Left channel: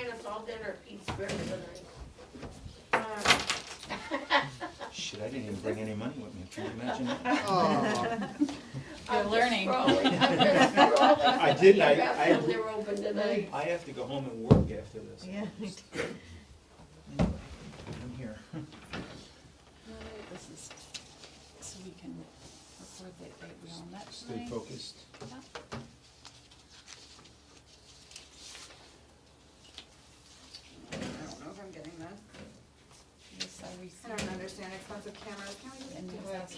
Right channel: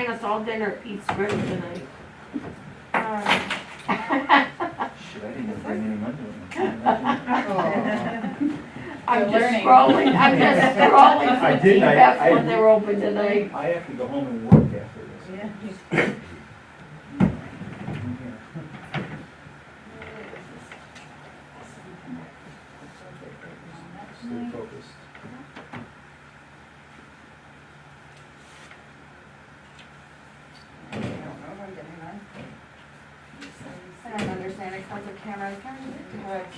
buying us all dinner, Pete's ready tonight. Shit, I didn't even bring any money with me. Can you imagine? I'm You're just learning. scrolling, I'm just scrolling I for did, TFs when they're open tonight. I have to go home and work after this. Yeah. Stay focused. I don't know if I'm getting that. I don't understand expensive cameras.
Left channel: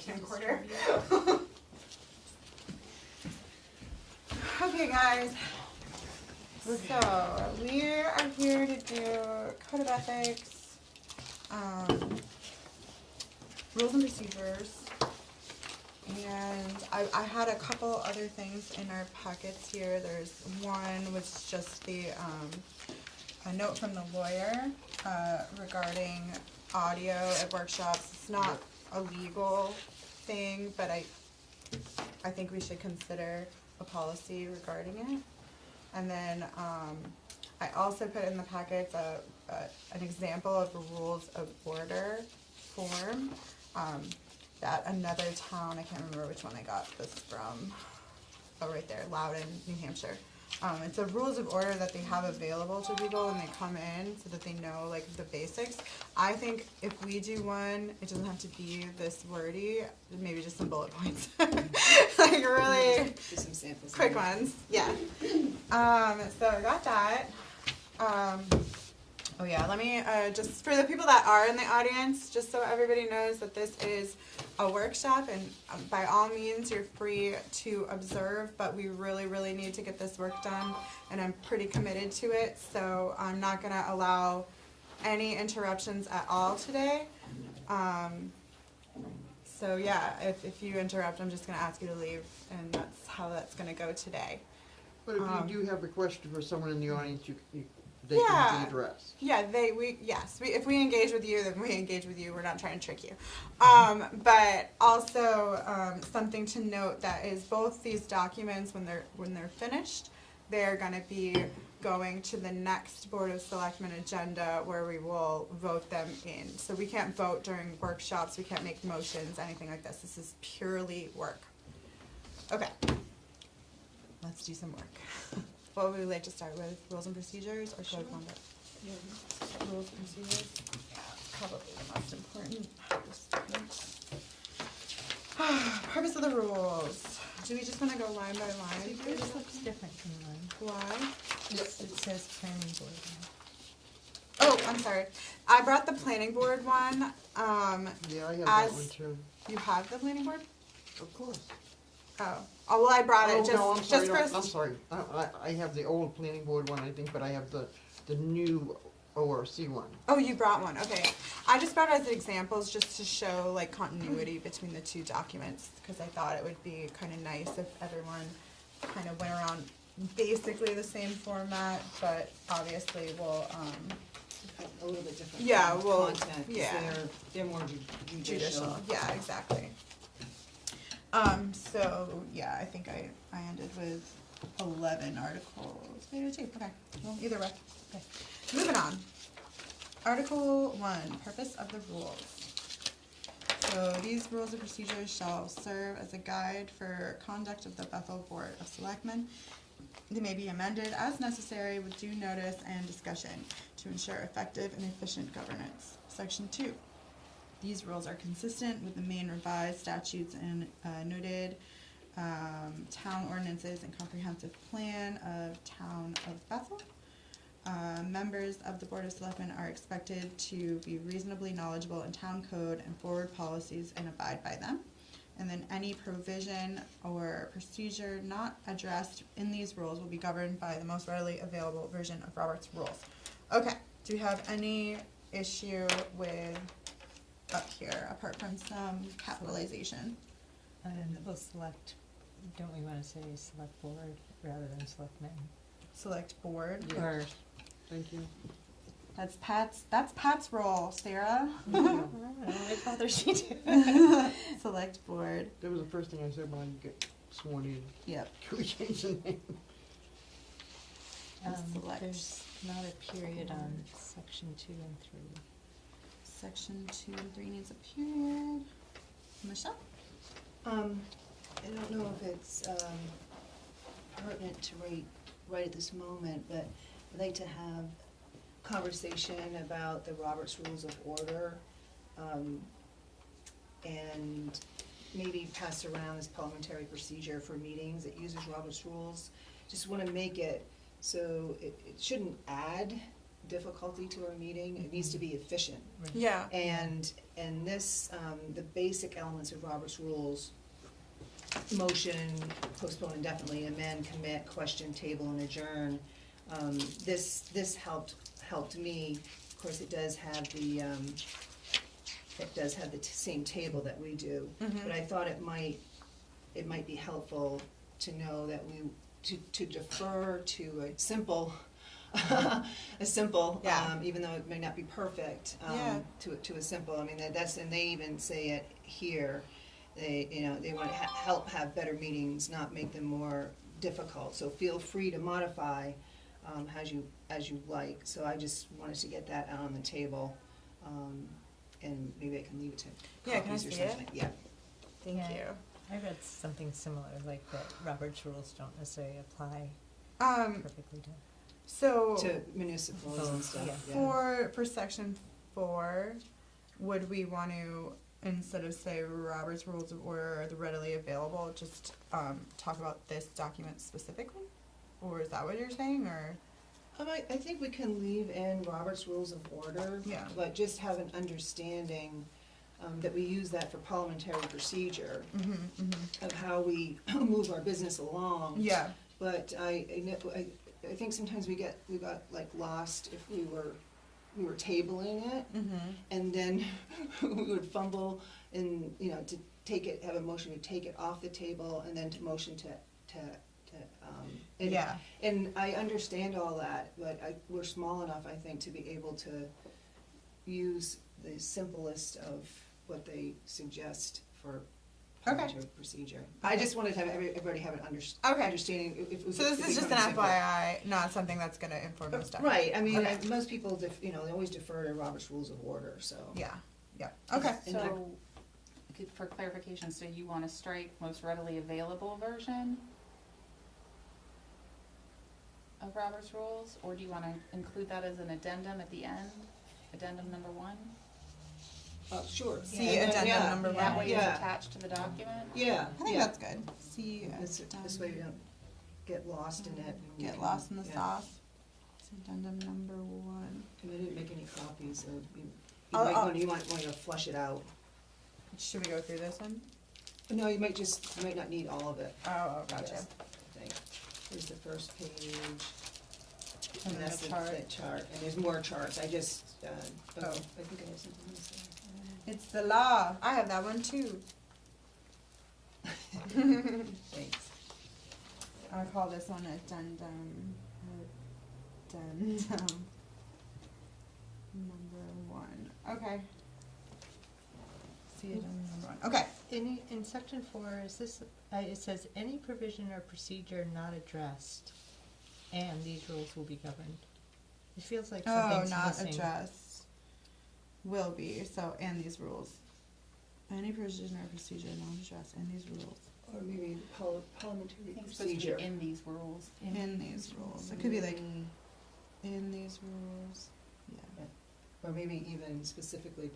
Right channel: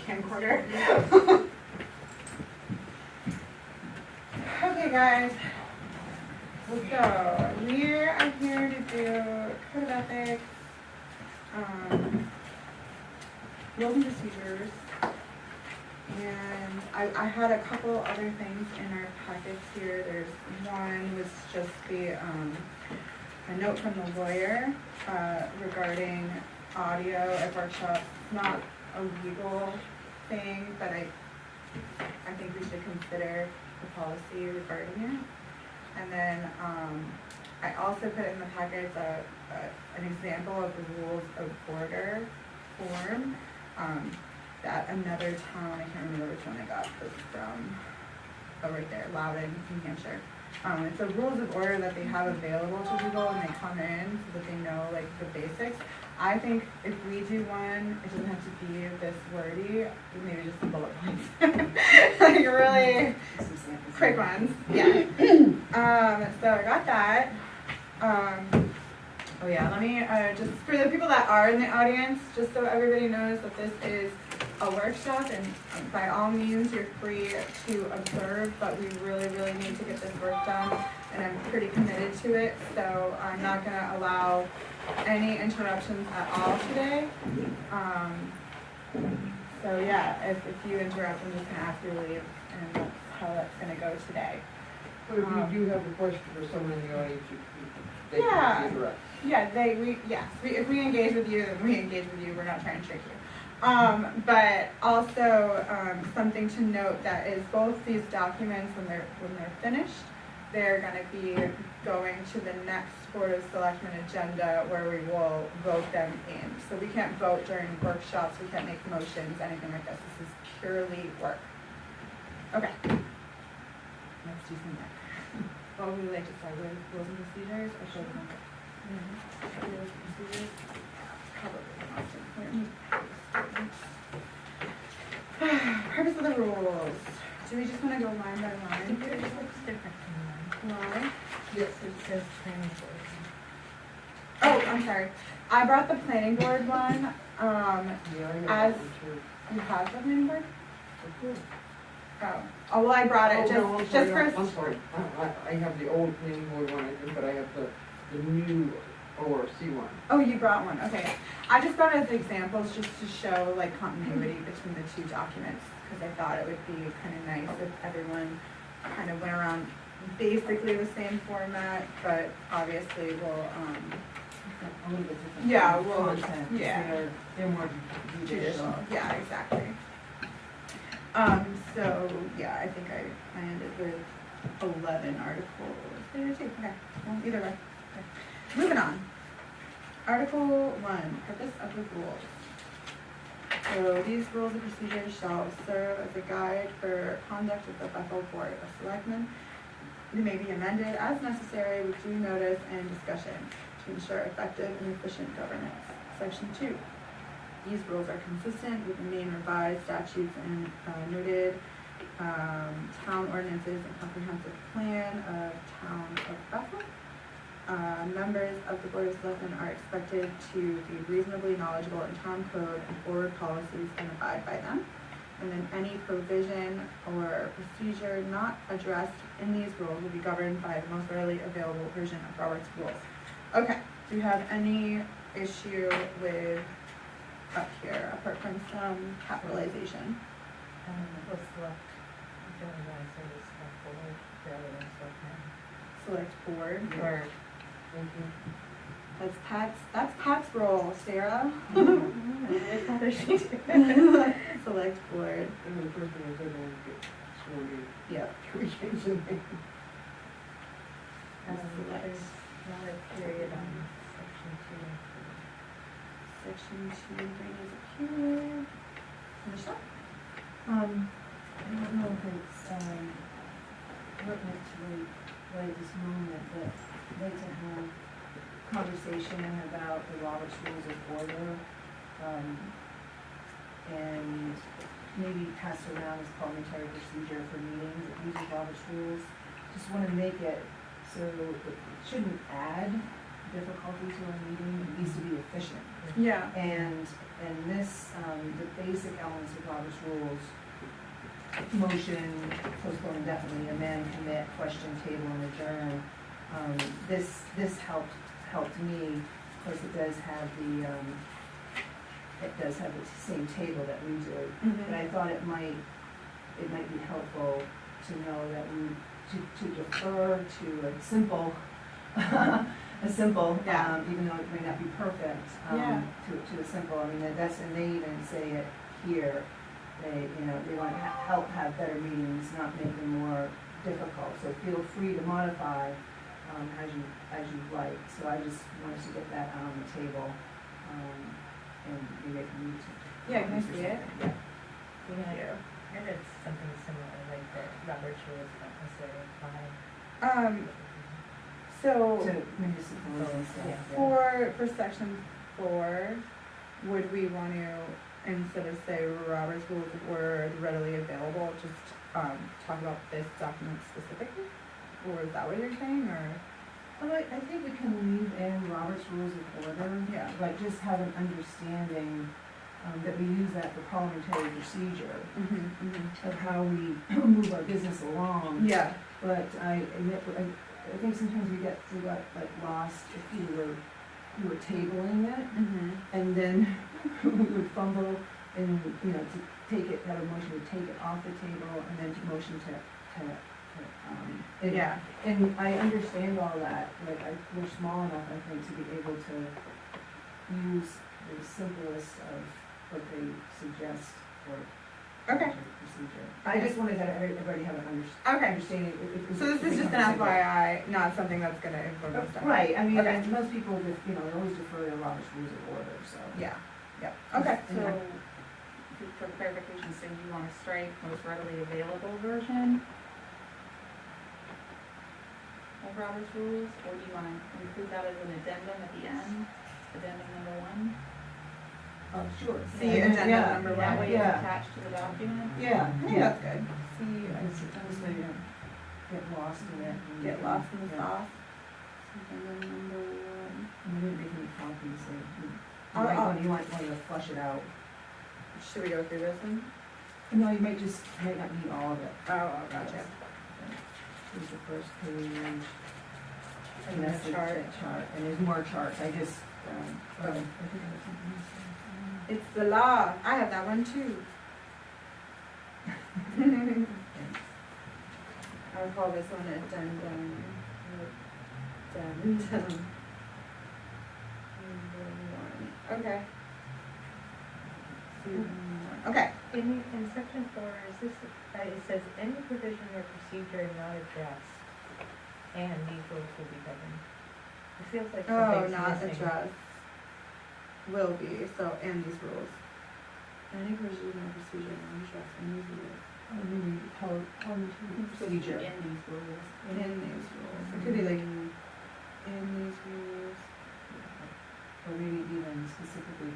Camcorder. Okay, guys. So we are here to do code of ethics, rules and procedures, and I had a couple other things in our packets here. There's one was just a note from the lawyer regarding audio at workshops. It's not a legal thing, but I think we should consider a policy regarding it. And then I also put in the packets an example of the rules of order form that another town, I can't remember which one I got this from, oh right there, Loudon, New Hampshire. It's a rules of order that they have available to people when they come in so that they know like the basics. I think if we do one, it doesn't have to be this wordy, maybe just some bullet points. Like really quick ones, yeah. So I got that. Oh yeah, let me, just for the people that are in the audience, just so everybody knows that this is a workshop and by all means you're free to observe, but we really, really need to get this work done and I'm pretty committed to it, so I'm not going to allow any interruptions at all today. So yeah, if you interrupt, I'm just going to ask you to leave and that's how that's going to go today. But if you do have a question for someone in the audience, they Yeah. can address. Yeah, if we engage with you, then we engage with you, we're not trying to trick you. But also, something to note that is both these documents, when they're finished, they're gonna be going to the next Board of Selectmen agenda where we will vote them in. So we can't vote during workshops, we can't make motions, anything like this. This is purely work. Okay. Let's do some work. What would we like to start with? Rules and procedures or show conduct? Rules and procedures? Probably purpose of the rules. Do we just want to go line by line? It just looks different from mine. Why? Yes. It says planning board. Oh, I'm sorry. I brought the planning board one. Yeah, I have As- one too. You have the planning board? Of course. Oh, well, I brought it Oh, no, I'm just sorry, for. I'm sorry. I have the old planning board one, I think, but I have the new ORC one. Oh, you brought one, okay. I just brought it as examples just to show like continuity between the two documents, because I thought it would be kind of nice if everyone kind of went around basically the same format, but obviously we'll, A little bit different. yeah, well, Content, so yeah. they're more judicial. Yeah, exactly. So, yeah, I think I ended with 11 articles. Maybe two, okay, well, either way. Okay. Moving on. Article 1, purpose of the rules. So these rules and procedures shall serve as a guide for conduct of the Bethel Board of Selectmen. They may be amended as necessary with due notice and discussion to ensure effective and efficient governance. Section 2. These rules are consistent with the main revised statutes and noted town ordinances and comprehensive plan of town of Bethel. Members of the Board of Selectmen are expected to be reasonably knowledgeable in town code and forward policies and abide by them. And then any provision or procedure not addressed in these rules will be governed by the most readily available version of Robert's Rules. Okay, do you have any issue with up here, apart from some capitalization? The select, don't we want to say the select board rather than select Select board. man? Or, Thank you. That's Pat's role, Sarah. I'd rather she do. Select board. That was the first thing I said when I get sworn in. Yep. Can we change the name? Select. there's not a period on section 2 and 3. Section 2 and 3 needs a period. Michelle? I don't know if it's, pertinent to right at this moment, but I'd like to have conversation about the Robert's Rules of Order, and maybe pass around as parliamentary procedure for meetings that uses Robert's Rules. Just wanna make it so it shouldn't add difficulty to our meeting, it needs to be efficient. Yeah. And this, the basic elements of Robert's Rules, motion, postpone indefinitely, amend, commit, question, table, and adjourn. This helped me, of course, it does have the same table that we do. Mhm. But I thought it might be helpful to know that to defer to a simple, Yeah. even though it may not be perfect, Yeah. to a simple, I mean, that's, and they even say it here, they wanna help have better meetings, not make them more difficult, so feel free to modify, as you like, so I just wanted to get that out on the table, and maybe I can lead to. Yeah, can I copies or see it? something. Yeah. Thank Yeah. you. I read something similar, like that Robert's rules don't necessarily apply. So To municipals and stuff, yeah. for section 4, would we want to, instead of say Robert's Rules of Order readily available, just talk about this document specifically? Or is that what you're saying, or? I think we can leave in Robert's Rules of Order. Yeah. But just have an understanding, that we use that for parliamentary procedure, of how we move our business along. Yeah. But I think sometimes we got like lost if we were tabling it, and then we would fumble and, to have a motion to take it off the table, and then to motion to Yeah. and I understand all that, like, we're small enough, I think, to be able to use the simplest of what they suggest for Okay. parliamentary procedure. I just wanted to have everybody have an Okay. understanding if we. So this is if we just come an to- FYI, not something that's gonna influence our stuff. Right, I mean, Okay. and most people, they always defer to Robert's Rules of Order, so. Yeah, okay. So, for clarification, so you wanna strike most readily available version of Robert's Rules, or do you wanna include that as an addendum at the end, addendum number 1? Sure. See Yeah, addendum yeah, number That 1. way it's Yeah. attached to the document? Yeah, I think that's good. See, It's so you don't get lost in it. and- get lost in the yeah. sauce. Addendum number 1. And I didn't make any copies, so you might want to flush it out. Should we go through this one? No, you might not need all of it. Oh, gotcha. Here's the first page. And And that's the the chart. chart, and there's more charts, I just, I think I have something else. It's the law. I have that one too. Thanks. I would call this one addendum. Addendum. Number 1. Okay. See addendum 1. Okay. In section 4, is this, it says any provision or procedure not addressed, and these rules will be governed. It feels like Oh, something's not missing. addressed. Will be, so, and these rules. Any provision or procedure not addressed in these rules. Or maybe parliamentary procedure. In these rules. In these rules. It could be like, in these rules. Or maybe even specifically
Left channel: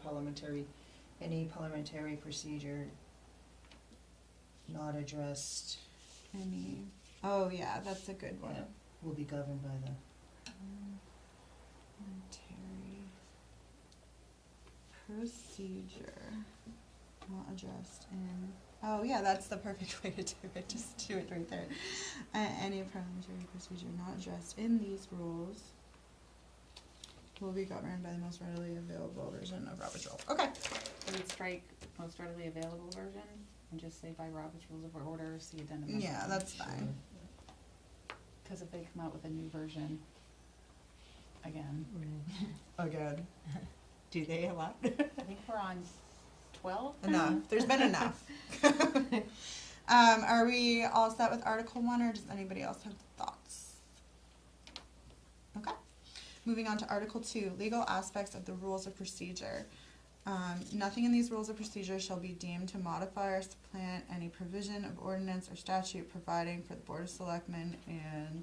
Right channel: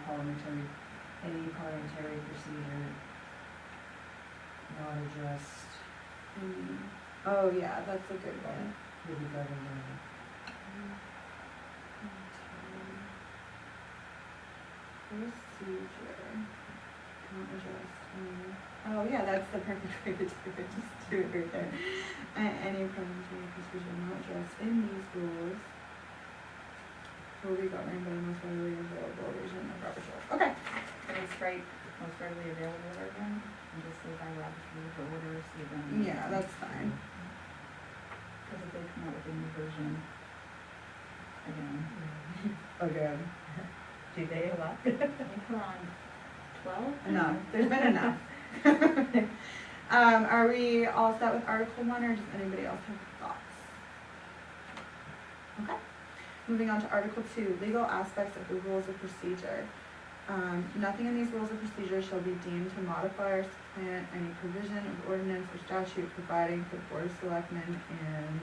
any parliamentary procedure not addressed Oh, yeah, that's a good one. will be governed by. Procedure, not addressed in, oh, yeah, that's the perfect way to do it, just do it right there. Any parliamentary procedure not addressed in these rules will be governed by the most readily available version of Robert's Rules. Okay. Then strike most readily available version, and just say by Robert's Rules of Order, see addendum. Yeah, that's fine. Cause if they come out with a new version, again, Again. Do they allow? I think we're on 12? Enough, there's been enough. Are we all set with Article 1, or does anybody else have thoughts? Okay. Moving on to Article 2, legal aspects of the rules of procedure. Nothing in these rules of procedure shall be deemed to modify or supplant any provision of ordinance or statute providing for the Board of Selectmen, and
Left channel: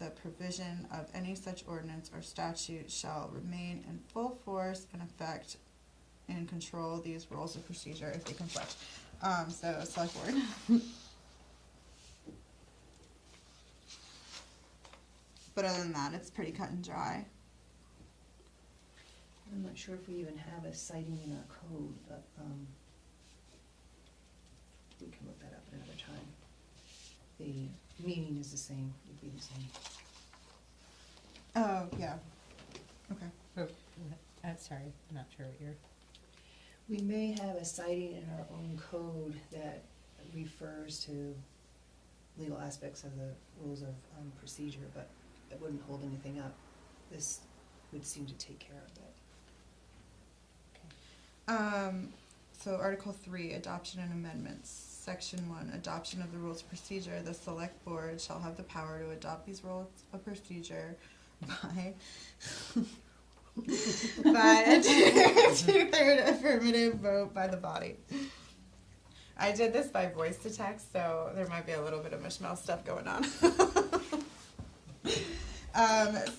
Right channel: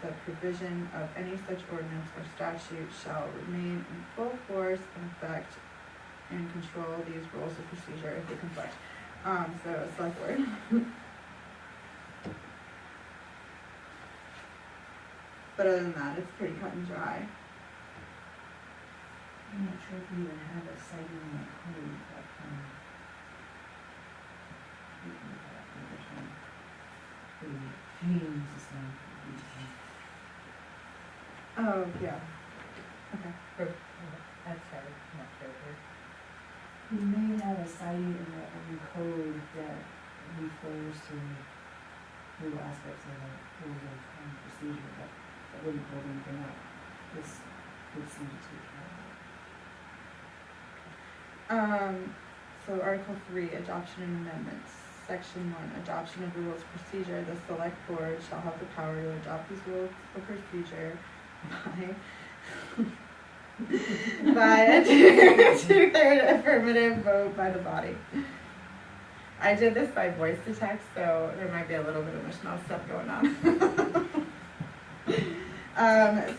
the provision of any such ordinance or statute shall remain in full force and effect and control these rules of procedure if they conflict. So select board. But other than that, it's pretty cut and dry. I'm not sure if we even have a citing in the code, but, we can look that up later time. The meaning is the same, Oh, yeah. Okay. I'm sorry, I'm not sure here. We may have a citing in our own code that refers to legal aspects of the rules of procedure, but that wouldn't hold anything up. This would seem to take care of that. So Article 3, adoption and amendments. Section 1, adoption of the rules of procedure. The select board shall have the power to adopt these rules of procedure by a two-third affirmative vote by the body. I did this by voice to text, so there might be a little bit of mishmash stuff going on.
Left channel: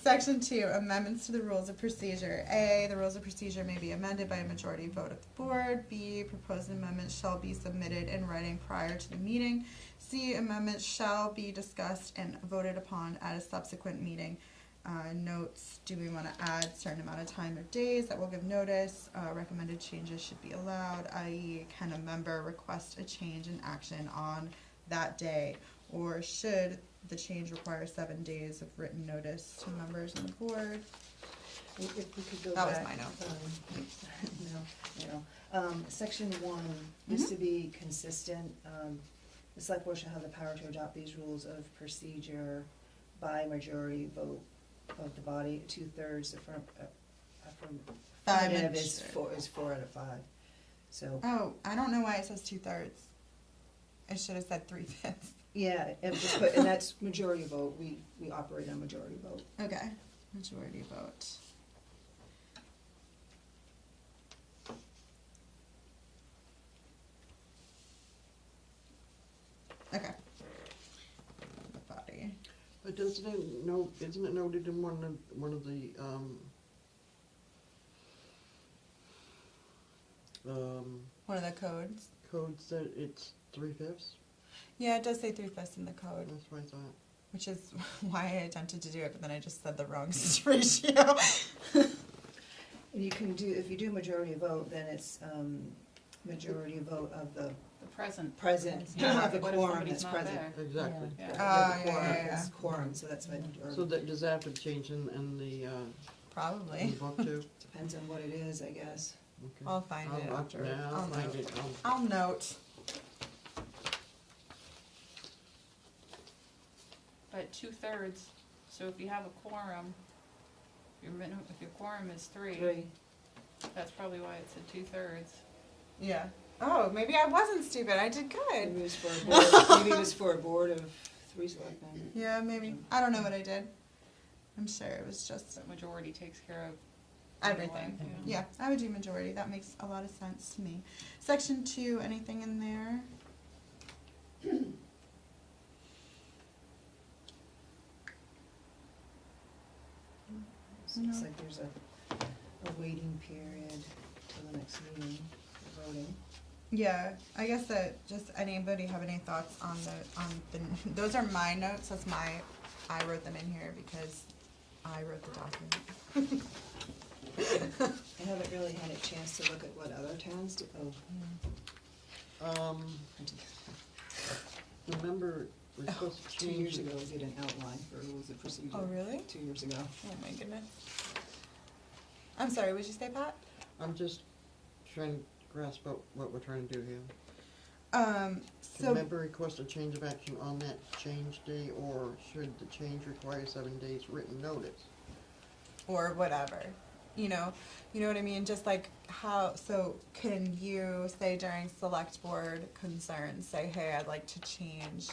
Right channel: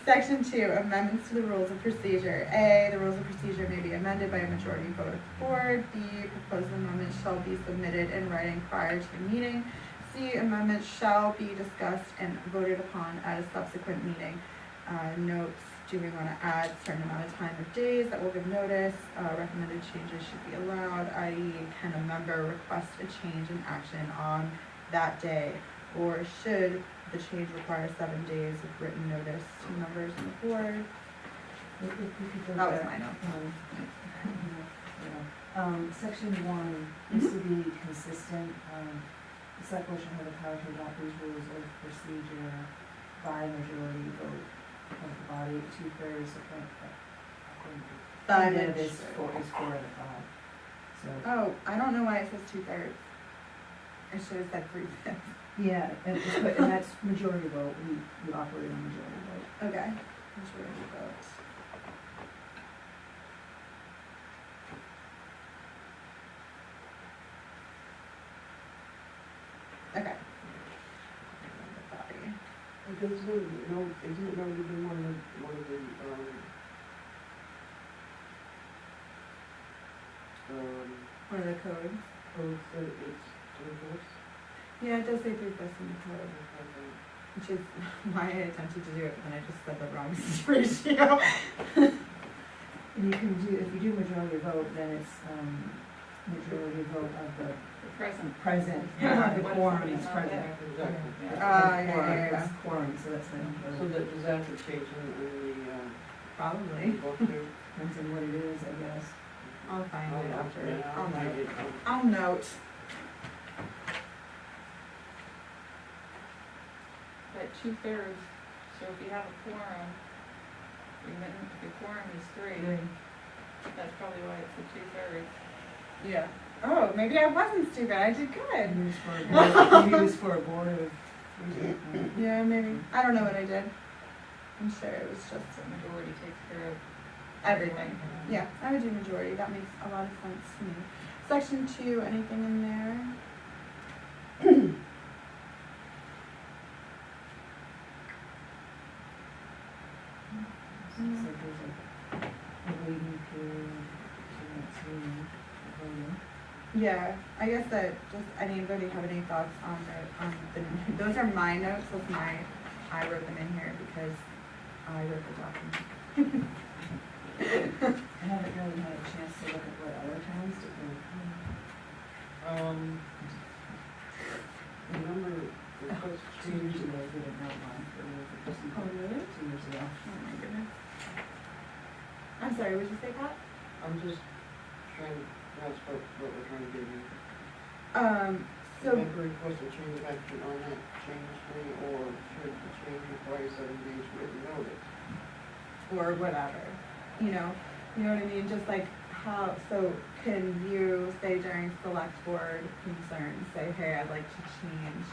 Section 2, amendments to the rules of procedure. A, the rules of procedure may be amended by a majority vote of the board. B, proposed amendments shall be submitted in writing prior to the meeting. C, amendments shall be discussed and voted upon at a subsequent meeting. Notes, do we want to add a certain amount of time or days that will give notice? Recommended changes should be allowed, i.e. can a member request a change in action on that day? Or should the change require 7 days of written notice to members on the board? We could go That was back, my note. Section 1 needs to be consistent. The select board shall have the power to adopt these rules of procedure by majority vote of the body, 2/3 affirmative is 4 out of 5. So, Oh, I don't know why it says 2/3. It should have said 3/5. yeah, and that's majority vote, we operate on majority vote. Okay, majority vote. Okay. The body. It does no, isn't it noted in one of the, One of the codes. codes that it's 3/5? Yeah, it does say 3/5 in the code, That's what I thought. which is why I attempted to do it, but then I just said the wrong ratio. And you can do, if you do majority vote, then it's, majority vote of the Present. present, Yeah. not the What if quorum somebody's is not present. there? Exactly. Yeah. Quorum Yeah. is quorum, so that's been, So does that have to change in the, Probably. book too? depends on what it is, I guess. I'll find it after. Yeah, I'll find it. I'll note. But 2/3, so if you have a quorum, if the quorum is 3, that's probably why it's a 2/3. Yeah. Oh, maybe I wasn't stupid. I did good. Maybe it was for a board of 3. Yeah, maybe. I don't know what I did. I'm sure it was just So majority takes care of everything. Yeah, I would do majority. That makes a lot of sense to me. Section 2, anything in there? So it's like there's like a waiting period till next meeting, voting. Yeah, I guess that just anybody have any thoughts on the those are my notes. I wrote them in here because I wrote the document. I haven't really had a chance to look at what other towns do. Remember, it was 2 years ago, we did an outline for the rules of procedure. Oh, really? 2 years ago. Oh my goodness. I'm sorry, would you say that? I'm just trying to grasp what we're trying to do here. So Member request a change of action on that change day, or should the change require 7 days written notice? or whatever, you know what I mean? Just like how, so can you say during select board concerns, say, hey, I'd like to change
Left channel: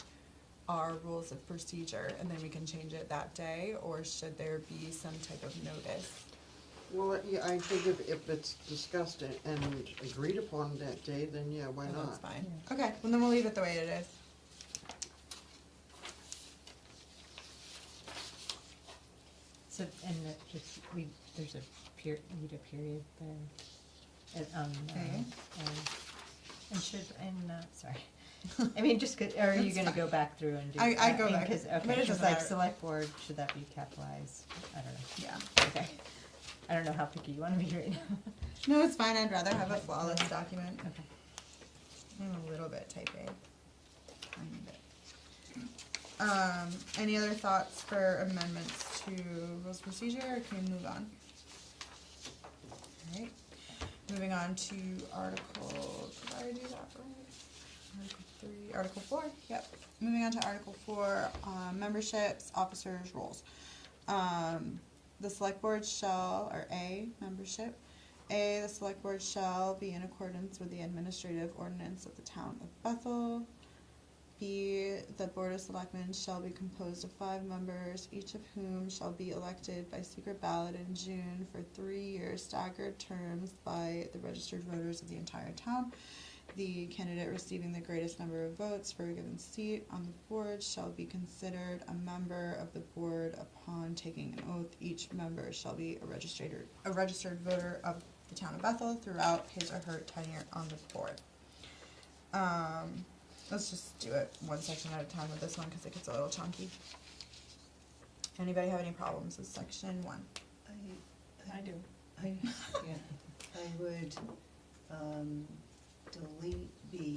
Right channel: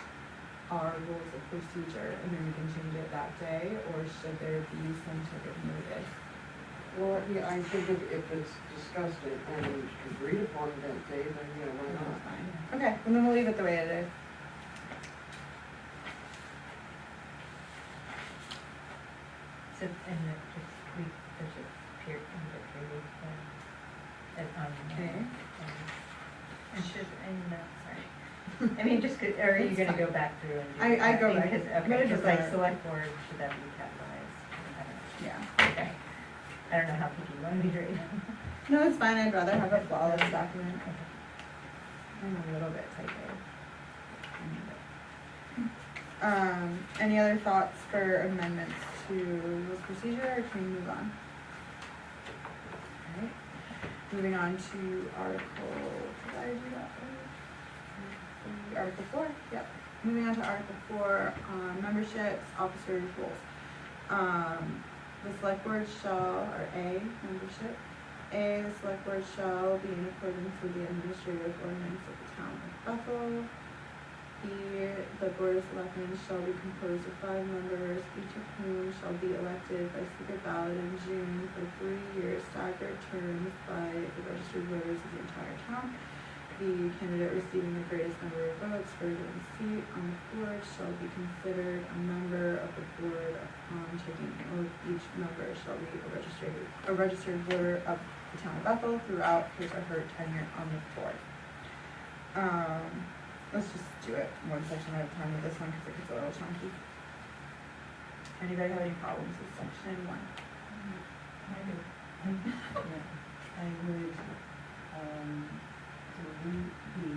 our rules of procedure and then we can change it that day, or should there be some type of notice? Well, yeah, I think if it's discussed and agreed upon that day, then yeah, why That's not? fine. Okay, well then we'll leave it the way it is. So, and there's a period, period, Okay. and should, sorry. I mean, just, are you It's gonna fine. go back through and do I that? go back. Because, But okay, it's cause just like our- select board, should that be capitalized? I don't know. Yeah. Okay. I don't know how picky you wanna be right now. No, it's fine, I'd rather have a flawless document. And a little bit typed. Any other thoughts for amendments to rules of procedure, or can we move on? Alright, moving on to Article, did I do that first? Article 4, yep. Moving on to Article 4, memberships, officers, roles. The select board shall, or A, membership. A, the select board shall be in accordance with the administrative ordinance of the town of Bethel. B, the board of selectmen shall be composed of 5 members, each of whom shall be elected by secret ballot in June for 3-year staggered terms by the registered voters of the entire town. The candidate receiving the greatest number of votes for a given seat on the board shall be considered a member of the board upon taking the oath. Each member shall be a registered voter of the town of Bethel throughout his or her tenure on the board. Let's just do it one section at a time with this one because it gets a little chunky. Anybody have any problems with section 1? I do. I would, delete B,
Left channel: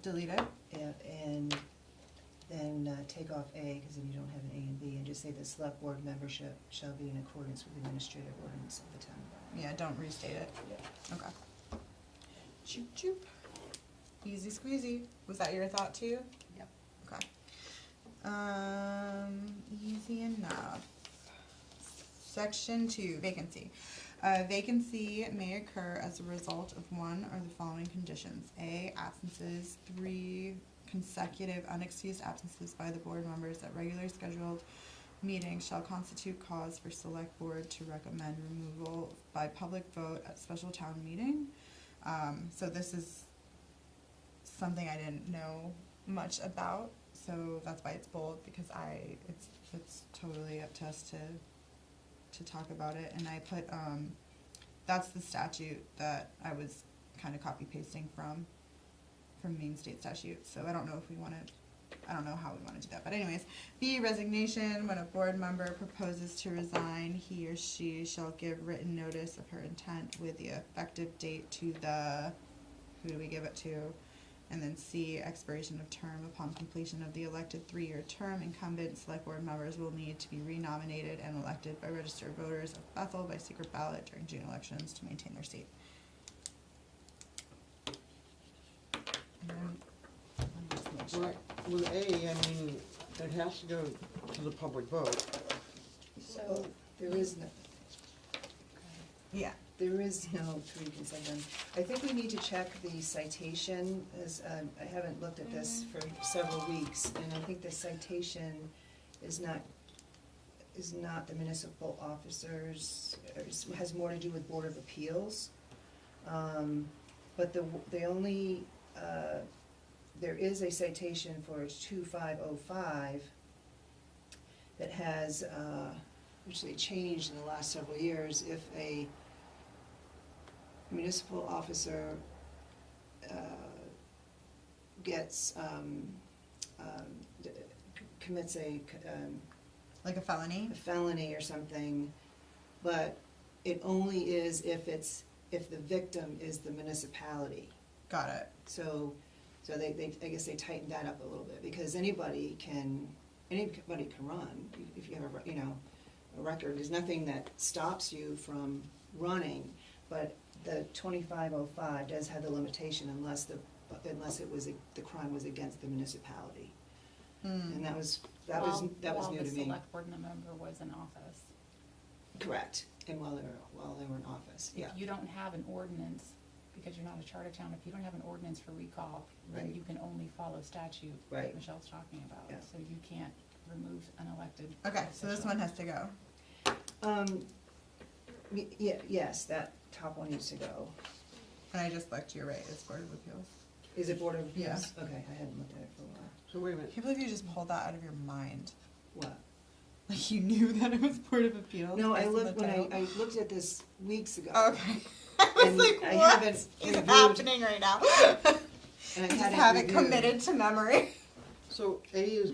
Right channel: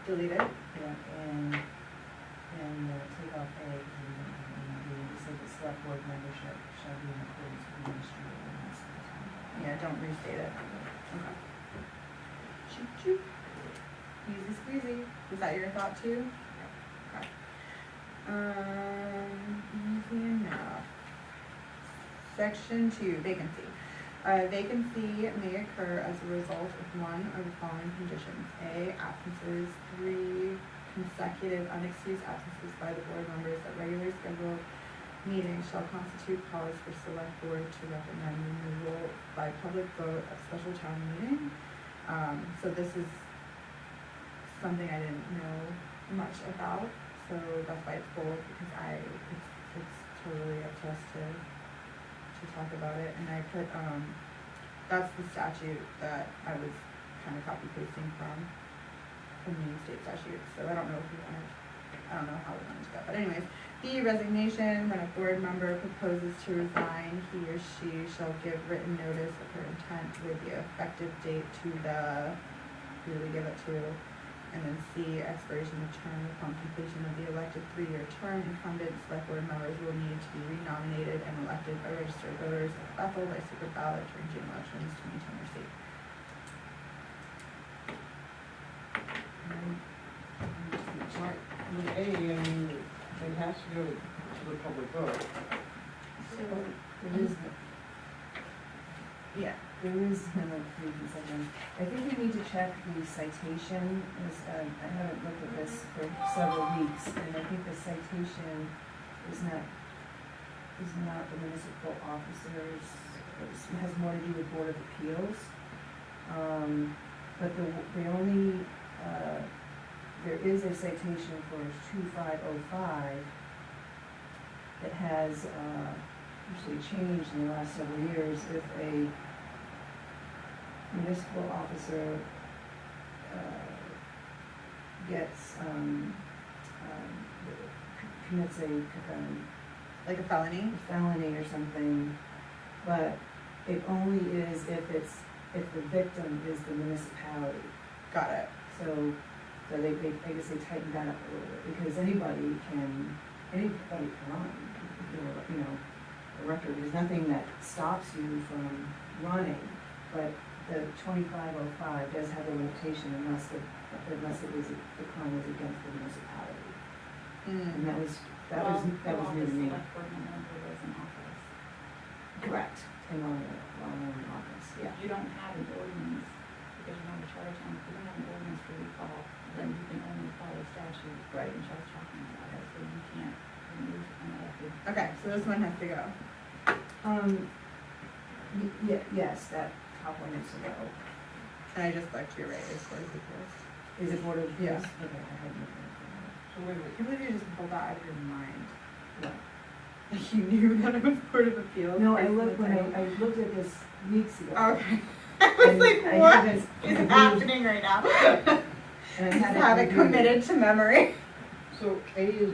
Delete it? and then take off A, because we don't have A and B, and just say the select board membership shall be in accordance with administrative ordinance of the town. Yeah, don't restate it. Okay. Shoot, shoot. Easy squeezy. Was that your thought too? Okay. Easy enough. Section 2, vacancy. Vacancy may occur as a result of one of the following conditions. A, absences, 3 consecutive unexcused absences by the board members at regular scheduled meetings shall constitute cause for select board to recommend removal by public vote at special town meeting. So this is something I didn't know much about, so that's why it's bold, because it's totally up to us to talk about it, and I put, that's the statute that I was kinda copy pasting from Maine State statute, so I don't know how we wanna do that, but anyways. B, resignation, when a board member proposes to resign, he or she shall give written notice of her intent with the effective date to the, who do we give it to? And then C, expiration of term. Upon completion of the elected 3-year term, incumbent select board members will need to be renominated and elected by registered voters of Bethel by secret ballot during June elections to maintain their seat. With A, I mean, it has to go to the public vote. So, There is no, Yeah. there is no preconception. I think we need to check the citation, as, I haven't looked at this for several weeks, and I think the citation is not the municipal officers, it has more to do with Board of Appeals. But the only, there is a citation for 2505 that has, actually changed in the last several years. If a municipal officer gets, commits a Like a felony? felony or something, but it only is if the victim is the municipality. Got it. So they, I guess they tightened that up a little bit, because anybody can run, if you have a, a record. There's nothing that stops you from running, but the 2505 does have a limitation unless the crime was against the municipality. And that was new to me. The select board member was in office. Correct, and while they were in office, yeah. If you don't have an ordinance, because you're not a charter town, if you don't have an ordinance for recall, then you can only follow statute, Right. Michelle's talking about. So this one has to go. Yes, that top one is to go. And I just looked, you're right, it's Board of Appeals. Is it Board of Yeah. Appeals? Okay, I haven't looked at So wait a minute, I can't believe you just pulled that out of your mind. that. Like you knew that it was Board of Appeals. No, I based on looked, the when title. I looked at this weeks ago. Okay. I was And like, I what haven't is reviewed- happening right now? And I I just hadn't have it reviewed committed to memory. so A is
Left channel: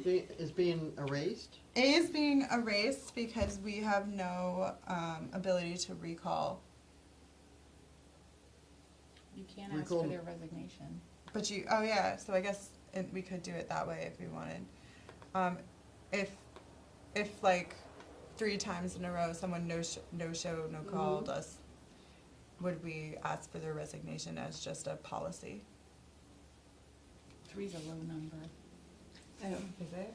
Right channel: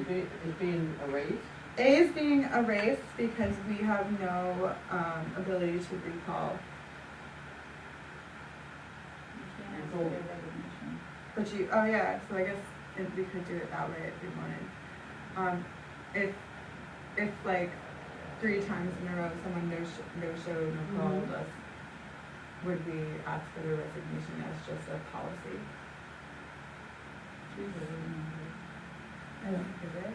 being erased? A is being erased because we have no ability to recall. You can't ask for Cool. their resignation. But you, oh yeah, so I guess we could do it that way if we wanted. If like 3 times in a row someone no called us, would we ask for their resignation as just a policy? Three's a vote number. Is it?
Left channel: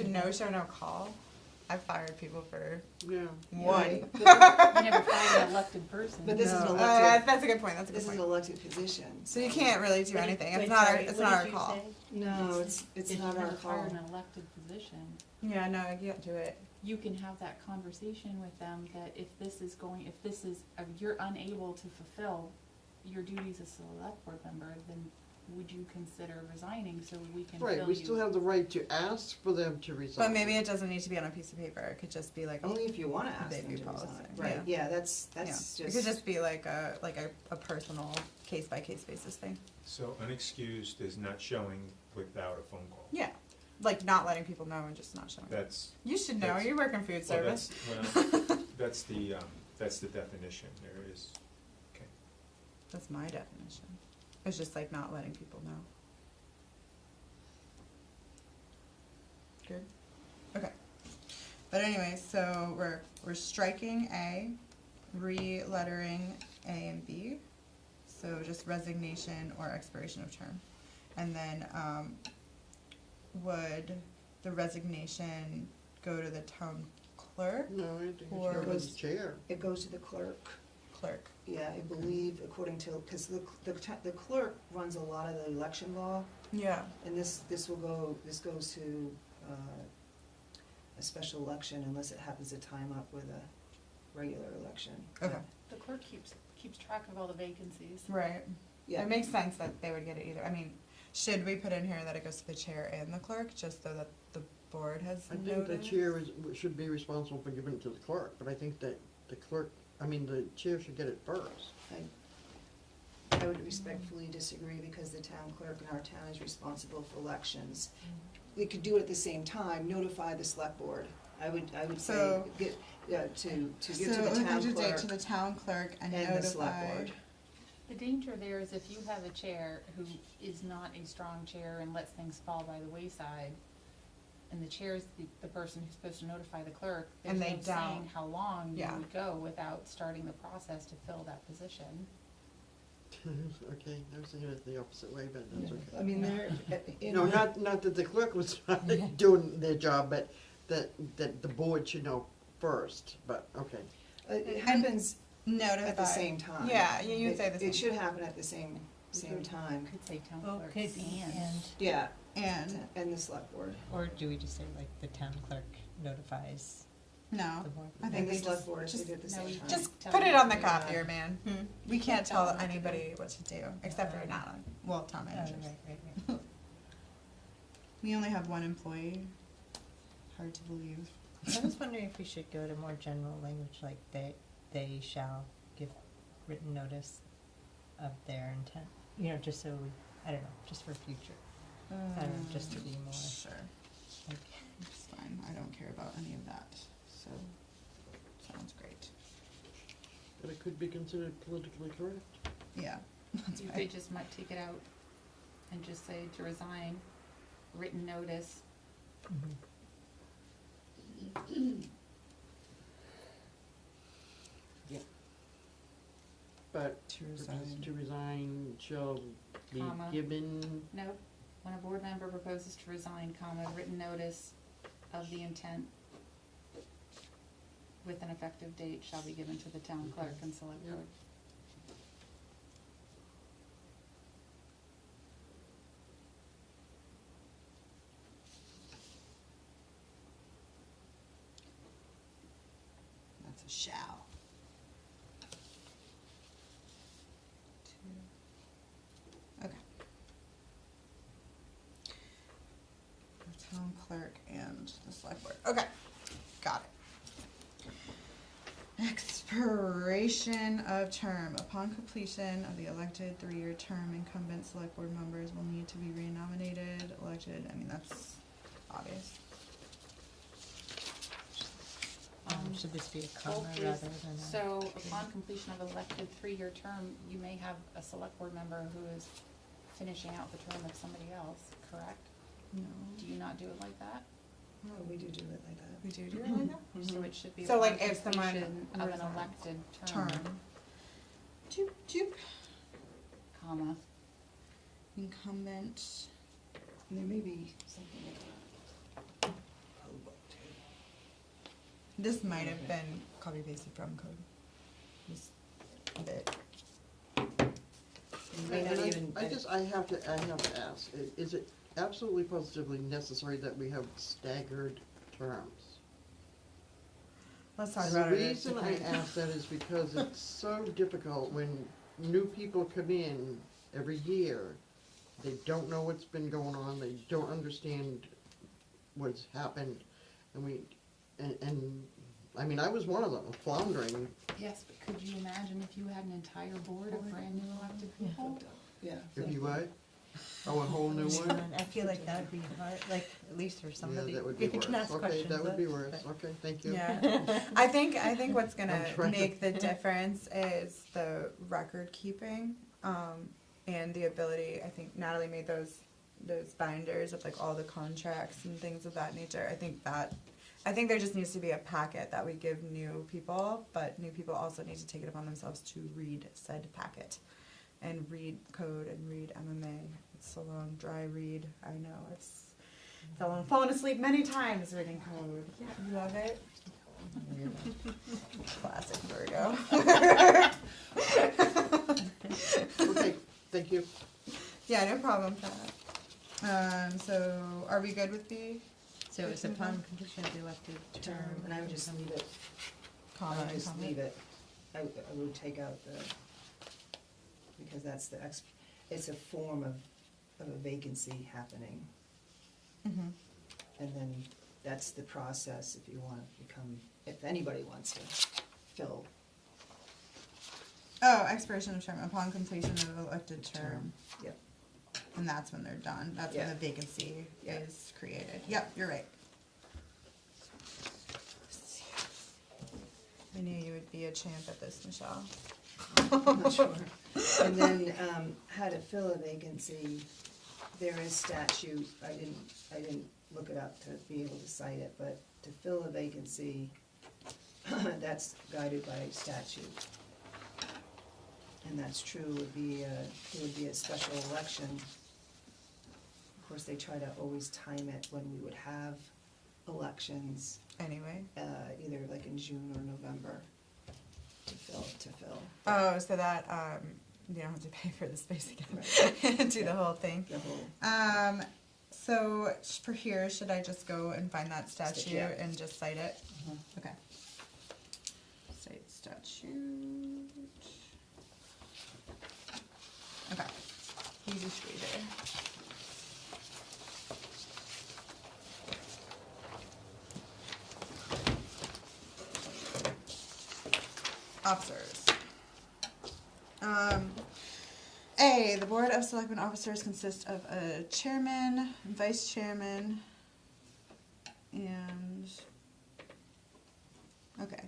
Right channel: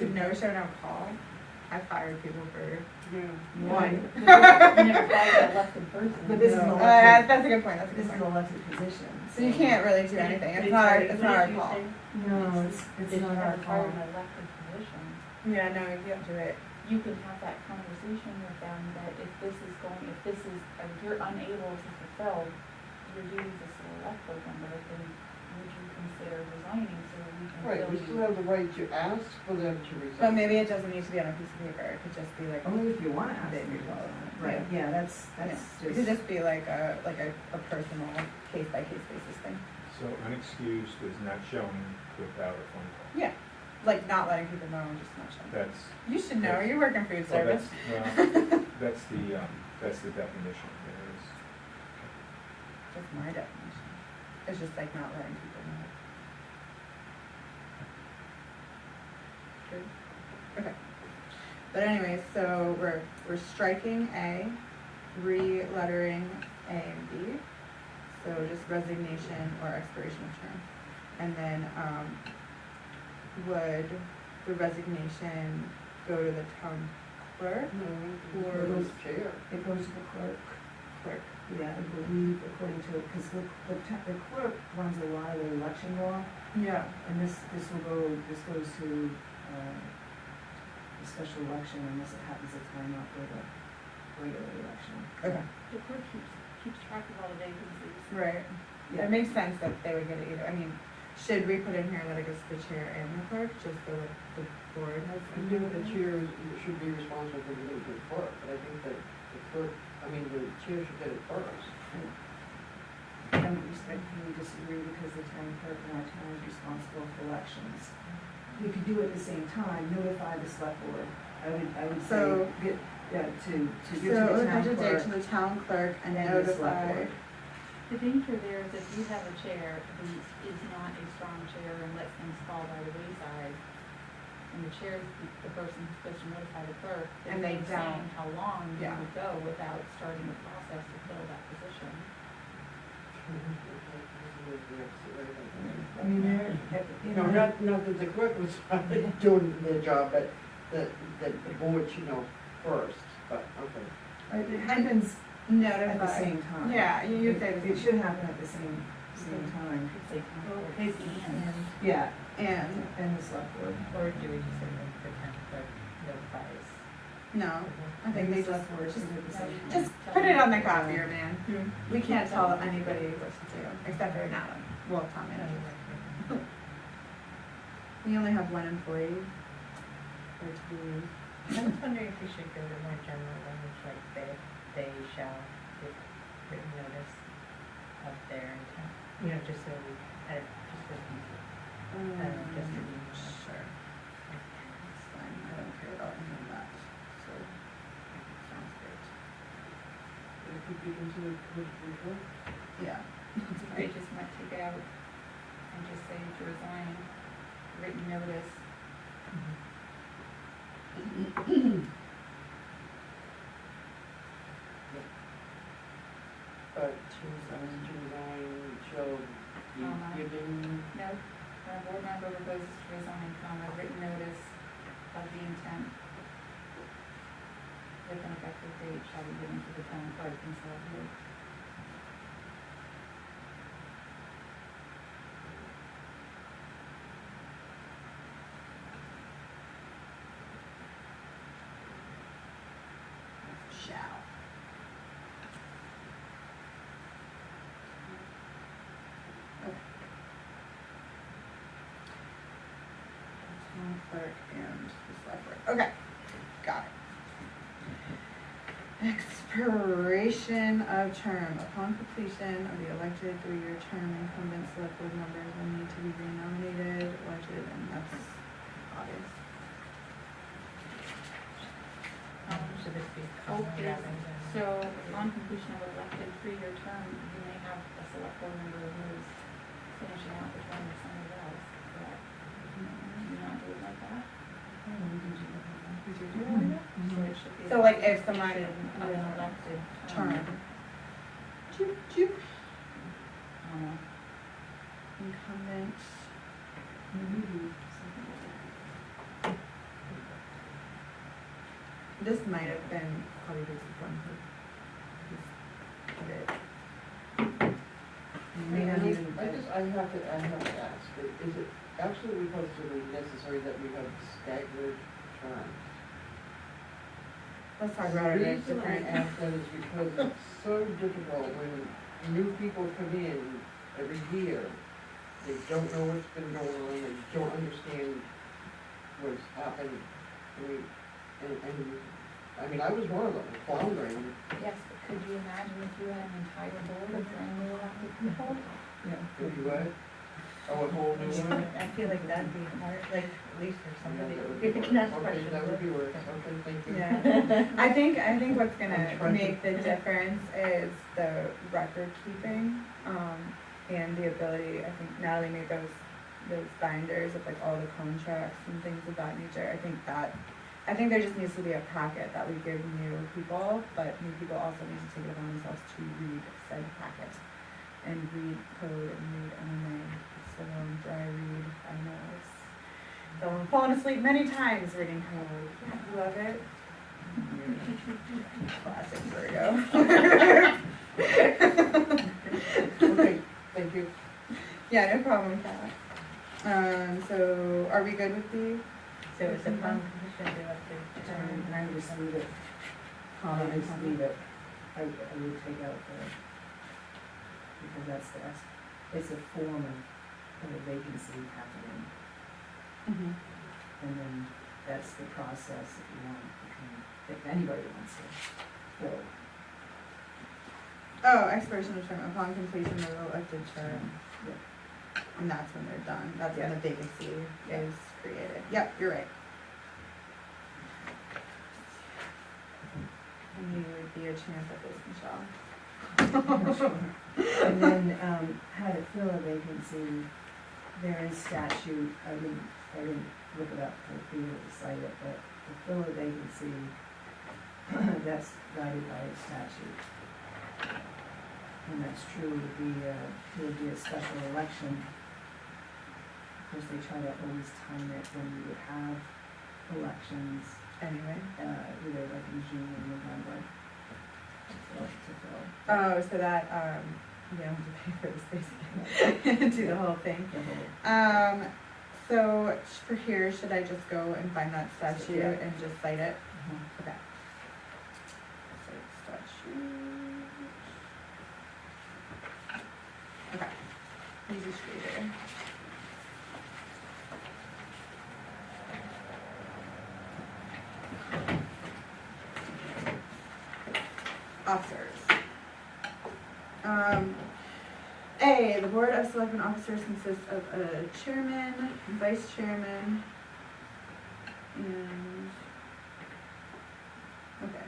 To no show, no call? I fired people for Yeah. one. You never fired an elected person. But this is an No. elected, That's a good point, that's a this good is an point. elected position. So you can't really do anything, it's not our call. No, it's If not you're our gonna fire call. an elected position, Yeah, no, you can't do it. you can have that conversation with them that if this is, if you're unable to fulfill your duties as a select board member, then would you consider resigning so that we can fill Right, we still have the right to ask for them to resign. But maybe it doesn't need to be on a piece of paper, it could just be like, Only if you wanna ask They them to do resign. resign. Right, yeah, that's it just. could just be like a personal case by case basis thing. So unexcused is not showing without a phone call. Yeah, like not letting people know and just not showing. That's, You should know, that's- you work in food well, service. well, that's the definition. There is. That's my definition. It's just like not letting people know. True. Okay. But anyway, so we're striking A, re-lettering A and B. So just resignation or expiration of term. And then, would the resignation go to the town clerk? No, Or it was- was the chair. It goes to the clerk. Clerk. Yeah, I believe according to, because the clerk runs a lot of the election law, Yeah. and this goes to, a special election unless it happens to time up with a regular election. Okay. The clerk keeps track of all the vacancies. Right. Yeah, It makes sense that they would get it either. I mean, should we put in here that it goes to the chair and the clerk, just so that the board has I some? think the chair should be responsible for giving it to the clerk, but I think that the chair should get it first. I would respectfully disagree because the town clerk in our town is responsible for elections. We could do it at the same time, notify the select board. I would say, So- to give So to the town effective date clerk to the town clerk and and the select notify. board. The danger there is if you have a chair who is not a strong chair and lets things fall by the wayside, and the chair is the person who's supposed to notify the clerk, And there's they no saying don't. how long you Yeah. would go without starting the process to fill that position. I mean, Not that the clerk was not doing their job, but that the board should know first, but, okay. it happens Notify. at the same time. Yeah, you'd say the It same. should happen at the same time. Could say town Well, clerk could and. Yeah, And, the select board. or do we just say that the town clerk notifies? no, I think they the just, select board just, should at the same time. just put it on the copier, man. We can't tell anybody what to do, except for now, well, town managers. We only have one employee, or 2. I was wondering if we should go to more general language, like they shall give written notice of their intent, you know, just so, I don't know, just for future. Just to email it. Sure. It's fine, I don't care about any of that, so, sounds great. But it could be considered politically correct. Yeah. That's They fine. just might take it out and just say to resign, written notice. But to resign shall be Comma. given, No, when a board member proposes to resign, comma, written notice of the intent with an effective date shall be given to the town clerk and select board. shall. Okay. Town clerk and the select board, okay, got it. Expiration of term. Upon completion of the elected three-year term, incumbent select board members will need to be renominated, elected, and that's obvious. Should this be comma Okay, rather than? so on completion of elected three-year term, you may have a select board member who is finishing out the term of somebody else, correct? Do you not do it like that? We do that. We do do it like that? So it should be. So, like, if someone- completion of an elected Term. term, Doop, doop. comma, Incumbent. This might have been copy pasted from code. Just a bit. You may not even- I have to ask, is it absolutely positively necessary that we have staggered terms? Let's talk about it. The reason I ask that is because it's so difficult when new people come in every year. They don't know what's been going on, they don't understand what's happened. I mean, I was one of them, floundering. yes, but could you imagine if you had an entire board of brand new elected people? If you would, a whole new one. I feel like that'd be hard, like, at least for Yeah, somebody. that would be You can worse. ask Okay, questions. that would be worse, okay, thank you. Yeah, I think what's gonna I'm trying to- make the difference is the record keeping, and the ability, I think Natalie made those binders of like all the contracts and things of that nature, I think there just needs to be a packet that we give new people, but new people also need to take it upon themselves to read said packet. And read code and read MMA, it's so long, dry read, I know, it's, someone fallen asleep many times reading code, love it. Classic Virgo. Okay, thank you. Yeah, no problem, Pat. So, are we good with the So it's upon completion of the elected term, and I would just leave it, comment? I just leave it, I would take out the, because that's it's a form of a vacancy happening, Mhm. and then that's the process if you want, if anybody wants to fill. Oh, expiration of term, upon completion of elected term. And that's when they're done, that's when the vacancy is created, yep, you're right. I knew you would be a champ at this, Michelle. And then, how to fill a vacancy, there is statute, I didn't look it up for you to cite it, but to fill a vacancy, that's guided by statute. And that's true, would be a special election. Of course, they try to always time it when we would have elections, Anyway, either like in June or November, to fill oh, so that, we don't have to pay for the space again, do the whole thing. the whole. So for here, should I just go and find that statute Yeah. and just cite it? Okay. Cite statute. Okay, easy street there. Officers. A, the Board of Selectmen officers consist of a chairman, vice chairman, and, okay.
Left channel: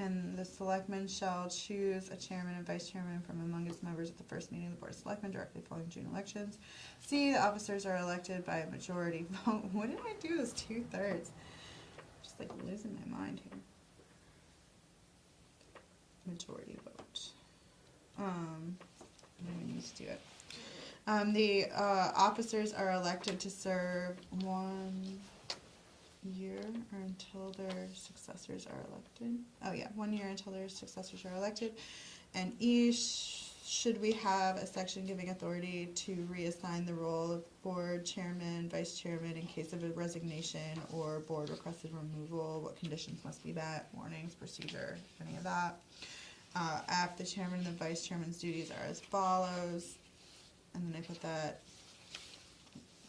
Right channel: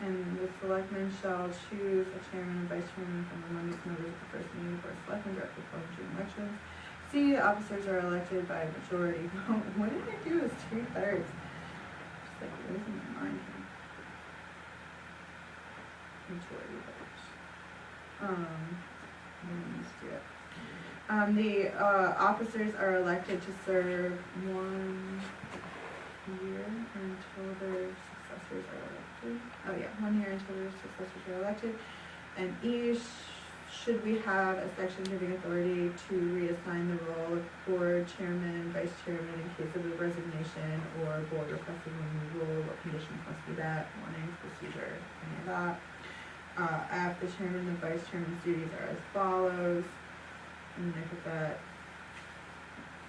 And the selectmen shall choose a chairman and vice chairman from among the members of the first meeting of the Board of Selectmen directly before the June elections. C, the officers are elected by a majority vote. What did I do as 2/3? Just like losing my mind here. Majority vote. Let me just do it. The officers are elected to serve 1 year or until their successors are elected. Oh yeah, 1 year until their successors are elected. And each should we have a section giving authority to reassign the role of board chairman, vice chairman in case of a resignation or board requested removal? What conditions must be met, warnings, procedure, any of that? After the chairman and vice chairman's duties are as follows, and look at that.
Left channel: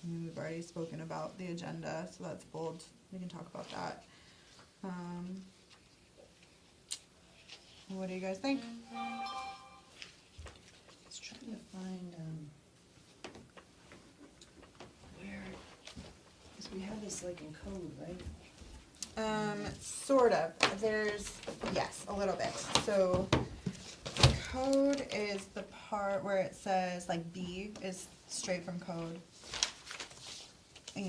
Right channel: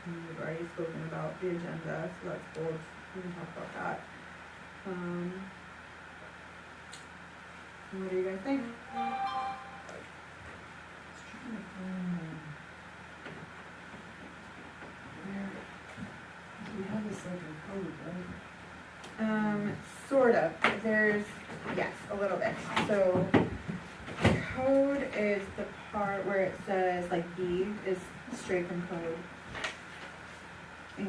We've already spoken about the agenda, so that's bold, we can talk about that. What do you guys think? It's trying to find, where, so we have this like in code, right? Sort of, there's, yes, a little bit, so code is the part where it says, like, B is straight from code. And,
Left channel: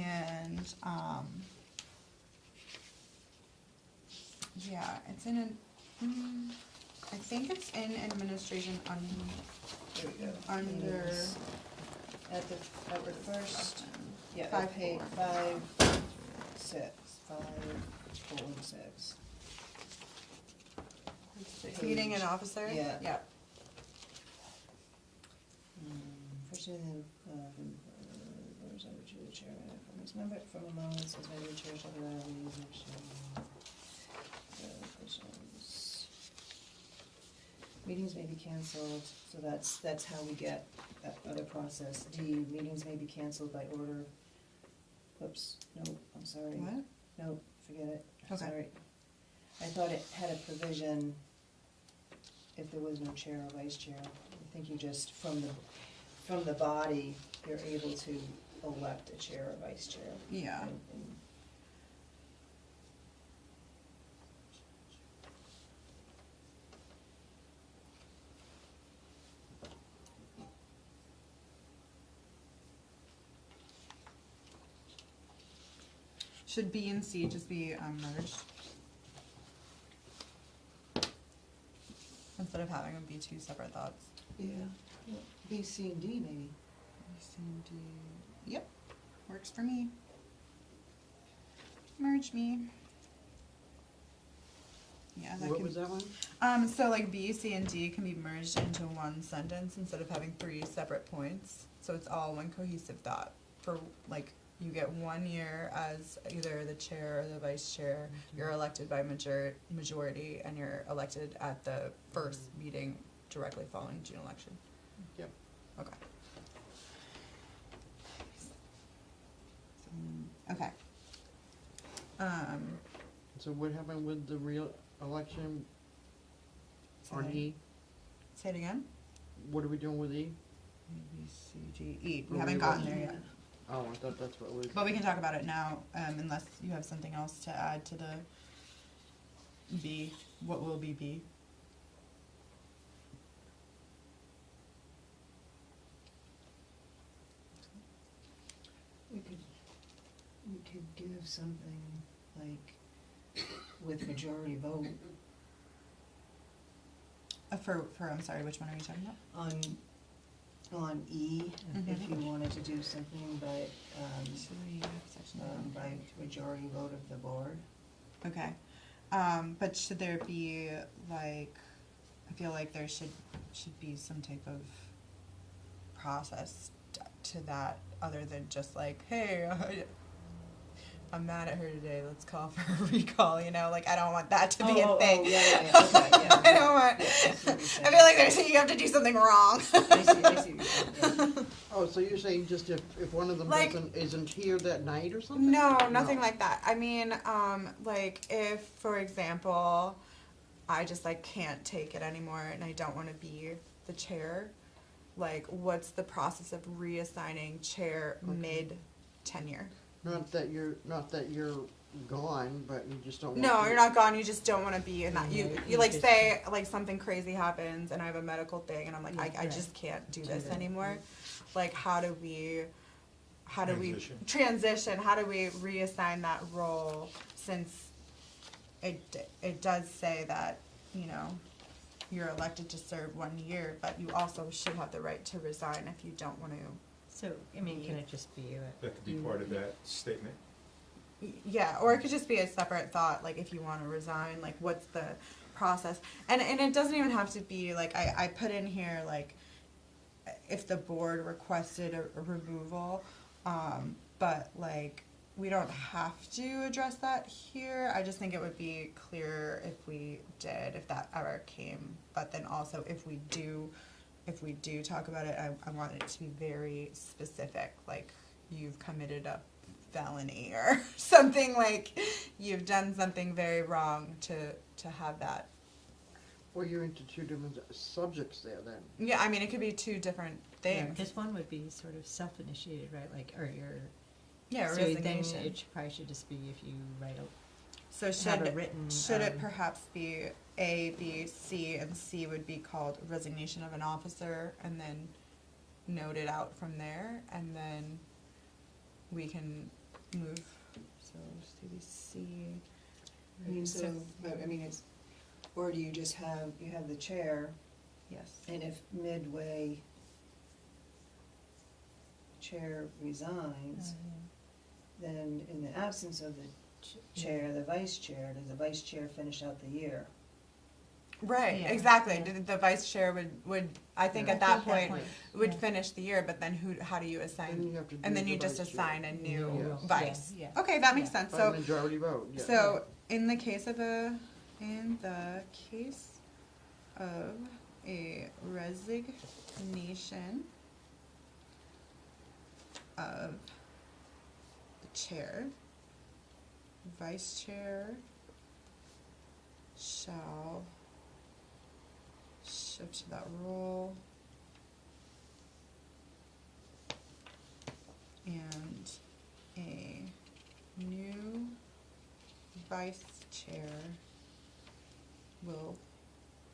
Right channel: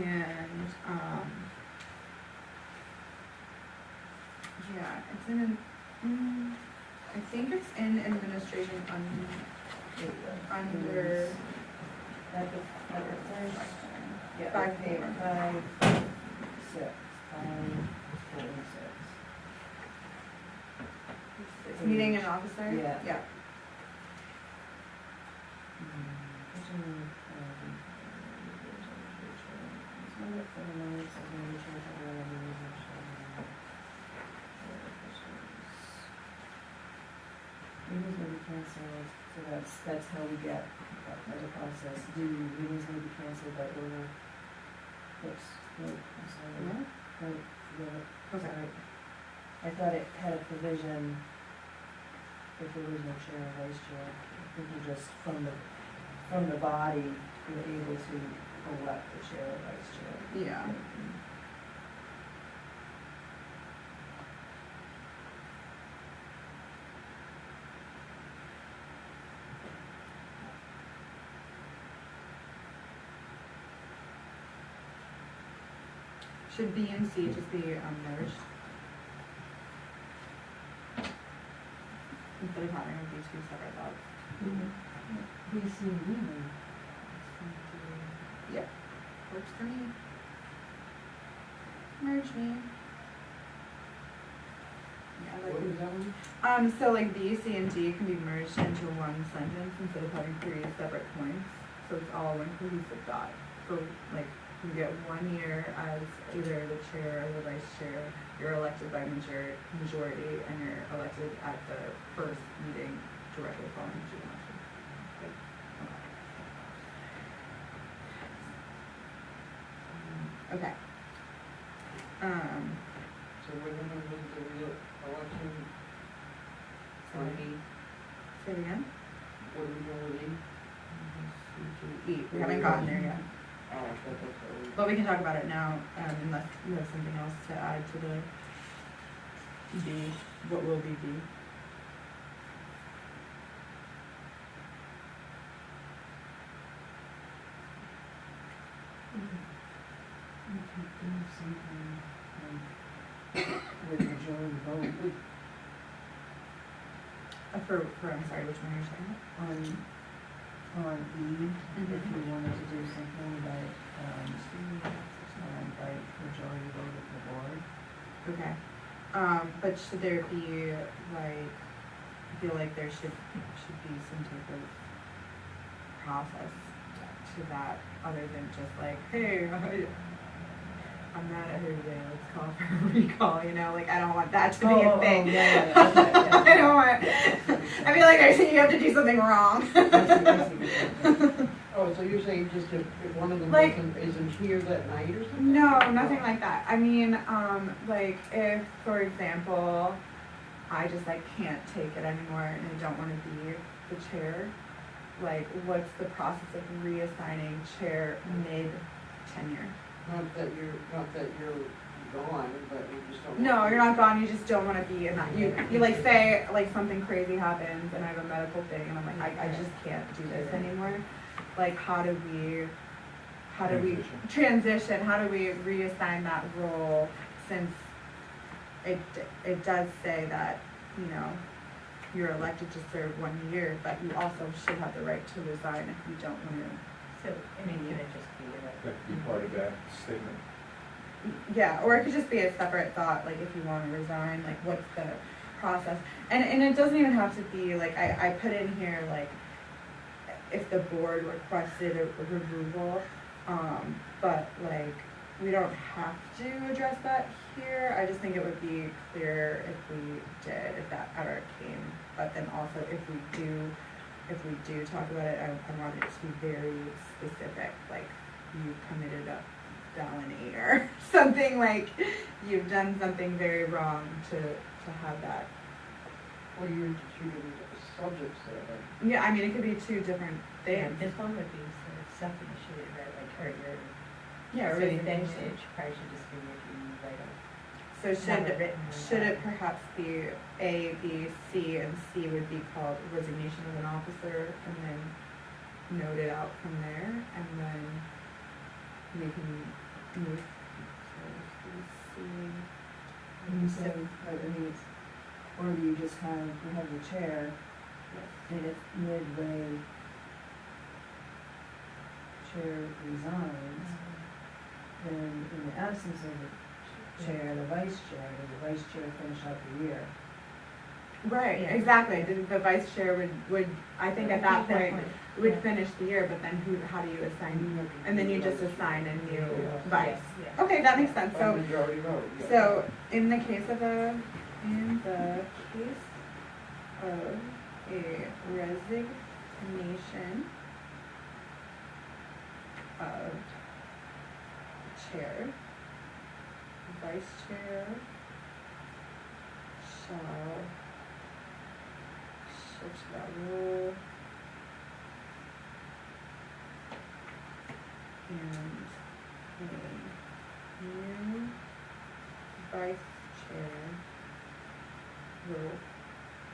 yeah, it's I think it's in administration under, At the first, yeah, 5.4. 5.6. Meeting and officers? Yeah. Yeah. Meetings may be canceled, so that's how we get that part of the process. D, meetings may be canceled by order. Oops, no, I'm sorry. What? No, forget it. Okay. Sorry. I thought it had a provision if there was no chair or vice chair. I think you just, from the body, you're able to elect a chair or vice chair. Yeah. Should B and C just be merged? Instead of having them be two separate thoughts? B, C, and D, maybe. Yep, works for me. Merge me. Yeah, that What could- was that one? So like B, C, and D can be merged into one sentence instead of having three separate points. So it's all one cohesive thought. For like, you get 1 year as either the chair or the vice chair. You're elected by majority, and you're elected at the first meeting directly following June election. Okay. Okay. So what happened with the real election on E? Say it again. What are we doing with E? E. We haven't gotten there yet. Oh, I thought that's what we. But we can talk about it now, unless you have something else to add to the D. What will be D? We could do something like with majority vote, I'm sorry, which one are you talking about? on E, if you wanted to do something like, like majority vote of the board. Okay. But should there be, like, I feel like there should be some type of process to that, other than just like, hey, I'm mad at her today, let's call for a recall, you know, like, I don't want that to be a thing. I don't want, I feel like you have to do something wrong. I see. Oh, so you're saying just if one of them Like- isn't here that night or something? No, nothing like that. I mean, like, if, for example, I just, like, can't take it anymore and I don't wanna be the chair, like, what's the process of reassigning chair mid-tenure? Not that you're gone, but you just don't. No, you're not gone, you just don't wanna be in that, you like, say, like, something crazy happens and I have a medical thing and I'm like, I just can't do this anymore. Like, how do we transition, how do we reassign that role, since it does say that, you know, you're elected to serve 1 year, but you also should have the right to resign if you don't wanna. So, I mean, can it just be like? That could be part of that statement. Yeah, or it could just be a separate thought, like if you wanna resign, like what's the, process. And it doesn't even have to be, like, I put in here, like, if the board requested a removal, but like, we don't have to address that here. I just think it would be clear if we did, if that ever came, but then also if we do talk about it, I want it to be very specific, like, you've committed a felony or something, like, you've done something very wrong to have that. Well, you instituted subjects there then. Yeah, I mean, it could be two different things. Because one would be sort of self-initiated, right, like, or your, Yeah, so you think resignation. it probably should just be if you write a, So have a written. should it perhaps be A, B, C, and C would be called resignation of an officer, and then note it out from there, and then we can move, so C. You said, but I mean, it's, or do you just have, you have the chair, Yes. and if midway chair resigns, then in the absence of the chair, the vice chair, does the vice chair finish out the year? Right, Yeah. exactly, the vice chair would, I think at that point, would Yeah. finish the year, but then how do you assign, You have to and then do you the just vice assign chair. a new Yeah. vice. Yeah. Okay, that makes sense, By so. majority vote, yeah. So, in the case of a resignation of the chair, vice chair shall and a new vice chair will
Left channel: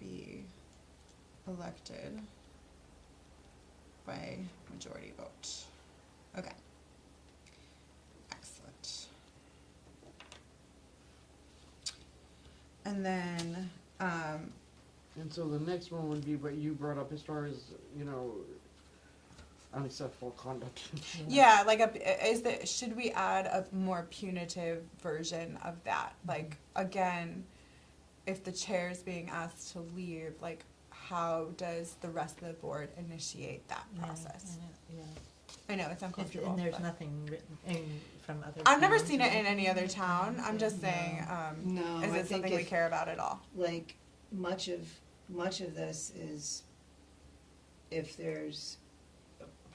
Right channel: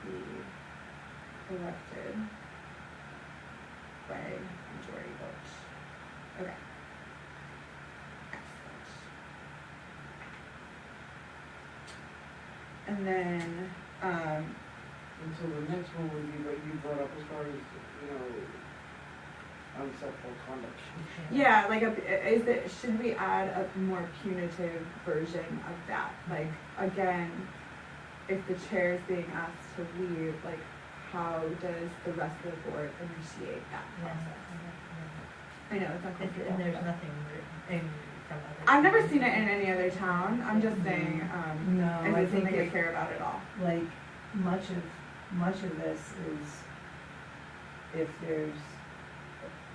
be elected by majority vote. Okay. Excellent. And then, And so the next one would be what you brought up as far as, you know, unacceptable conduct. yeah, like should we add a more punitive version of that? Like, again, if the chair is being asked to leave, like, how does the rest of the board initiate that process? I know, it's uncomfortable. And there's but- nothing written from other. I've never towns. seen it in any other town, I'm just saying, No, is I it think something we if, care about at all? like, much of this is, if there's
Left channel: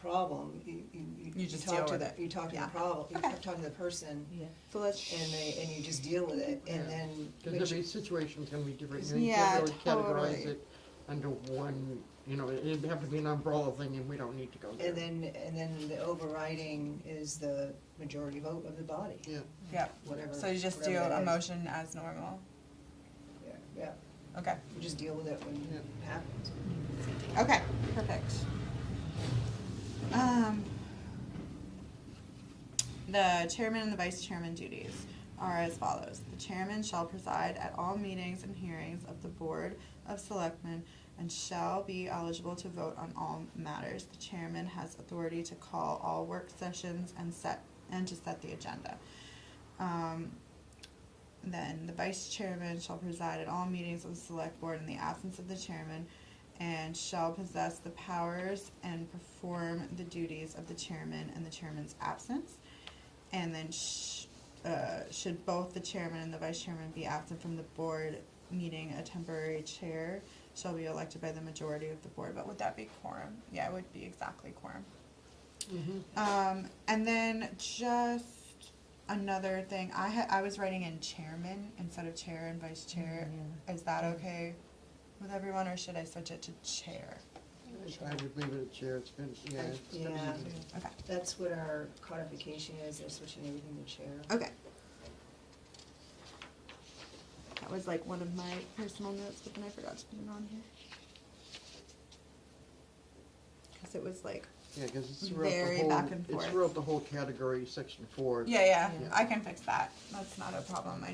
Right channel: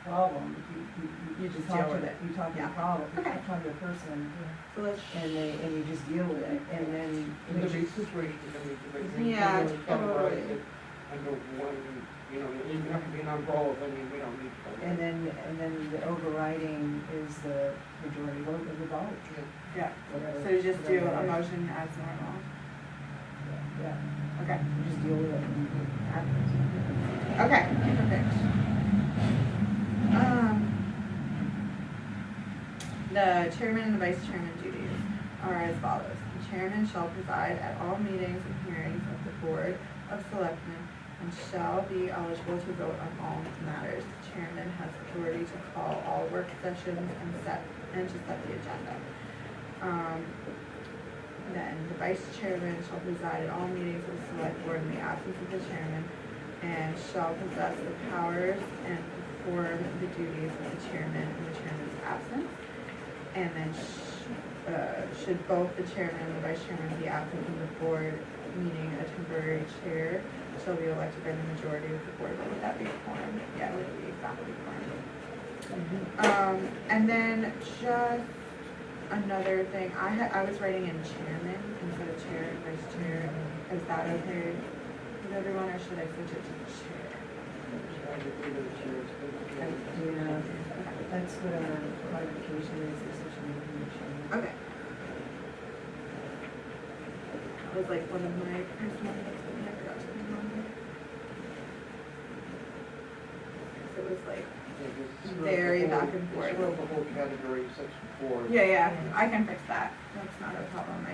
a problem, You you just talk deal to with the, it. you talk to Yeah. the problem, you Okay. talk to the person, So let's. and you just deal with it, and then. There's gonna be situations gonna be different. Yeah, You can categorize totally. it under one, you know, it doesn't have to be an umbrella thing, and we don't need to go there. And then the overriding is the majority vote of the body. Yeah, Whatever- so you just do whatever a that is. motion as normal, Yeah, okay, just deal with it when it happens. okay, perfect. The chairman and the vice chairman duties are as follows. The chairman shall preside at all meetings and hearings of the Board of Selectmen and shall be eligible to vote on all matters. The chairman has authority to call all work sessions and to set the agenda. Then the vice chairman shall preside at all meetings of the select board in the absence of the chairman and shall possess the powers and perform the duties of the chairman in the chairman's absence. And then should both the chairman and the vice chairman be absent from the board meeting, a temporary chair shall be elected by the majority of the board. What would that be, quorum? Yeah, it would be exactly quorum. And then just another thing, I was writing in chairman instead of chair and vice chair. Is that okay with everyone, or should I switch it to chair? I would leave it at chair, it's good. Yeah, that's what our codification is, there's such a need for a chair. Okay. That was like one of my personal notes, but I forgot to put it on here. Cause it was like, Yeah, 'cause it's throughout the very whole- back and forth. It's throughout the whole category, section 4. yeah, I can fix that. That's not a problem. I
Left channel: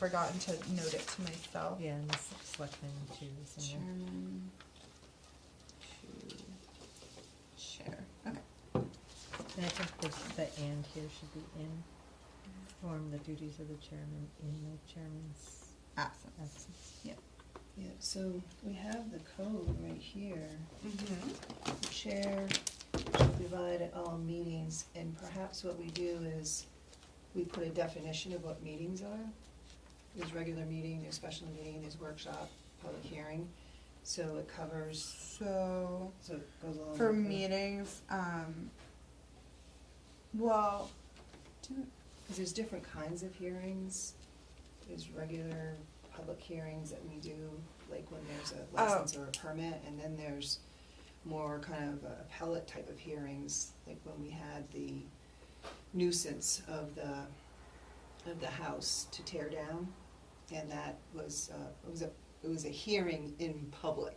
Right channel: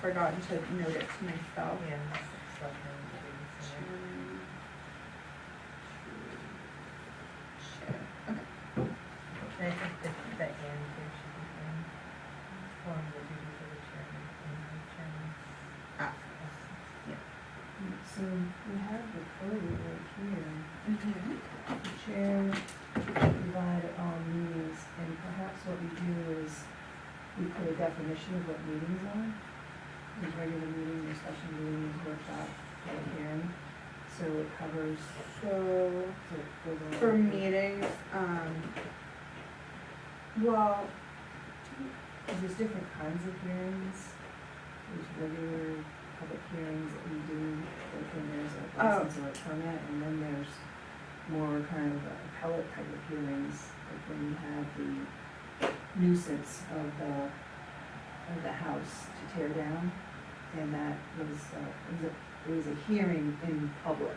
forgot to note it to myself. Yeah, and this is selectmen too, so. Chairman to chair. Okay. And I think this, the and here should be in, on the duties of the chairman, in the chairman's Absence. absence. Yeah. chair should provide at all meetings, and perhaps what we do is we put a definition of what meetings are. There's regular meeting, there's special meeting, there's workshop, public hearing, so it covers, So, so it goes all. for meetings, well, Because there's different kinds of hearings. There's regular public hearings that we do, like when there's a license or a permit, and then there's more kind of appellate type of hearings, like when we had the nuisance of the house to tear down, and that was, it was a hearing in public,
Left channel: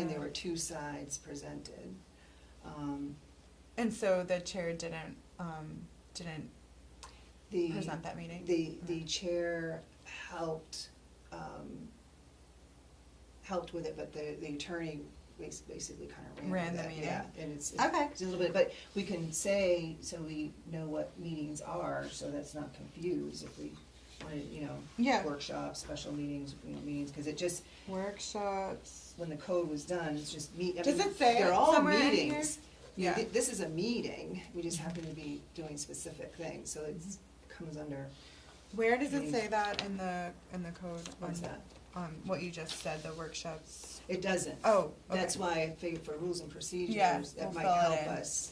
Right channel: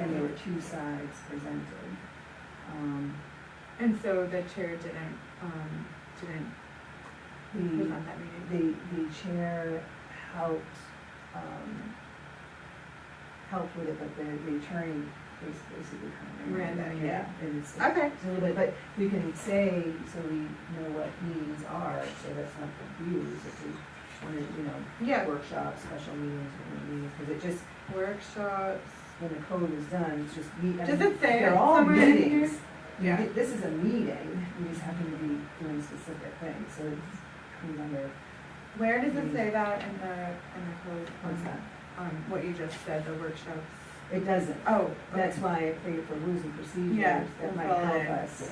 and there were two sides presented. and so the chair didn't present that meeting? The chair helped with it, but the attorney basically kind of Ran the meeting. Yeah, it's Okay. it's a little bit, but we can say, so we know what meetings are, so that's not confused, if we wanted, Yeah. workshops, special meetings, different meetings, because it just, Workshops. when the code was done, it's just Does it say they're it all somewhere in meetings. here? Yeah. This is a meeting, we just happen to be doing specific things, so it comes under, Where does it say that in the code? what's that? What you just said, the workshops. It doesn't. Oh, That's okay. why I figured for rules and procedures, Yeah, that we'll might fill it help in. us.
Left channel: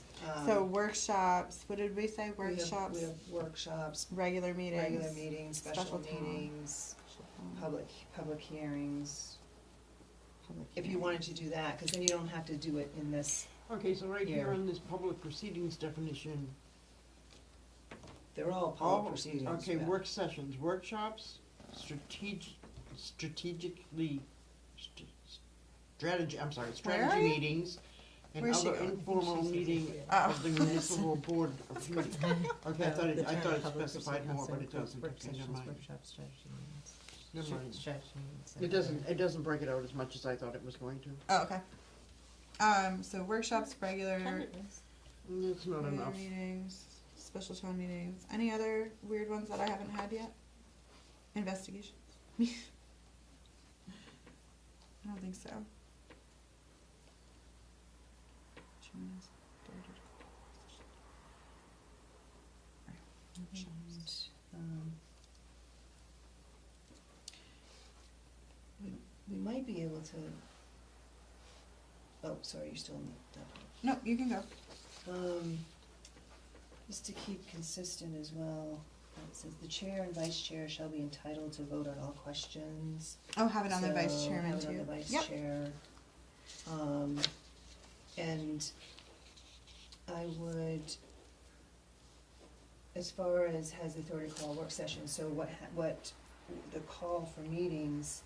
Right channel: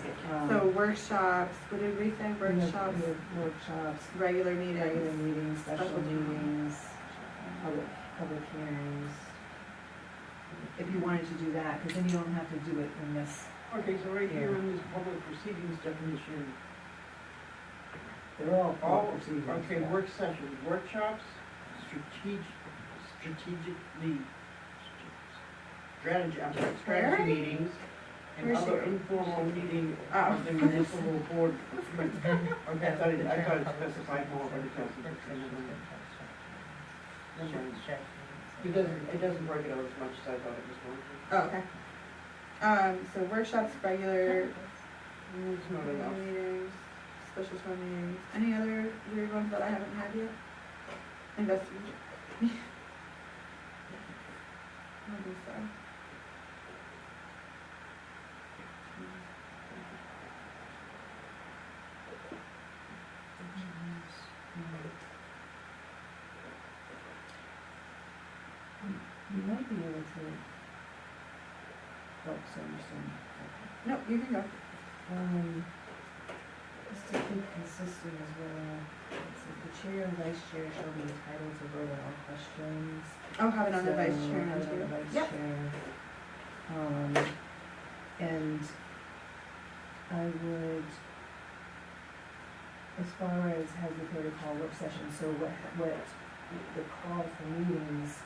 So workshops, what did we say, We have workshops, workshops, regular meetings? regular meetings, special Special meetings, public hearings. If you wanted to do that, because then you don't have to do it in this, Okay, so right here in this public proceedings definition, they're all all, public proceedings. okay, yeah. work sessions, workshops, strategy Where? meetings, and Where's she other going? informal meeting Oh. of the municipal board. Okay, I thought it specified more, but it doesn't. Never mind. It doesn't break it out as much as I thought it was going to. Oh, okay. So workshops, regular It's not enough. meetings, special town meetings, any other weird ones that I haven't had yet? Investigation? I don't think so. You might be able to, oh, sorry, you're still in that. No, you can go. Just to keep consistent as well, it says the chair and vice chair shall be entitled to vote on all questions. Oh, have it on the vice So, chair now have it too. on the vice Yep. chair. And I would, as far as has the authority to call work sessions, so what the call for meetings,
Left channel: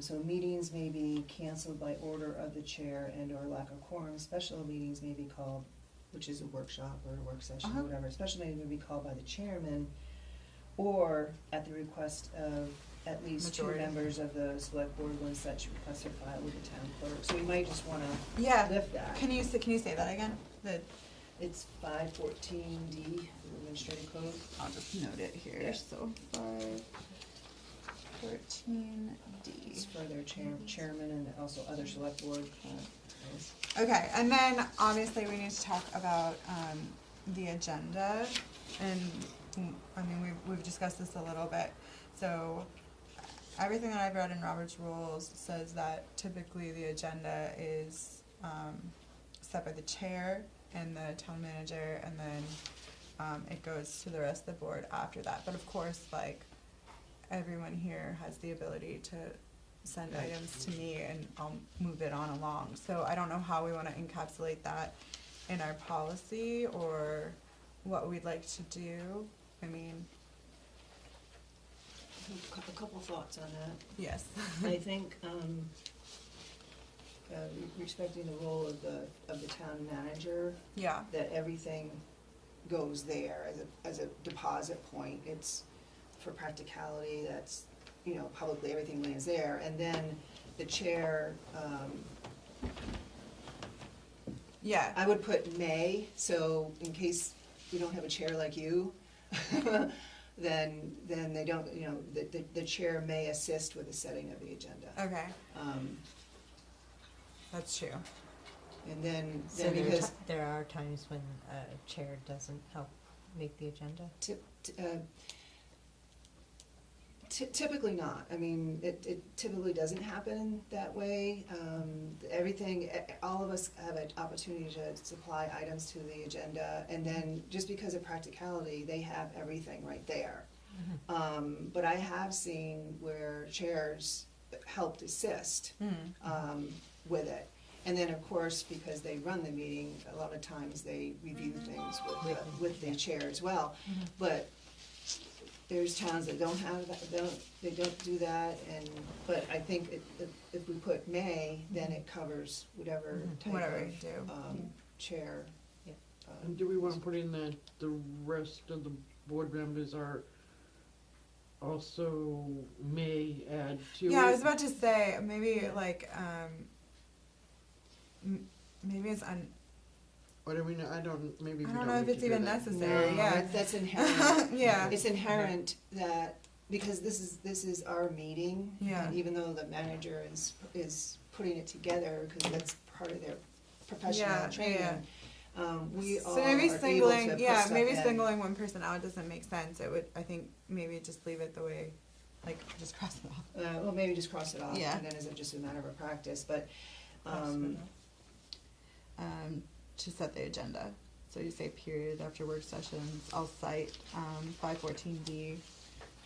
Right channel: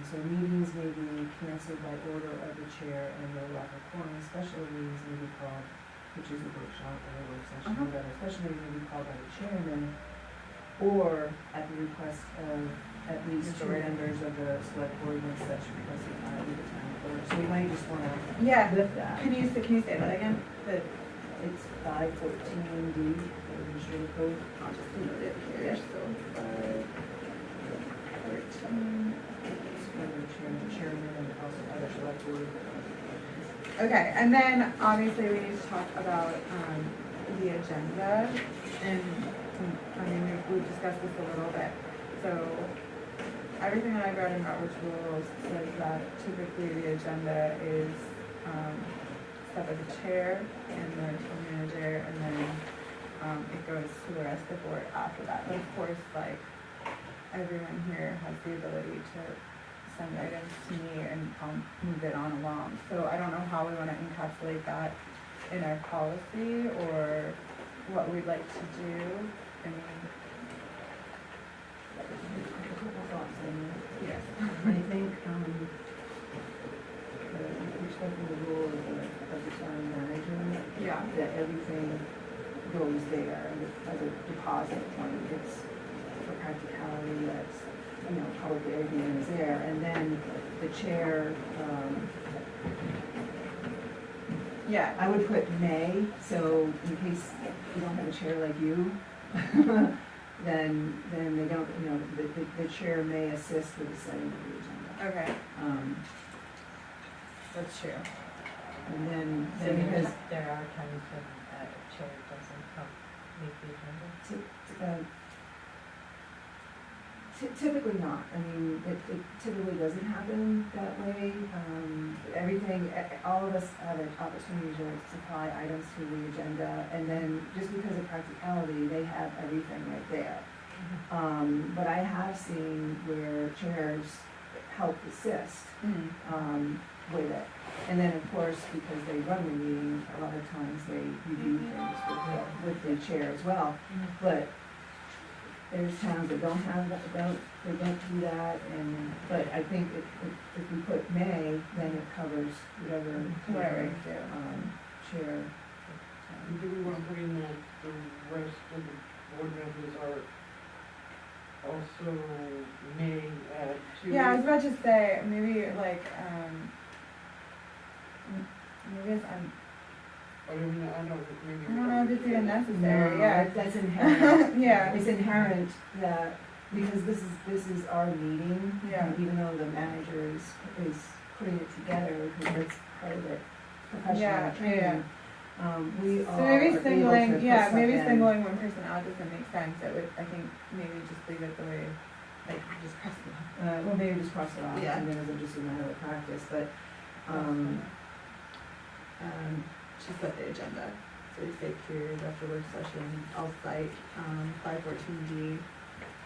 so meetings may be canceled by order of the chair and or lack of quorum. Special meetings may be called, which is a workshop or a work session, Uh-huh. whatever. Special meeting may be called by the chairman or at the request of at least two Majority. members of the select board when such requests are filed with the town clerk. So you might just wanna Yeah, lift that. can you say that again? It's 514D, the administrative code. I'll just note it here, Yeah. so 5:14. It's for the chairman and also other select board. Okay, and then obviously we need to talk about, the agenda, and, I mean, we've discussed this a little bit. So, everything that I've read in Robert's rules says that typically the agenda is, set by the chair and the town manager, and then, it goes to the rest of the board after that. But of course, like, everyone here has the ability to send items to me and I'll move it on along. So I don't know how we wanna encapsulate that in our policy or what we'd like to do. I mean, A couple thoughts on that. yes. I think, respecting the role of the town manager, Yeah, that everything goes there as a deposit point. It's for practicality, that's, probably everything is there. And then the chair, yeah, I would put may, so in case you don't have a chair like you, then they don't, the chair may assist with the setting of the agenda. okay, Um, that's true. And and then So there because are times when a chair doesn't help make the agenda? Typically not, I mean, it typically doesn't happen that way. All of us have an opportunity to supply items to the agenda, and then just because of practicality, they have everything right there. But I have seen where chairs helped assist with it. And then, of course, because they run the meeting, a lot of times they review things with the chair as well. But there's towns that don't have that, they don't do that, but I think if we put may, then it covers whatever type Whatever, of chair. And do we want to put in that the rest of the board members are also may add to? Yeah, I was about to say, maybe like, maybe it's, But I mean, I don't, maybe. I don't know if it's even necessary, No, yeah. that's inherent. Yeah. It's inherent that, because this is our meeting, Yeah. and even though the manager is putting it together, because it's part of their professional training, we So are maybe able to singling, put yeah, stuff maybe in. singling one person out doesn't make sense, it would, I think, maybe just leave it the way, like, just cross it off. Well, maybe just cross it off, Yeah. and then it'll just be a matter of practice, but, To set the agenda, so you say period after work sessions, I'll cite, 514B,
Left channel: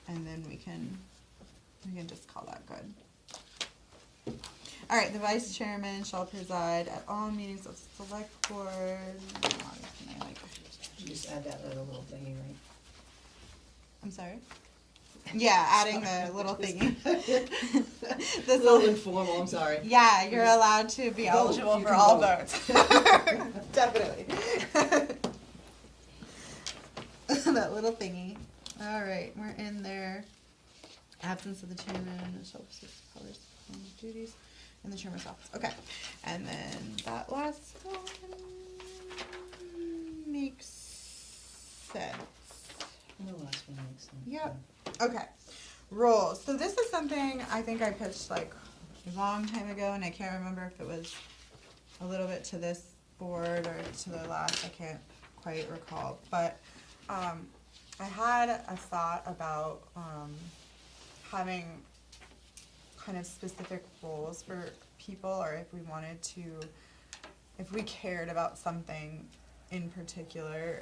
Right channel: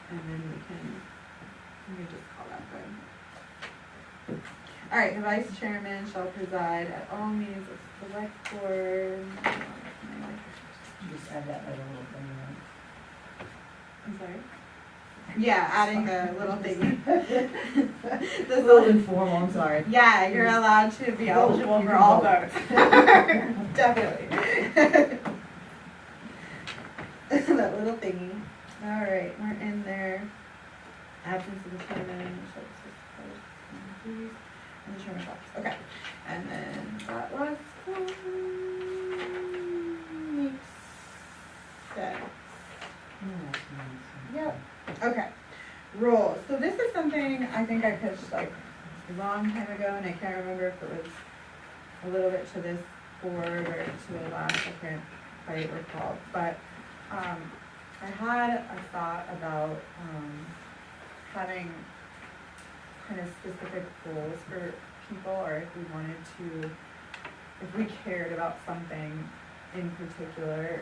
and then we can just call that good. Alright, the vice chairman shall preside at all meetings of the select board. just add that little thing in. I'm sorry? Yeah, adding the little thingy. It's This a little informal, I'm sorry. Yeah, you're allowed to be eligible for all votes. Definitely. That little thingy. Alright, we're in there. Absence of the chairman, shall exercise duties, and the chairman's office. Okay, and then that last one makes sense. Yep. Okay, rules. So this is something I think I pitched like a long time ago, and I can't remember if it was a little bit to this board or to the last, I can't quite recall. But I had a thought about having kind of specific goals for people, or if we wanted to, if we cared about something in particular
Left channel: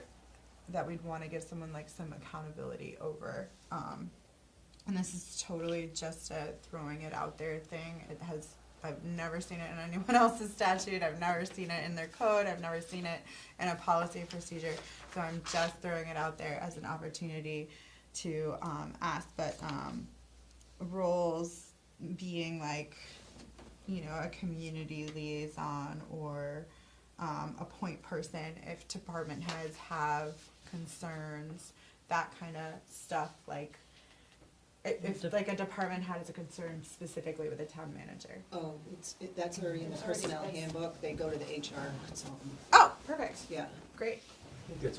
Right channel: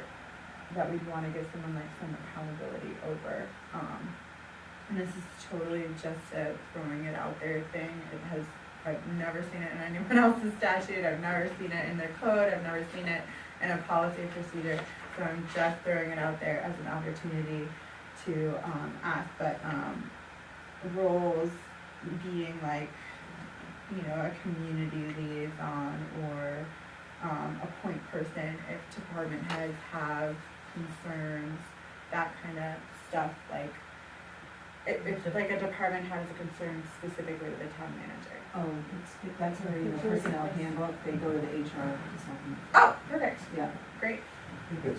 that we'd want to give someone like some accountability over. And this is totally just a throwing it out there thing. I've never seen it in anyone else's statute, I've never seen it in their code, I've never seen it in a policy procedure. So I'm just throwing it out there as an opportunity to ask, but roles being like, you know, a community liaison or a point person if department heads have concerns, that kind of stuff, like if like a department has a concern specifically with the town manager. That's already in the personnel handbook, they go to the HR department. Oh, perfect, Yeah, great. I think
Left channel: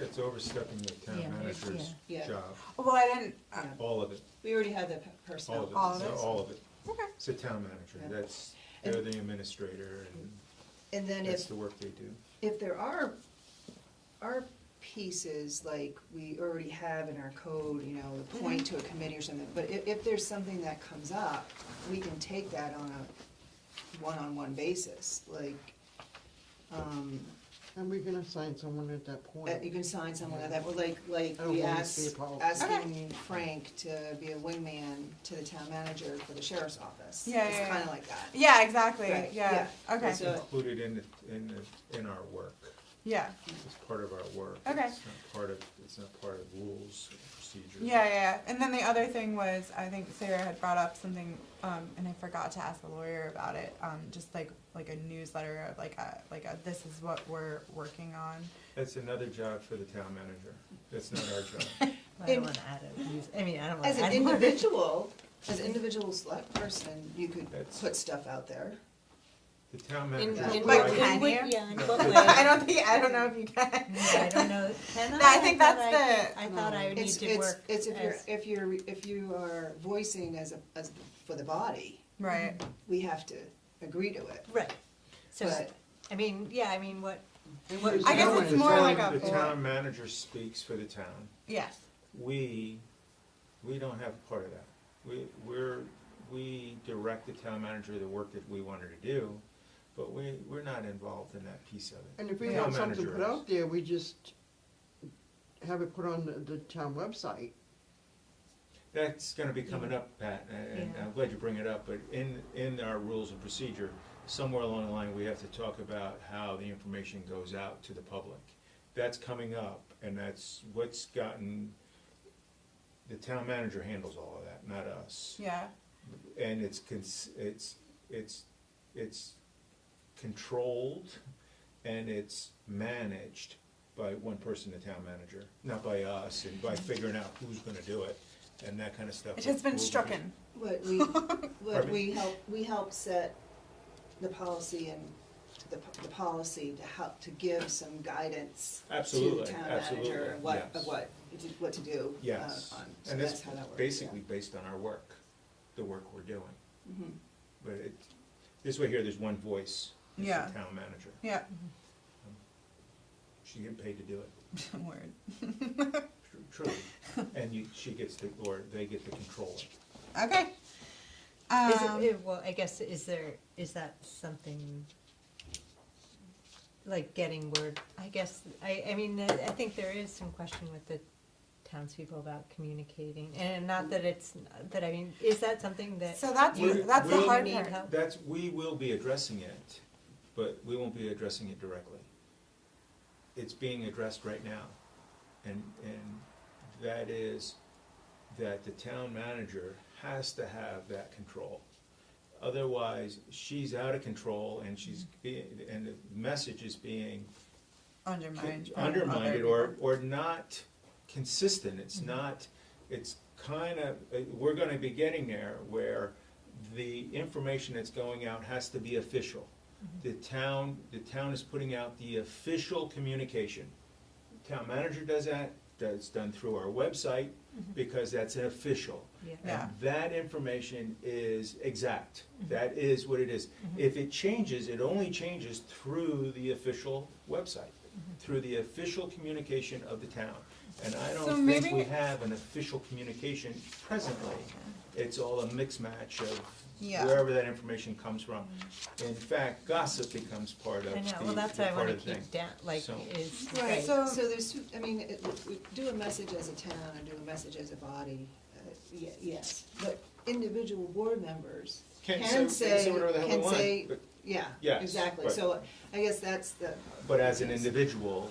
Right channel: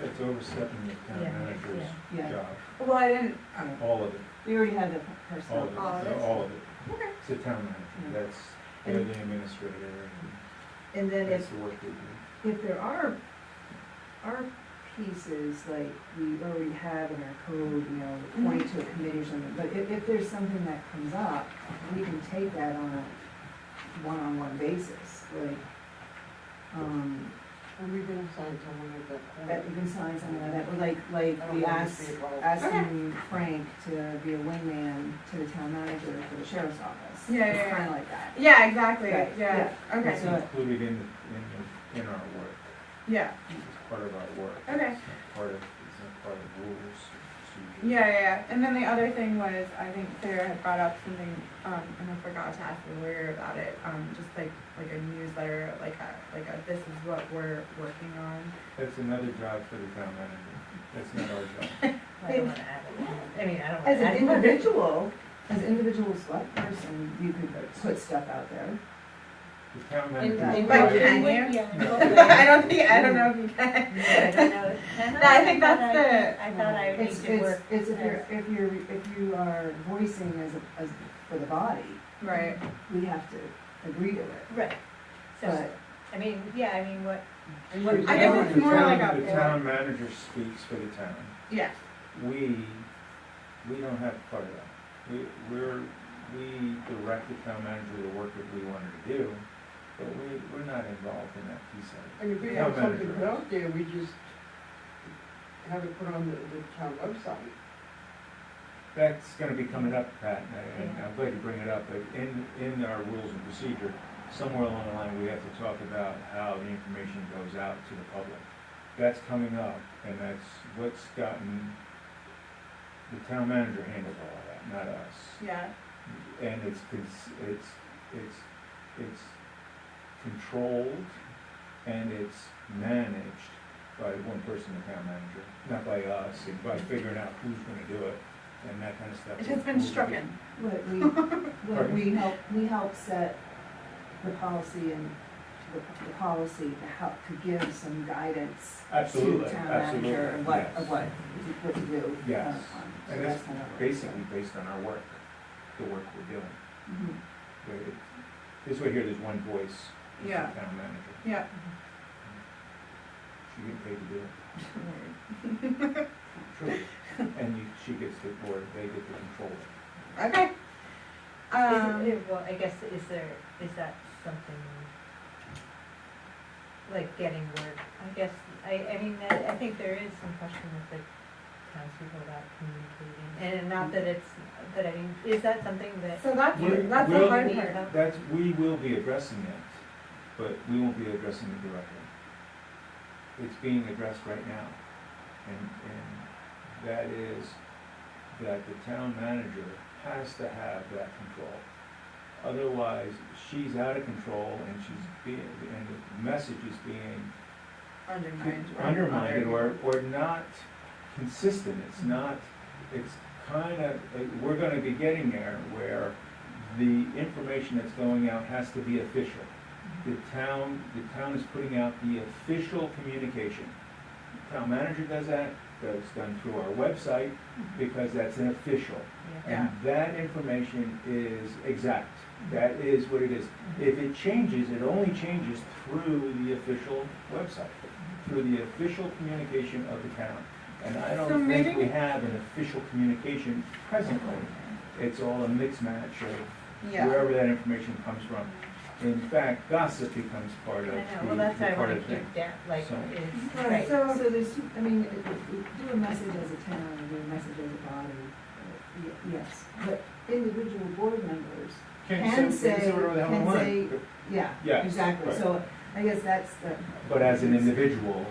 that's overstepping the town Yeah, manager's yeah. job, Well, I didn't, all of it, We already had the personnel. all of it, All all of it. okay. It's the town manager, that's, they're the administrator, And then and that's if the work they do. if there are pieces like we already have in our code, you know, point to a committee or something, but if there's something that comes up, we can take that on a one-on-one basis, like, And we can assign someone at that point. you can sign something like that, but like I don't we think asked, it's involved. asking Frank to be a wingman to the town manager for the sheriff's office. Yeah, It's yeah, yeah. kinda like that. Yeah, exactly, Right, yeah, okay, It's included in our work, yeah, it's part of our work. Okay. It's not part of rules, procedures. yeah. And then the other thing was, I think Sarah had brought up something, and I forgot to ask the lawyer about it, just like a newsletter, like a this is what we're working on. That's another job for the town manager, that's not our job. I don't wanna add it. I mean, I don't wanna As an add it. individual select person, you could put stuff out there. The town In- manager. in- But provides- can you? Yeah, I don't know if you can. I don't know. No, I think that's I thought I would need It's, to it's, work. it's as- if you are voicing as for the body, Right, we have to agree to it. Right, so, But I mean, yeah, I mean, what, I guess it's more like a The board. town manager speaks for the town. Yes, We don't have part of that. We direct the town manager the work that we want her to do, but we're not involved in that piece of it. And if we Town have something manager put is. out there, we just have it put on the town website. That's gonna be coming up, Pat, and I'm glad you bring it up, but in our rules and procedure, somewhere along the line, we have to talk about how the information goes out to the public. That's coming up, and that's what's gotten, the town manager handles all of that, not us. yeah, And it's controlled and it's managed by one person, the town manager, not by us, and by figuring out who's gonna do it and that kind of stuff. it has been stricken. But we help set the policy and the policy to help, to give some guidance to Absolutely, the town absolutely, manager and yes. what to do. Yes. So And that's kind of- basically based on our work, the work we're doing. Mhm. But this way here, there's one voice, it's the Yeah. town manager. Yeah. She getting paid to do it. True. And she gets the, or they get the control. Okay. well, I guess, is that something, like getting word, I guess, I mean, I think there is some question with the townspeople about communicating, and not that it's, but I mean, is that something that? So that's We- the hard we'll- part. We will be addressing it, but we won't be addressing it directly. It's being addressed right now, and that is that the town manager has to have that control. Otherwise, she's out of control and and the message is being undermined or not consistent. It's not, it's we're gonna be getting there where the information that's going out has to be official. The town is putting out the official communication. Town manager does that, that's done through our website, because that's an official. Yeah. And that information is exact, that is what it is. If it changes, it only changes through the official website, through the official communication of the town. And I So don't think maybe- we have an official communication presently. It's all a mix match of Yeah. wherever that information comes from. In fact, gossip becomes part of I the, know, well, that's what I part wanna of the thing. keep down, like, So- is, Right, right, So- so there's, I mean, if we do a message as a town and do a message as a body, yes, but individual board members can say, yeah, Yes, exactly, right. so I guess that's the. But as an individual,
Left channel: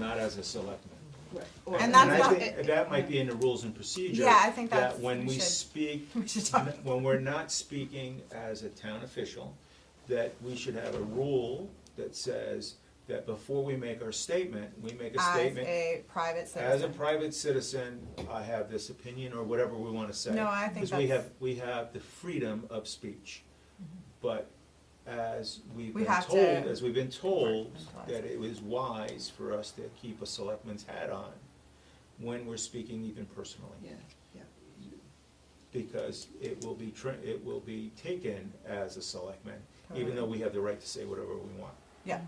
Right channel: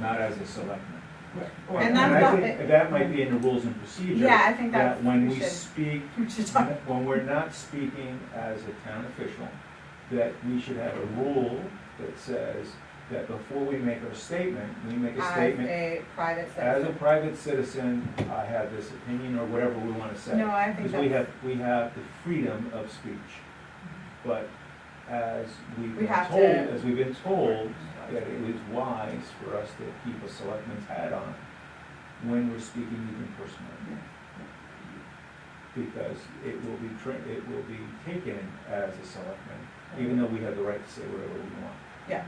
not as a selectman. Or- And that's I not- think that might be in the rules and procedure. Yeah, I think That that's, when we we should, speak, we should talk. when we're not speaking as a town official, that we should have a rule that says that before we make our statement, we make a As statement, a private as a citizen. private citizen, I have this opinion, or whatever we wanna say. No, I think Because that's, we have the freedom of speech. But as we've We been have told, to- as we've been told, that it was wise for us to keep a selectman's hat on when we're speaking even personally. Because it will be taken as a selectman, even though we have the right to say whatever we want. yeah.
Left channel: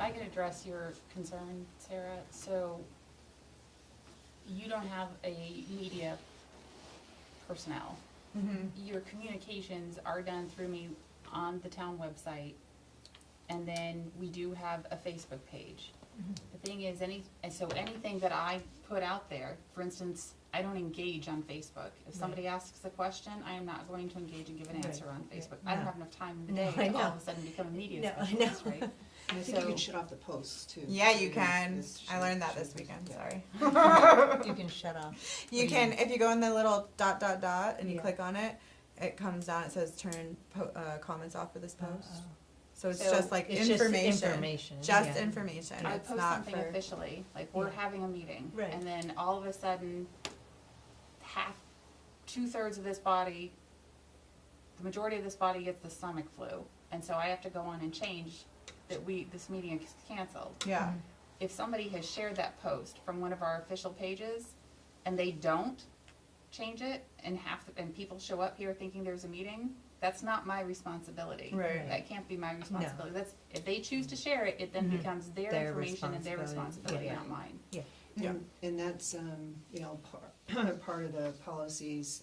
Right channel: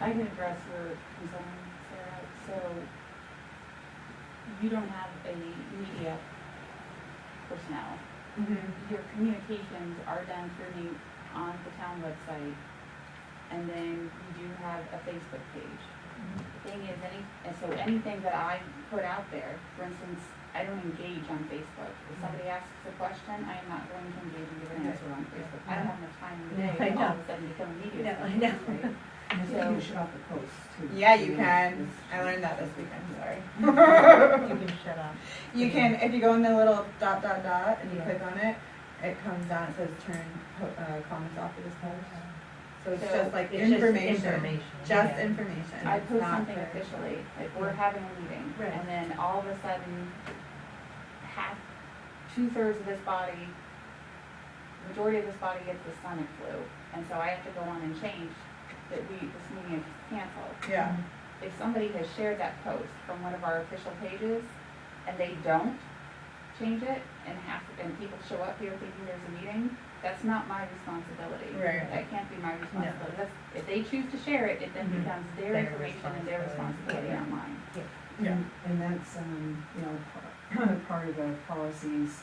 I can address your concern, Sarah, so you don't have a media personnel. Mm-hmm. Your communications are done through me on the town website, and then we do have a Facebook page. The thing is, anything that I put out there, for instance, I don't engage on Facebook. If somebody asks a question, I am not going to engage and give an answer on Facebook. I don't have enough time in the No, day I all of know. a sudden to become a media No, I specialist, know. right? And I think you can shut off the posts too. Yeah, you I mean, can. it's- I learned that this weekend, sorry. you can shut up. You can, if you go in the little dot and you Yeah. click on it, it comes down, it says turn comments off for this post. So it's So just like it's just information, just yeah. information, I it's post not something for. officially, like we're having a meeting, Right. and then all of a sudden, two-thirds of this body, majority of this body gets the stomach flu, and so I have to go on and change that this meeting is canceled. Yeah, If somebody has shared that post from one of our official pages, and they don't change it, and people show up here thinking there's a meeting, That's not my responsibility. Right. That can't be my responsibility. That's, if they choose to share it, it then Mhm. becomes their Their information and their responsibility, responsibility. not mine. Yeah. And that's, you know, part of the policies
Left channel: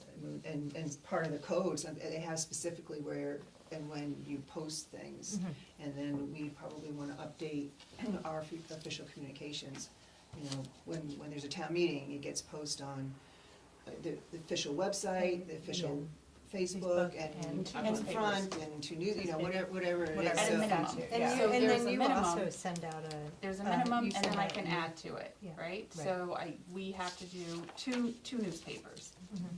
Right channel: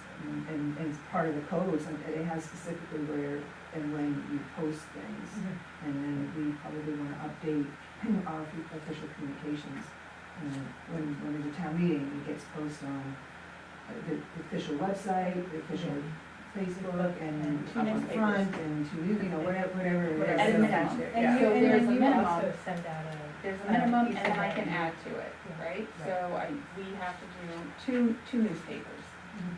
and as part of the codes, it has specifically where and when you post things. And then we probably wanna update our official communications. When there's a town meeting, it gets posted on the official website, the official Facebook, and And two up on newspapers. front, and two news, you know, whatever it is. At a So- minimum. Yeah. So And there's then a you minimum. also send out a. There's a minimum, you and then I send can out- add to it, Yeah. right? So we have to do two newspapers.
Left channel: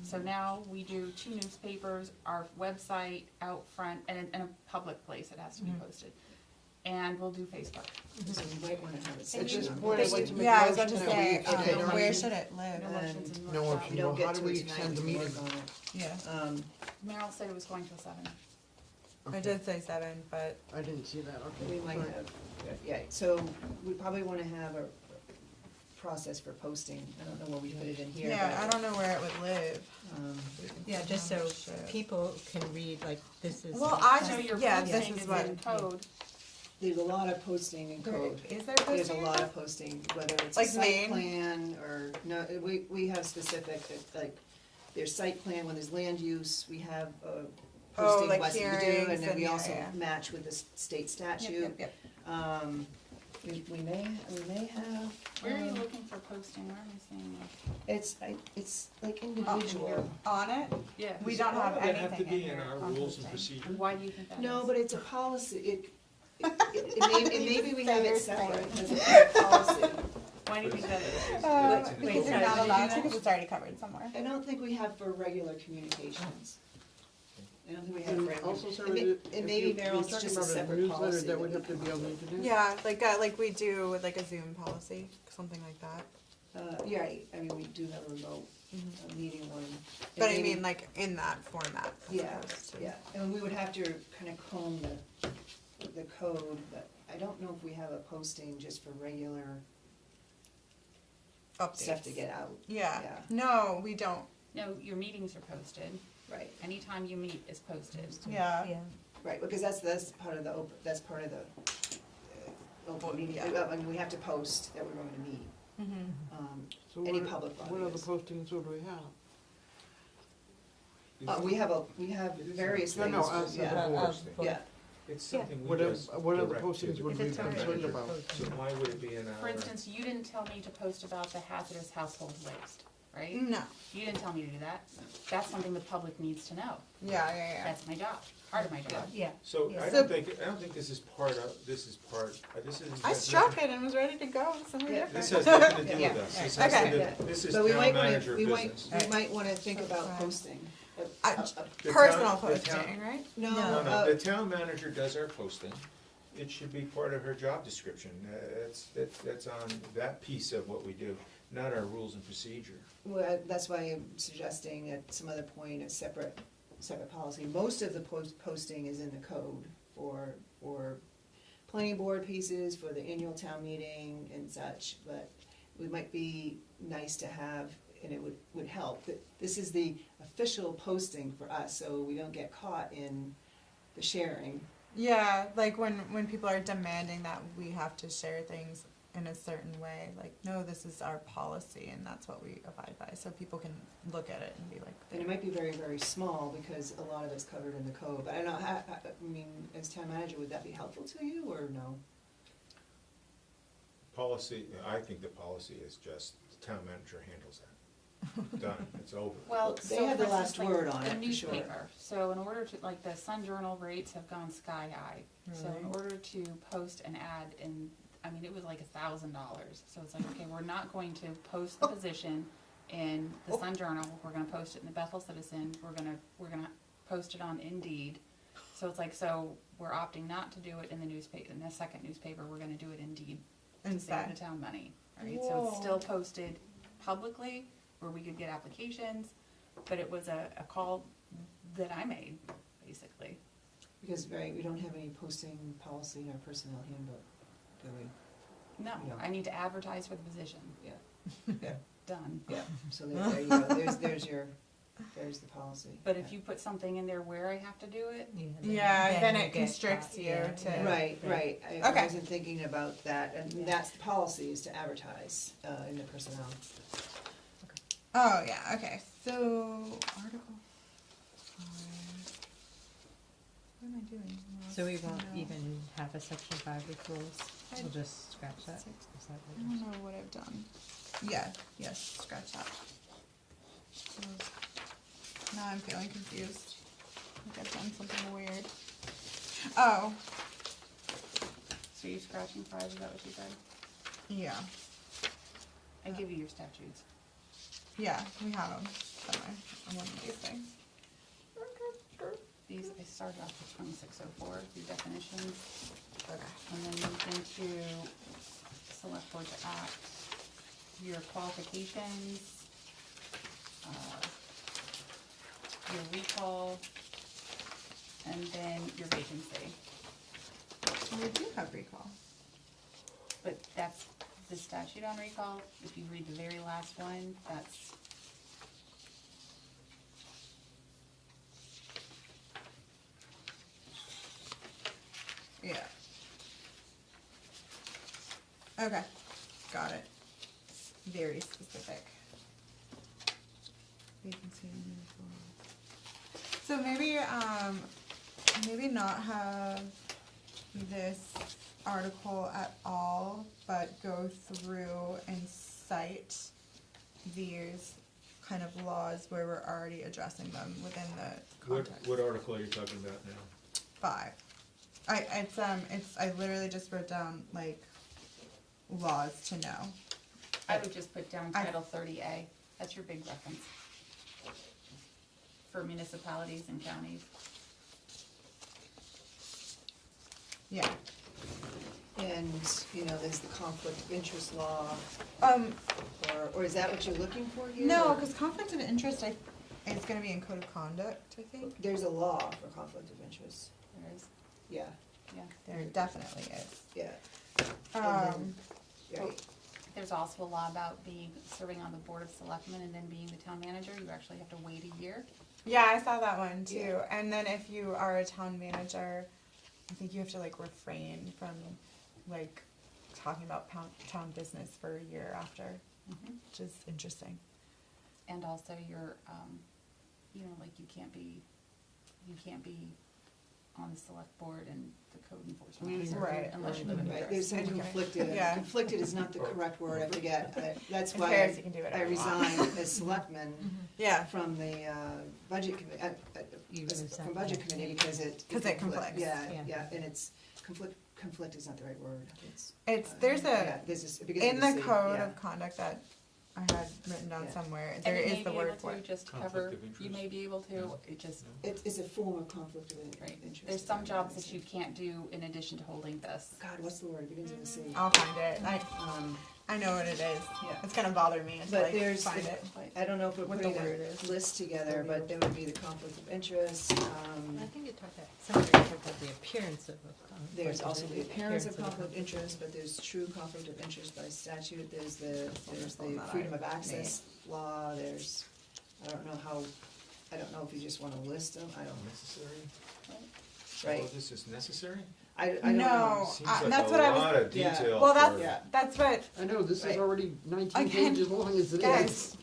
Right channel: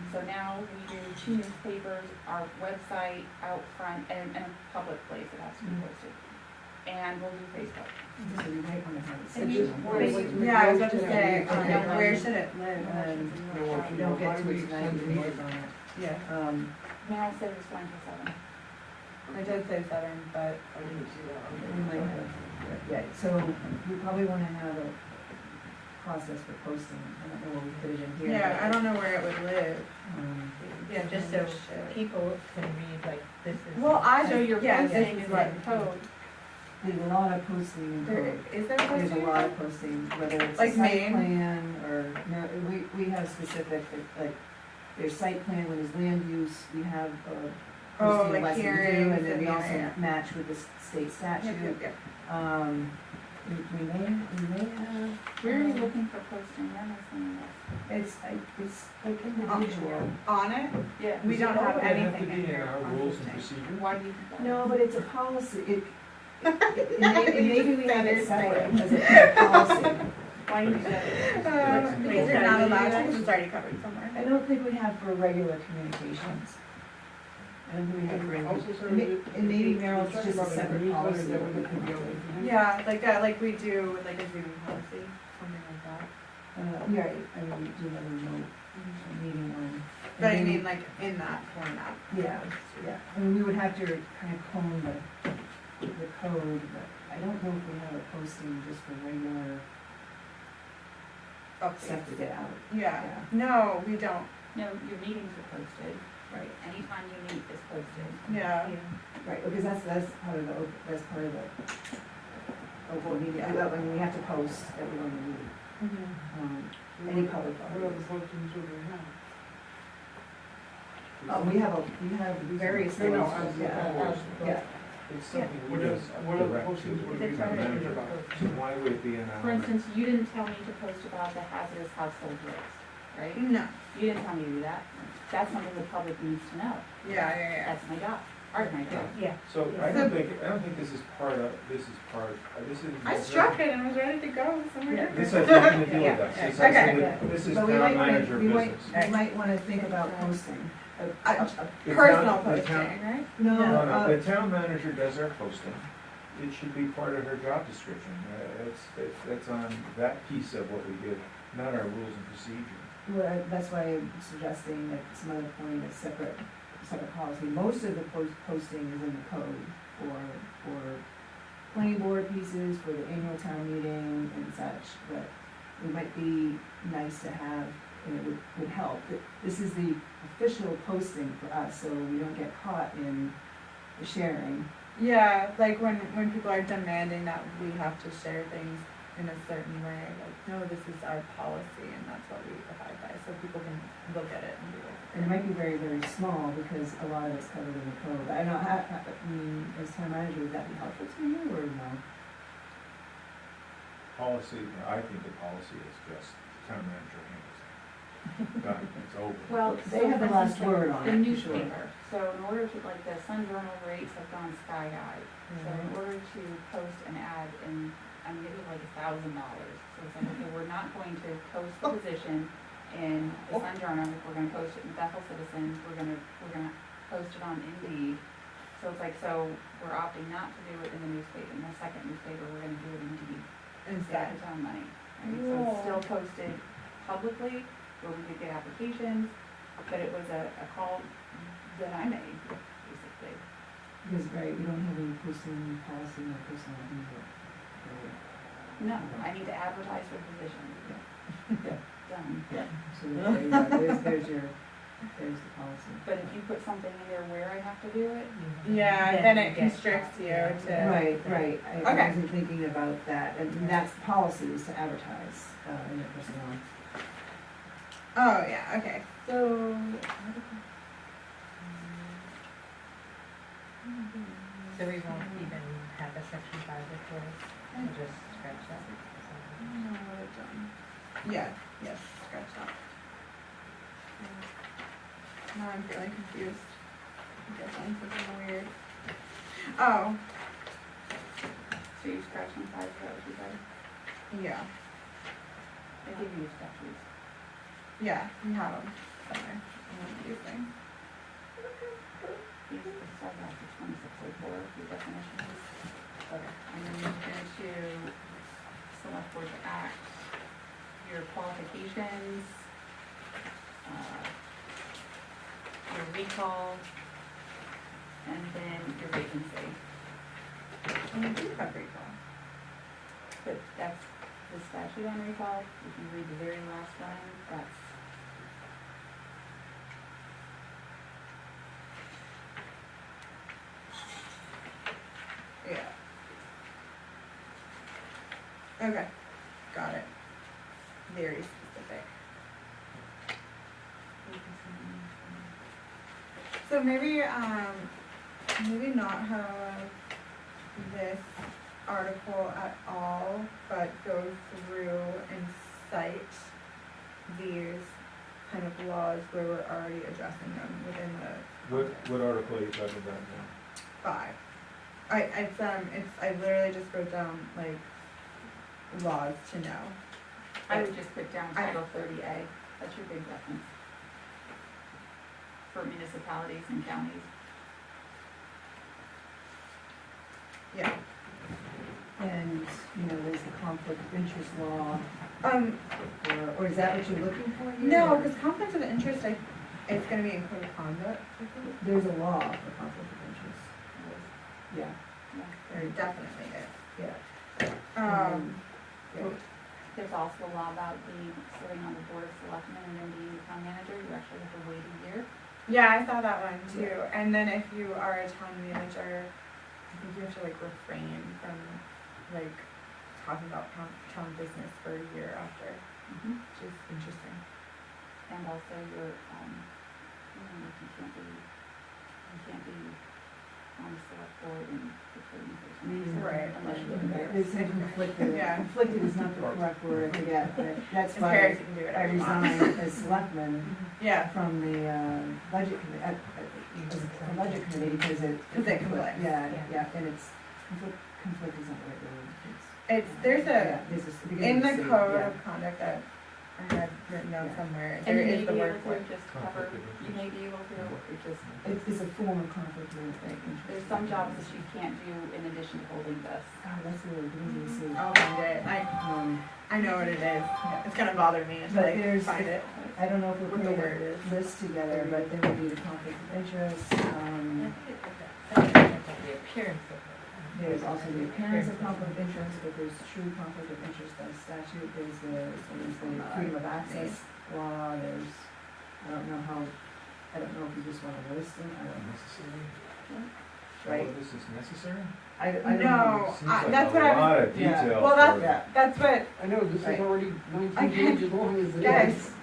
So now we do two newspapers, our website out front, and a public place it has to be posted. And we'll do Facebook. So you might wanna have a And section just on where this. what's Yeah, I was about to proposed say, to be- where should it live? And No, if you don't get to it How do we tonight, extend the we work meeting? on it. Yeah, Meryl said it was going to 7. I did say 7, but I didn't see that. We might have, yeah, so we probably wanna have a process for posting, I don't know where we put it in here. yeah, I don't know where it would live. Yeah, just so people can read, like, this is. Well, I So just, your yeah, this posting is is what. in code. There's a lot of posting in There, code. is there There's a posting? lot of posting, whether it's a Like site name? plan or, no, we have specific, like, there's site plan with his land use, we have, Oh, posting like West Due, hearings and then we and- also yeah. match with the state Yep, statute. yep, yep. We may have. Where are you looking for posting? Where am I seeing that? It's like individual. On it? Yeah. We don't have Does it anything have to in be in here our on rules and posting. procedure? Why do you think that? No, is? but it's a policy, maybe we have it separate as a policy. Why do you think that is? That's in Because the you're not code. allowed to, 'cause it's already covered somewhere. I don't think we have for regular communications. I don't think we have for any, Also, sir, and maybe if you Merrill's talk just a about separate newsletter policy. that we could be able to do. Yeah, like we do with like a Zoom policy, something like that. Yeah, I mean, we do have a remote meeting one. But I And maybe- mean, like in that format. Yeah, yeah, I mean, we would have to kind of comb the code, but I don't know if we have a posting just for regular stuff to Updates. get out. Yeah, Yeah. no, we don't, No, your meetings are posted. Right, Anytime you meet is posted. yeah. right, because that's part of the, that's part of the, when we have to post that we're going to meet, So any what- public What other bodies. postings would we have? We have various No, things, no, absolutely. yeah, It's something we What else, just what other direct postings to. would we If it's be already concerned about? So why would it be in our? For instance, you didn't tell me to post about the hazardous household waste, right? No, You didn't tell me to do that. That's something the public needs to know. yeah. That's my job, part of my job. Yeah. So I So- don't think this is part of, this is I struck it and was ready to go somewhere. This has nothing to do with Yeah. us, this Okay. has to do, this is so we town might wanna, manager we might, business. we might wanna think about posting. I- The Personal town- the posting, town- right? No, No, the town manager does our posting, it should be part of her job description, that's on that piece of what we do, not our rules and procedure. well, that's why I'm suggesting at some other point a separate policy. Most of the posting is in the code for planning board pieces, for the annual town meeting and such, but it might be nice to have, and it would help. This is the official posting for us, so we don't get caught in the sharing. Yeah, like when people are demanding that we have to share things in a certain way, like, no, this is our policy and that's what we abide by, so people can look at it and be like. And it might be very, very small because a lot of it's covered in the code. I don't know, I mean, as town manager, would that be helpful to you or no? Policy, I think the policy is just the town manager handles it. Done, it's over. Well, They so have the for last instance, word like on the it, for sure. newspaper, so in order to, like, the Sun Journal rates have gone sky high. So in order to post an ad in, I mean, it was like $1,000, so it's like, okay, we're not going to post the position in the Sun Journal, we're gonna post it in Bethel Citizen, we're gonna post it on Indeed. So it's like, so we're opting not to do it in the newspaper, in the second newspaper, we're gonna do it in Indeed, to save the town money, right? So it's still posted publicly, where we could get applications, but it was a call that I made, basically. Because, right, we don't have any posting policy in our personnel handbook. No, I need to advertise for the position. Yeah. Done. Yeah, so there you go, there's your, there's the policy. But if you put something in there where I have to do it, Yeah, then it you get constricts you yeah. to. Right, I Okay. wasn't thinking about that, and that's the policy is to advertise, in the personnel. Oh, yeah, okay, so. So we won't even have a section 5 before this, we'll just scratch that or something. No, we're done. Yeah, yes, scratch that. Now I'm feeling confused. I guess I'm something weird. Oh, so you scratching 5, is that what you said? yeah, I give you your statutes. yeah, we have them somewhere, one of these things. These start off with 2604, the definitions, Okay. and then you move into select board act, your qualifications, your recall, and then your vacancy. We do have recall. But that's the statute on recall, if you read the very last one, that's. Yeah. Okay, got it. Very specific. So maybe, maybe not have this article at all, but go through and cite these kind of laws where we're already addressing them within the What article are you talking about now? 5. I literally just wrote down like laws to know. I would just put down Title 30A, that's your big reference. For municipalities and counties. Yeah. And, there's the conflict of interest law, Um, or is that what you're looking for here? no, or- because conflict of interest, it's gonna be in code of conduct, I think. There's a law for conflict of interest, yeah, There definitely is. yeah. Um, There's also a law about serving on the board of selectmen and then being the town manager, you actually have to wait a year. yeah, I saw that one too. And then if you are a town manager, I think you have to like refrain from like talking about town business for a year after, which is interesting. And also your, like you can't be on the select board and the code enforcement. Right. Unless you're doing Right, it. there's conflicted, Yeah. conflicted is not the correct word, I forget, but that's As why parents, you can do I whatever you want. resigned as selectman Yeah, from the, budget committee, from budget committee, because it. 'Cause it conflicts. Yeah, Yeah. yeah, and it's, conflict is not the right word, it's. there's yeah, a, there's this- in the beginning code yeah. of conduct that I had written down Yeah. somewhere, And there you may is the be word able for to it. just cover, Conflict of you interest. may be able to, or just, It's a form of conflict of interest. there's some jobs that you can't do in addition to holding this. God, what's the word, beginning to see. I'll find it. I know what it is. It's gonna bother me to But like there's- find it. I don't know if we're What the putting word a is. list together, but there would be the conflict of interest, I think it took that, something about the appearance of it. there's also the appearance of conflict of interest, but there's true conflict of interest by statute, there's the freedom of access law, there's, I don't know if you just wanna list them, I don't know. Necessary? Right. Oh, this is necessary? I don't know. No, Seems like that's a what I was, lot of yeah. detail. well, for- Yeah, that's what, I know, this is Right. already 19 Okay. pages long as it Guys. is.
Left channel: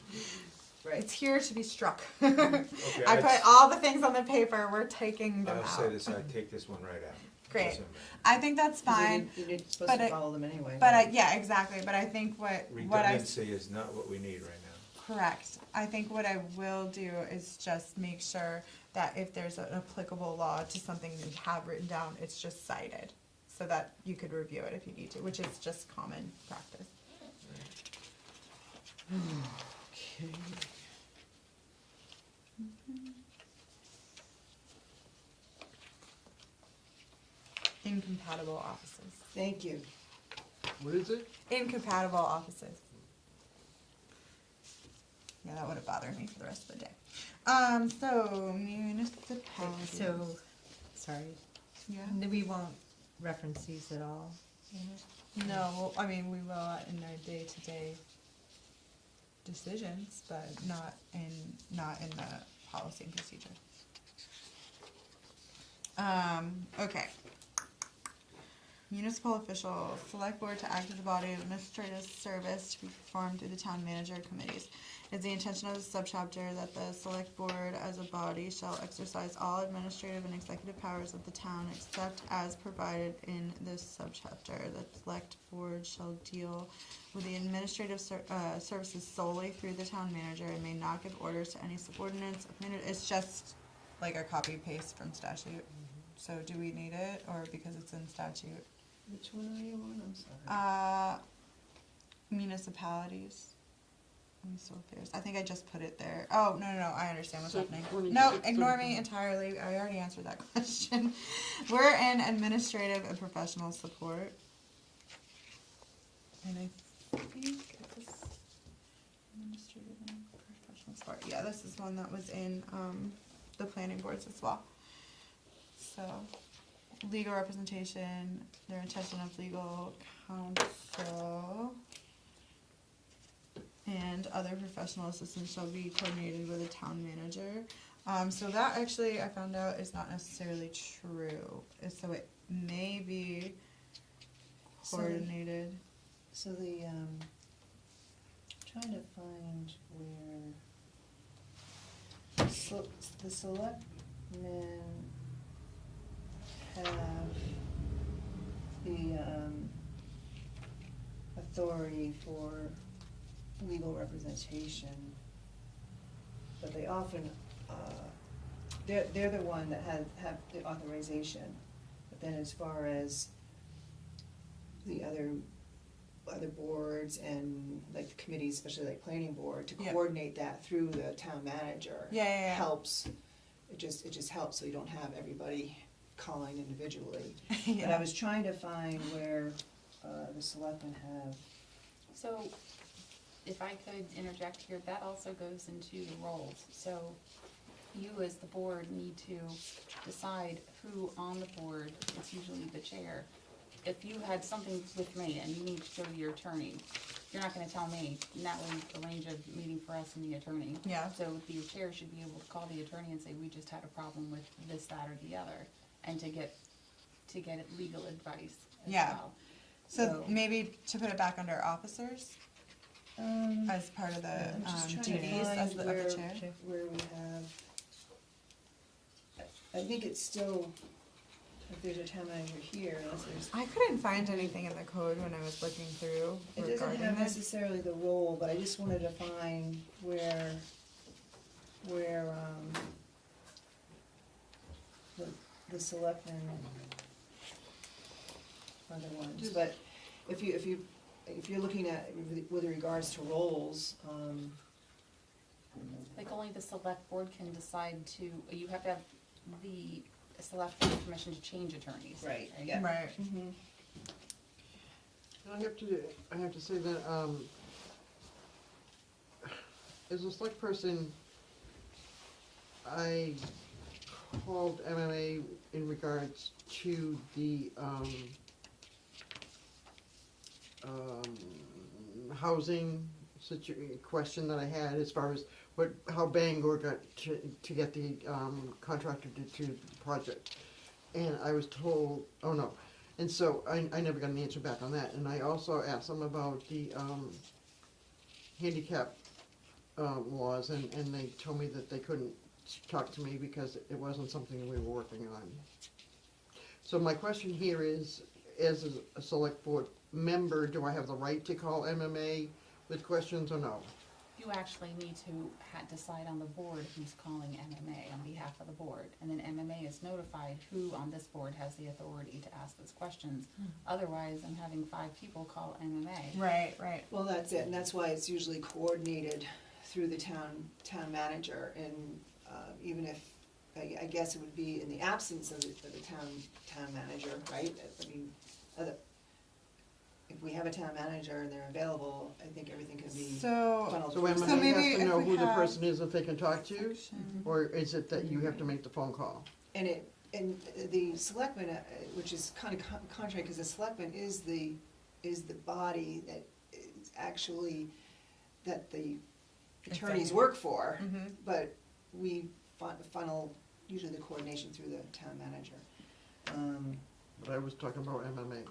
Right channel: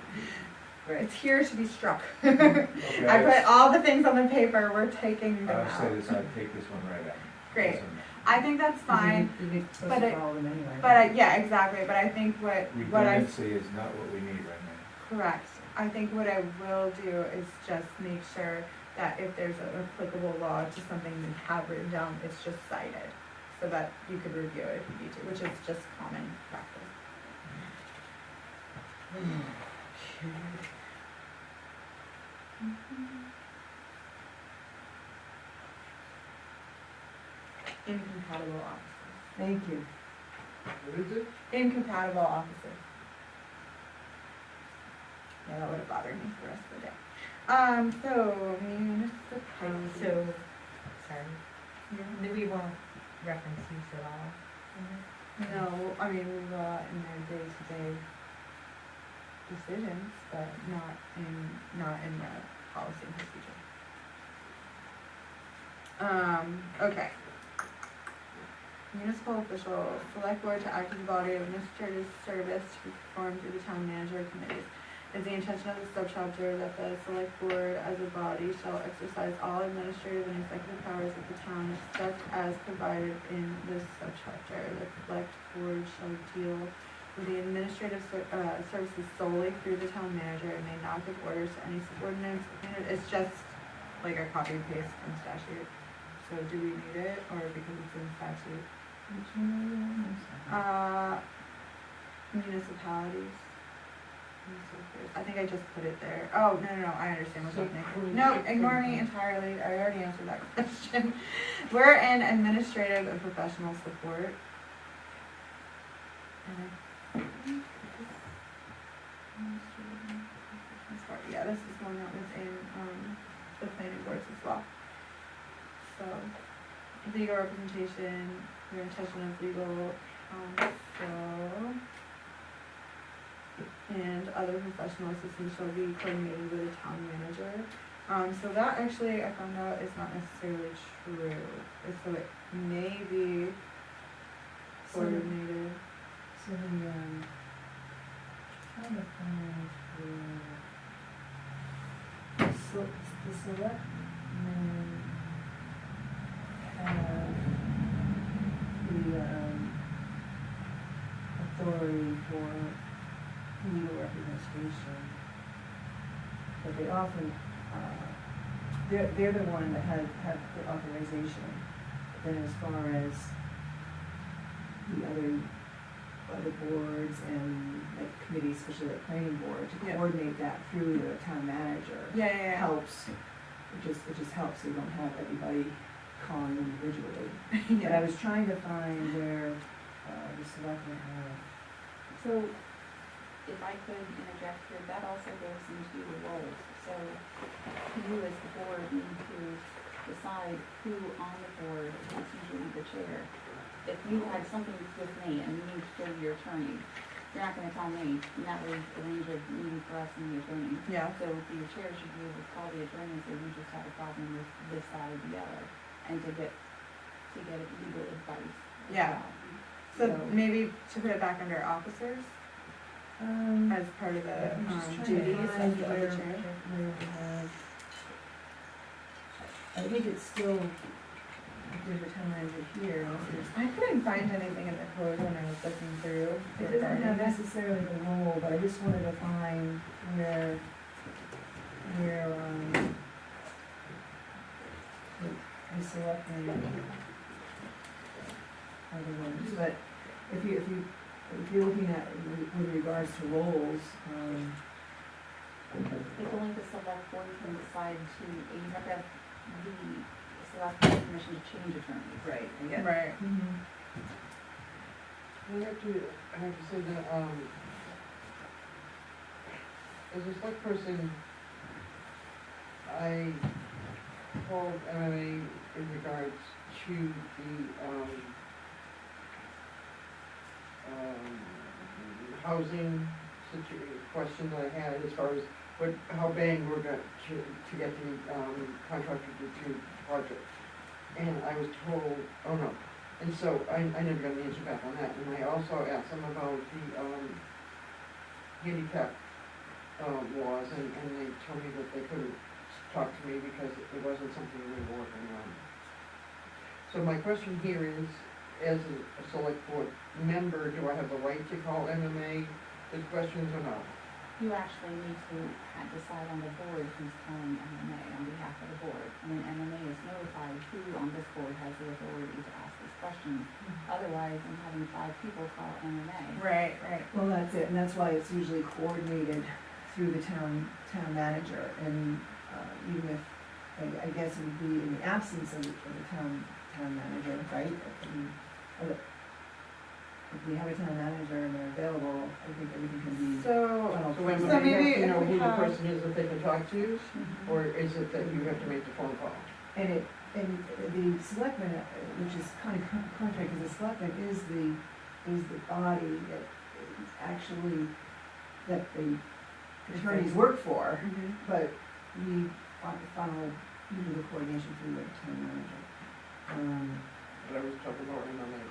right. it's here to be struck. Okay, I put all the things on the paper, we're taking them I'll out. say this, I'd take this one right out. Great. This one. I think that's fine, You're supposed but to it- follow them anyway. but yeah, exactly, but I think what I, Redundancy is not what we need right now. correct. I think what I will do is just make sure that if there's an applicable law to something we have written down, it's just cited, so that you could review it if you need to, which is just common practice. Incompatible offices. Thank you. What is it? Incompatible offices. Yeah, that would have bothered me for the rest of the day. So municipality. So, sorry, Yeah. we won't reference these at all. No, I mean, we will in their day-to-day decisions, but not in the policy and procedure. Okay. Municipal officials, select board to act as a body of administrative service to be performed through the town manager and committees. It's the intention of the subchapter that the select board as a body shall exercise all administrative and executive powers of the town except as provided in this subchapter. The select board shall deal with the administrative services solely through the town manager and may not give orders to any subordinates. It's just like a copy and paste from statute. So do we need it, or because it's in statute? Which one are you on? Municipalities. I think I just put it there. Oh, no, I understand what's So, happening. No, ignore me entirely, I already answered that question. We're in administrative and professional support. And I think this is administrative and professional support. Yeah, this is one that was in, the planning boards as well. So, legal representation, their intention of legal counsel, and other professional assistance shall be coordinated with the town manager. So that actually I found out is not necessarily true, so it may be coordinated. So trying to find where, so the selectmen have the authority for legal representation, but they often, they're the one that have the authorization. Then as far as the other boards and the committees, especially the planning board, to Yeah. coordinate that through the town manager Yeah. helps. It just helps, so you don't have everybody calling individually. Yeah. And I was trying to find where the selectmen have. So, if I could interject here, that also goes into the roles. So, you as the board need to decide who on the board is usually the chair. If you had something with me and you need to go to your attorney, you're not gonna tell me, and that would arrange a meeting for us and the attorney. Yeah. So the chair should be able to call the attorney and say, we just have a problem with this, that, or the other, and to get legal advice as Yeah. well. So maybe to put it back under officers as part of the I'm just trying to duties find of the where chair. we have. I think it's still, if there's a town manager here, unless there's. I couldn't find anything in the code when I was looking through. It doesn't regarding have this. necessarily the role, but I just wanted to find where, the selectmen are the ones, but if you're looking at with regards to roles, Like only the select board can decide to, you have to have the select board permission to change attorneys. right, Right. I have to say that, as a select person, I called MMA in regards to the, housing question that I had as far as how Bangor got to get the, contractor to do the project. And I was told, oh no, and so I never got an answer back on that, and I also asked them about the, handicap, laws, and they told me that they couldn't talk to me because it wasn't something we were working on. So my question here is, as a select board member, do I have the right to call MMA with questions or not? You actually need to decide on the board who's calling MMA on behalf of the board. And then MMA is notified who on this board has the authority to ask these questions. Otherwise, I'm having 5 people call MMA. Right. well, that's it, and that's why it's usually coordinated through the town manager, and, even if, I guess it would be in the absence of the town manager, right? If we have a town manager and they're available, I think everything can be. So, funneled So through So MMA maybe has to know if we who the have- person is that they can talk to, Mhm. or is it that you have to make the phone call? And the selectmen, which is kind of contrary, because the selectmen is the body that is actually, that the attorneys work for, Mhm. but we funnel usually the coordination through the town manager. But I was talking about MMA.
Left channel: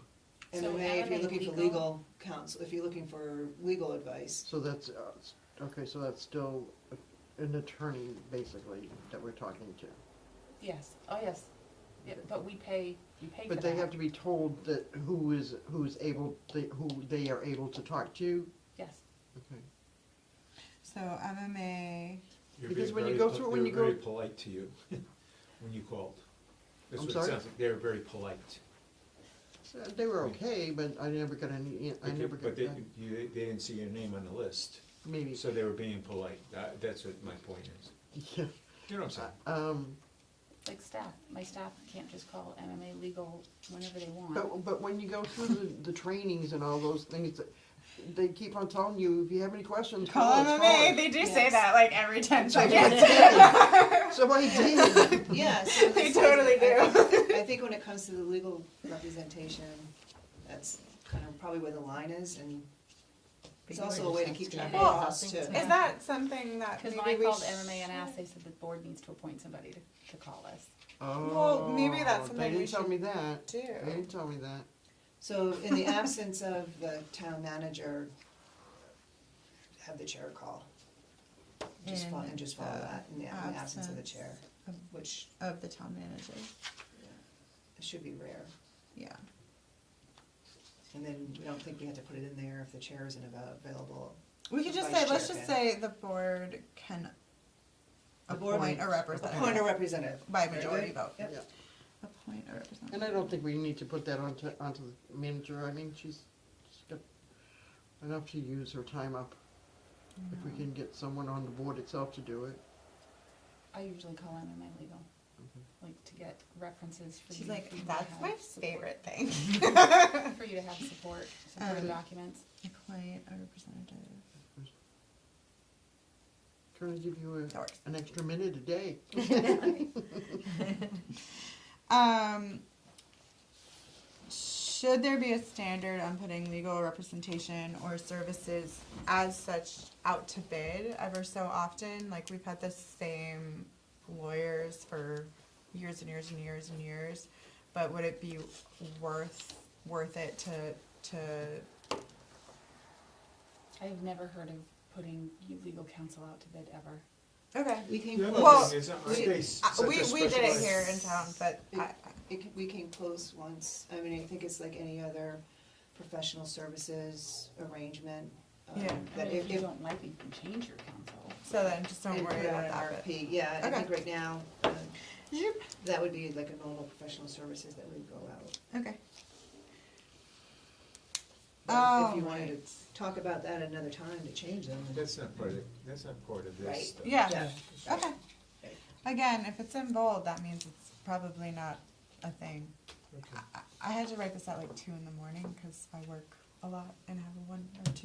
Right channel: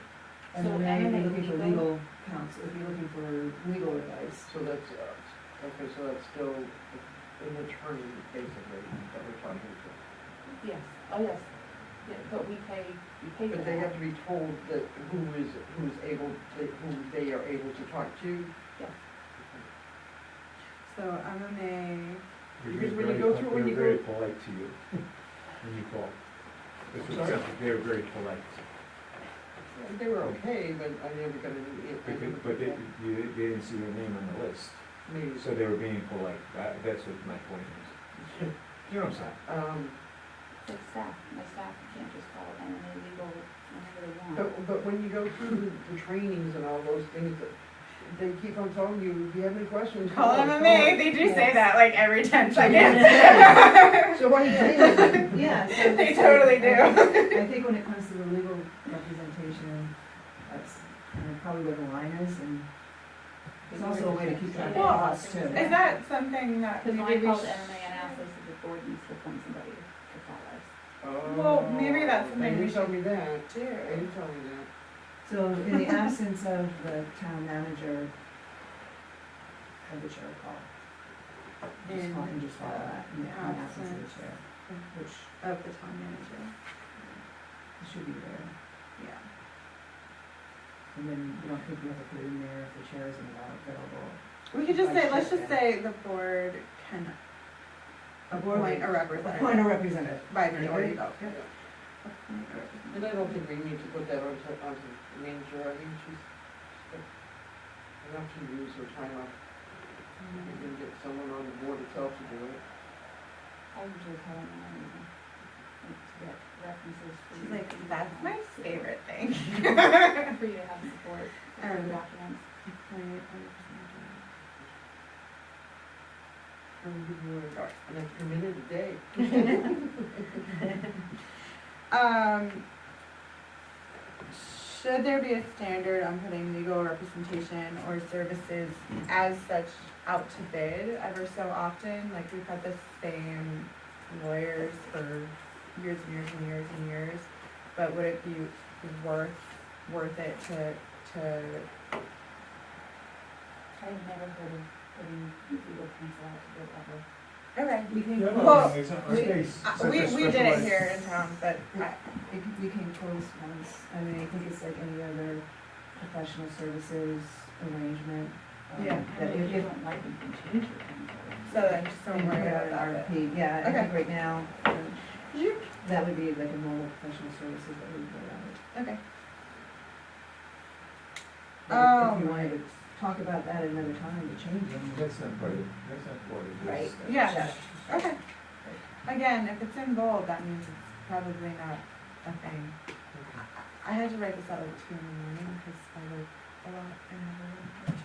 And So if you're MMA looking for legal- legal counsel, if you're looking for legal advice, So that's, okay, so that's still an attorney, basically, that we're talking to. Yes, oh, yes, yeah, but we pay for that. But they have to be told that who is able to, who they are able to talk to. Yes, So MMA, Because when you go through- when you They're very go- polite to you when you call. That's I'm what sorry? sounds like. They're very polite. So they were okay, but I never got any, I never But got, they didn't see your name on the list, maybe. so they were being polite. That's what my point is. You know what I'm saying? it's staff, my staff can't just call MMA legal whenever they want. But when you go through the trainings and all those things, they keep on telling you, if you have any questions. call us, MMA, us." they do say Yes. that like every 10 So I seconds. So I did. yes. So They it's totally like- do. I think when it comes to the legal representation, that's probably where the line is, and it's also a way to keep track of Yeah. costs too. Is that something that Because when I maybe called sh- MMA and asked, they said the board needs to appoint somebody to call us. Well, maybe that's They something we didn't tell should me that. do? They didn't tell me that. So in the absence of the town manager, have the chair call. Just In follow, and just follow that, in the absence of the absence. chair, which Of the town manager, should be rare. yeah. And then I don't think you have to put it in there if the chair isn't available. We could just say, Vice let's chair, just yeah. say the board can appoint a representative. Appoint a representative. By majority vote. Yep. Appoint a representative. And I don't think we need to put that onto the manager, I think she's got enough to use her time up. If we can get someone on the board itself to do it. I usually call them when I need them, like, to get references for. She's you, like, for you to that's have my support- favorite thing. For you to have support, supporting documents. Appoint a representative. Try and give you Sure. an extra minute a day. Should there be a standard on putting legal representation or services as such out to bid ever so often? Like, we've had the same lawyers for years and years and years and years, but would it be worth it to, I've never heard of putting legal counsel out to bid ever. okay. We came Yeah, Well, close, it's not- we- it's like a We did it specialized- here in town, but we came close once, I mean, I think it's like any other professional services arrangement. Yeah. That And if you if, don't like it, you can change your counsel. so then just don't you worry put out about an that. RFP, yeah, I Okay. think right now, that would be like a normal professional services that we would put out. Okay. But Oh, if you wanted right. to talk about that another time, the changing. That's not part of this. Right. Yeah. Okay. Again, if it's in bold, that means it's probably not a thing. I had to write this out at 2 in the morning because I work a lot and have a 1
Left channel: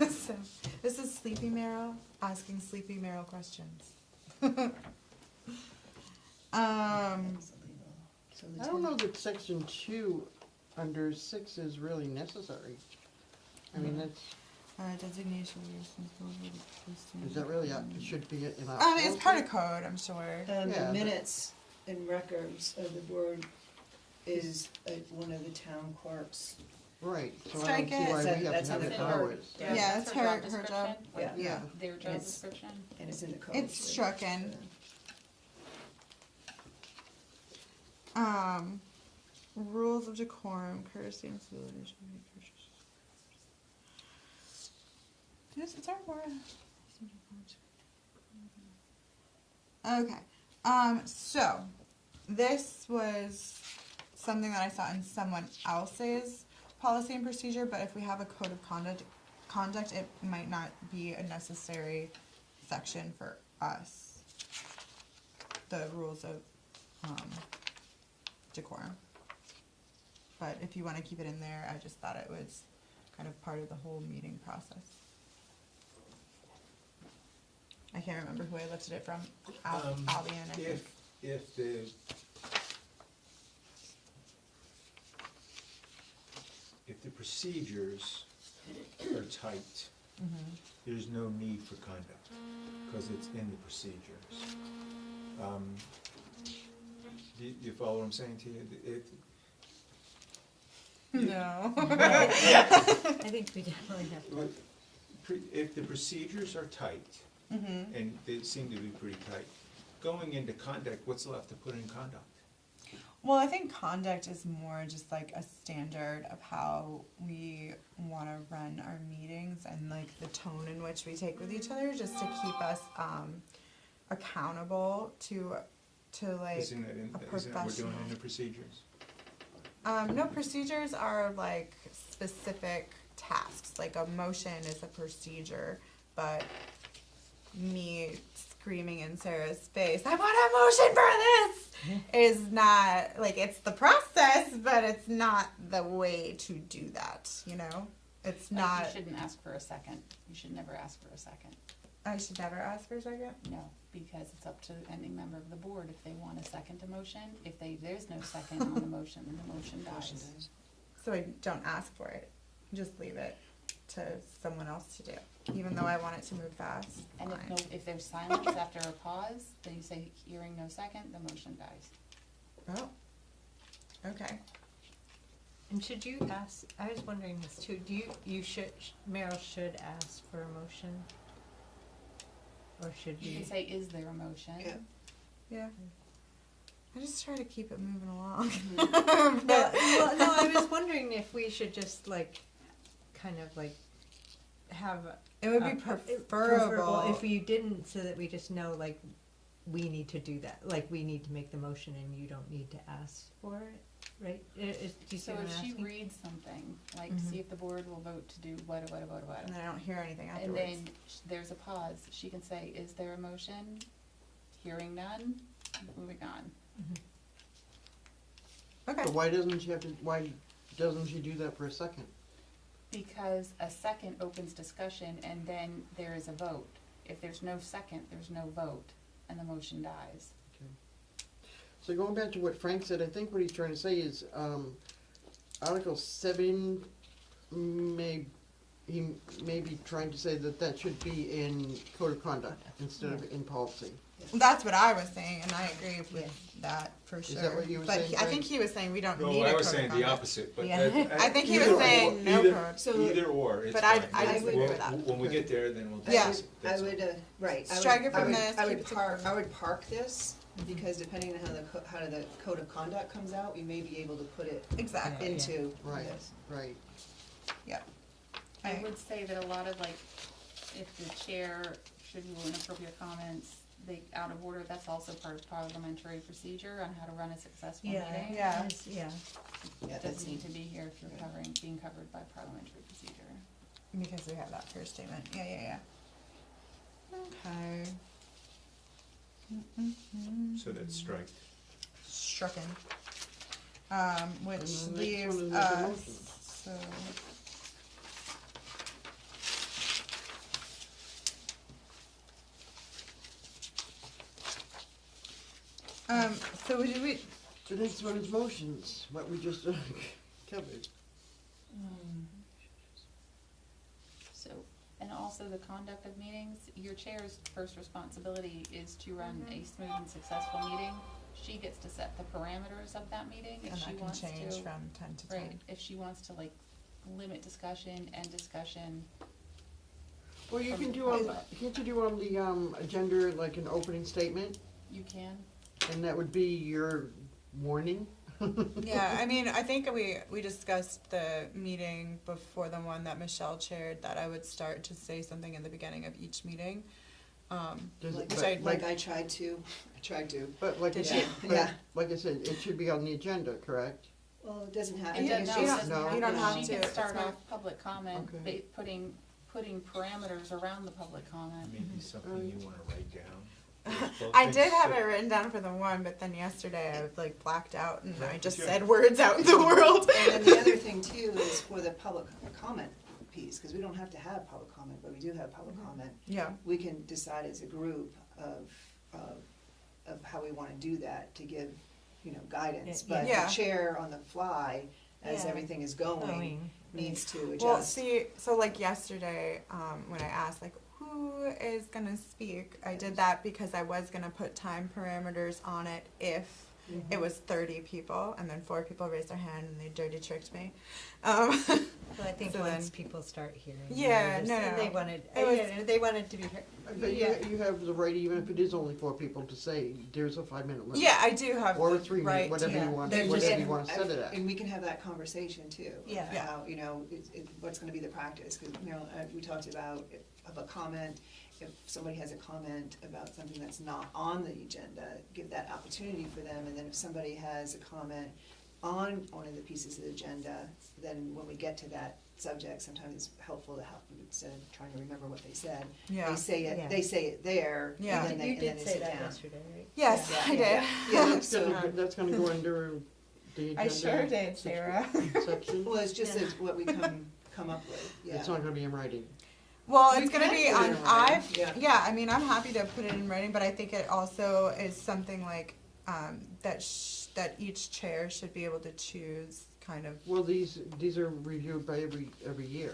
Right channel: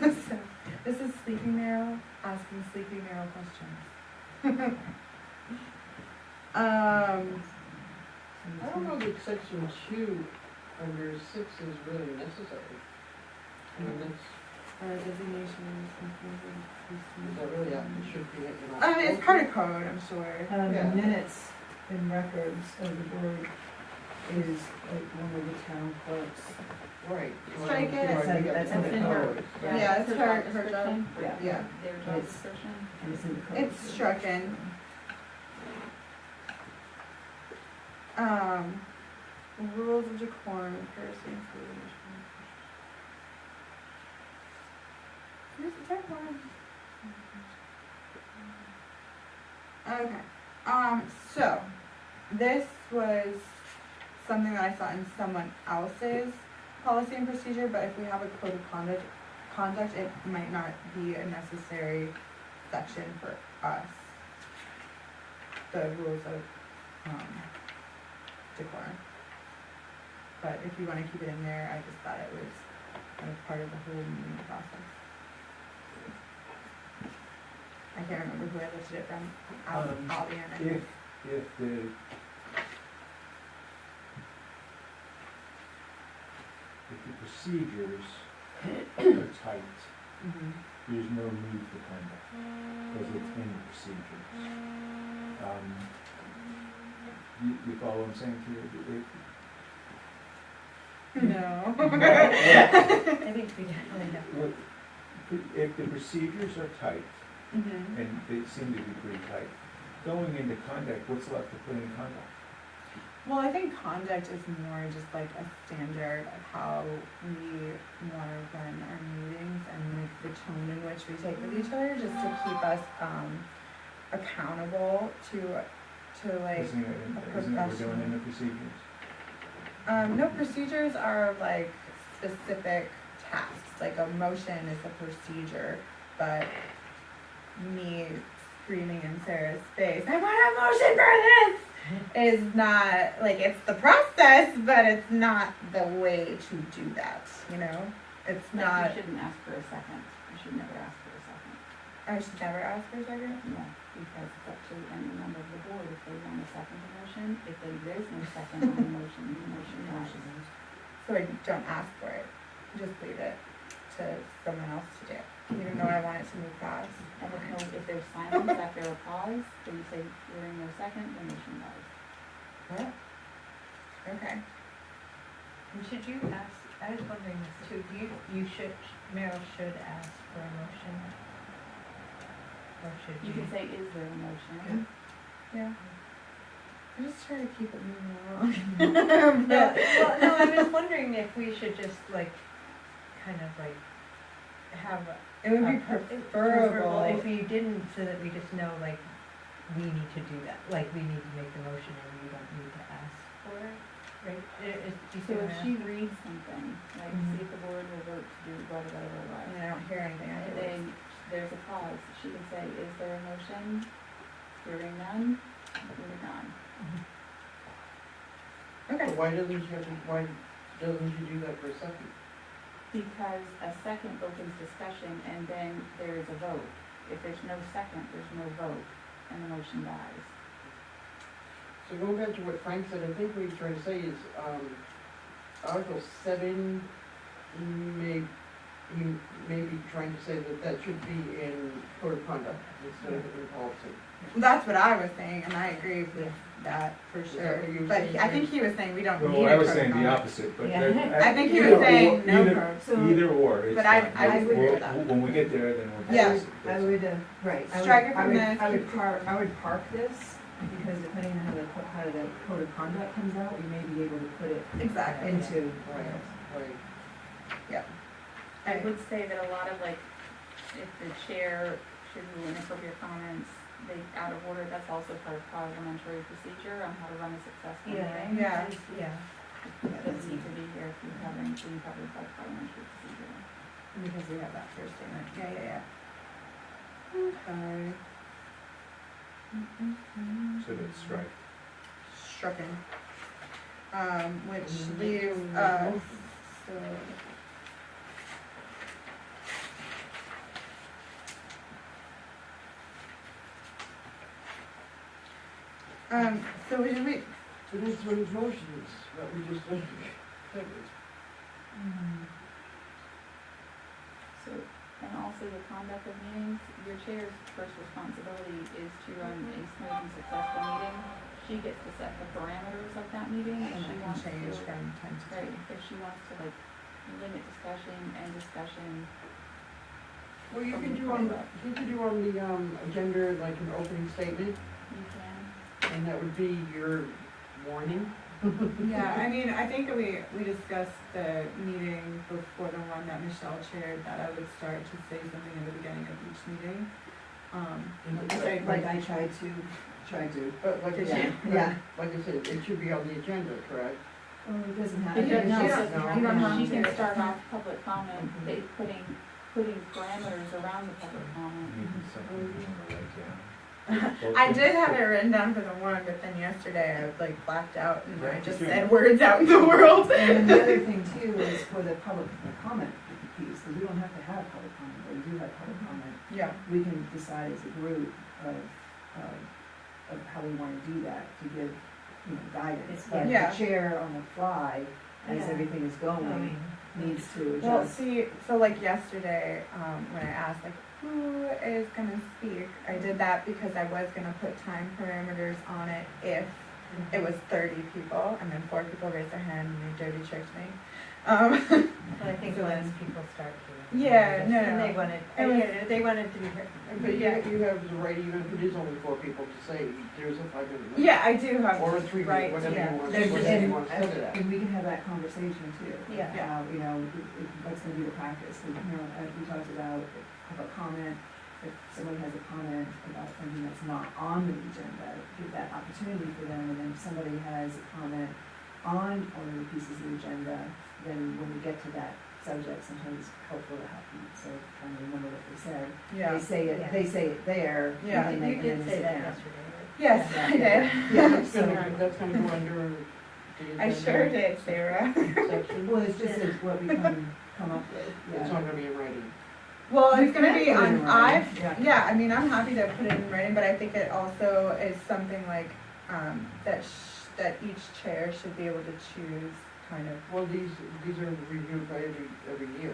or 2. So, this is Sleepy Meryl asking Sleepy Meryl questions. I don't know that section 2 under 6 is really necessary. I mean, that's, Designations, is that really, it should be in it's part of code, I'm sure. Yeah. The minutes and records of the board is like one of the town clerks. Right, so I Strike don't see it. why we have That's to in put the powers. code. Yeah, it's Their her- job her job. description, Yeah. their job It's- description. And it's in the code. It's stricken. Rules of decorum and courtesy and civility. Yes, it's our board. Okay, so, this was something that I saw in someone else's policy and procedure, but if we have a code of conduct, it might not be a necessary section for us. The rules of, decorum. But if you wanna keep it in there, I just thought it was like part of the whole meeting process. I can't remember who I looked at it from, Albion. If the procedures are tight, Mhm. there's no need for conduct, because it's in the procedures. You follow what I'm saying to you? No. I think we definitely have to. If the procedures are tight, Mhm. and they seem to be pretty tight, going into conduct, what's left to put in conduct? Well, I think conduct is more just like a standard of how we wanna run our meetings and like the tone in which we take with each other, just to keep us, accountable to like, Isn't it what we're doing in the procedures? no, procedures are like specific tasks, like a motion is a procedure, but me screaming in Sarah's face, I want a motion for this, is not, like, it's the process, but it's not the way to do that, you know? It's Like, not, you shouldn't ask for a second, you should never ask for a second. I should never ask for a second. No, because it's up to any member of the board if they want to second a motion. If there's no second on the motion dies. So I don't ask for it, just leave it to someone else to do, even though I want it to move fast. And if there's silence after a pause, then you say, hearing no second, the motion dies. Yeah. Okay. And should you ask, I was wondering this too, Meryl should ask for a motion? Or should You you? could say, is there a motion? Yeah. I just try to keep it moving along. No, I was wondering if we should just like, kind of like, have. It would be preferable if you didn't, so that we just know, like, we need to do that, like, we need to make the motion and you don't need to ask for it, right? Do you see So what if I'm she asking? reads something, like, see if the board will vote to do blah, blah, blah, blah, And blah. I don't hear anything And afterwards. then there's a pause, she can say, is there a motion? Hearing none, moving on. Okay. But why doesn't she do that for a second? Because a second opens discussion and then there is a vote. If there's no second, there's no vote, and the motion dies. So going back to what Frank said, I think what he's trying to say is, Article 7, he may be trying to say that should be in code of conduct instead of in policy. That's what I was saying, and I agree with that for Is that sure. what you were But saying, I think he was saying we don't need Well, it. I was for saying the conduct. opposite, but. Yeah. I think he was either saying or- no either- code. Either or, it's But fine. I would- When we get there, then we'll. Yeah. discuss it. I That's would, right, Strike it from this. I would park this, because depending on how the code of conduct comes out, we may be able to put it Exactly. into. Right. I would say that a lot of like, if the chair should rule inappropriate comments, they out of order, that's also part of parliamentary procedure on how to run a successful meeting. Yeah. Yeah. That doesn't need to be here if you're being covered by parliamentary procedure. Because we have that first statement. Yeah. Okay. So that's strike. Stricken. Which leaves Next one is us, motion. so. So did we, So next one is motions, what we just covered. So, and also the conduct of meetings, your chair's first responsibility is to run a smooth and successful meeting. She gets to set the parameters of that meeting and if she that can wants to. change from time to Right, time. if she wants to like limit discussion and discussion. Well, you can do on the agenda like an opening statement, You can. and that would be your warning. Yeah, I mean, I think we discussed the meeting before the one that Michelle chaired, that I would start to say something in the beginning of each meeting. Which I Like I tried to. But like I Did said, you? Yeah. like I said, it should be on the agenda, correct? Well, it doesn't have. It doesn't, no, no, no, you don't have she to. can start off public comment, Okay. putting parameters around the public comment. Maybe something you wanna write down. I did have it written down for the one, but then yesterday I like blacked out and I just Yeah. said words out in the world. And then the other thing too is for the public comment piece, because we don't have to have public comment, but we do have public comment. Yeah, We can decide as a group of how we wanna do that to give, guidance. But Yeah. the chair on the fly as Yeah. everything is going, needs to adjust. Well, see, so like yesterday, when I asked like, who is gonna speak, I did that because I was gonna put time parameters on it if it was 30 people, and then 4 people raised their hand and they dirty tricked me. Well, I think So once then- people start here. Yeah, just- no, and no. they wanted, It was- they wanted to be heard. But you have the right, even if it is only 4 people, to say, there's a 5-minute limit. Yeah, I do have Or a the 3 right minute, whatever to- you want, there's whatever you just- want to set it at. And we can have that conversation too. Yeah. How, you know, what's gonna be the practice, and, you know, we talked about comment, if someone has a comment about something that's not on the agenda, give that opportunity for them, and then if somebody has a comment on one of the pieces of the agenda, then when we get to that subject, sometimes it's helpful to help them, so trying to remember what they said. Yeah. They say it there, Yeah. and then they You can did say sit that down. yesterday, right? Yes, I did. Yeah, That's so, gonna go under the agenda. I sure did, Sarah. Section. well, it's just as what we come up with, It's yeah. not gonna be in writing. Well, We it's gonna can be put it on, in writing, yeah, I mean, I'm happy to put it in writing, but I think it also is something like, that each chair should be able to choose kind of. Well, these are reviewed by every year,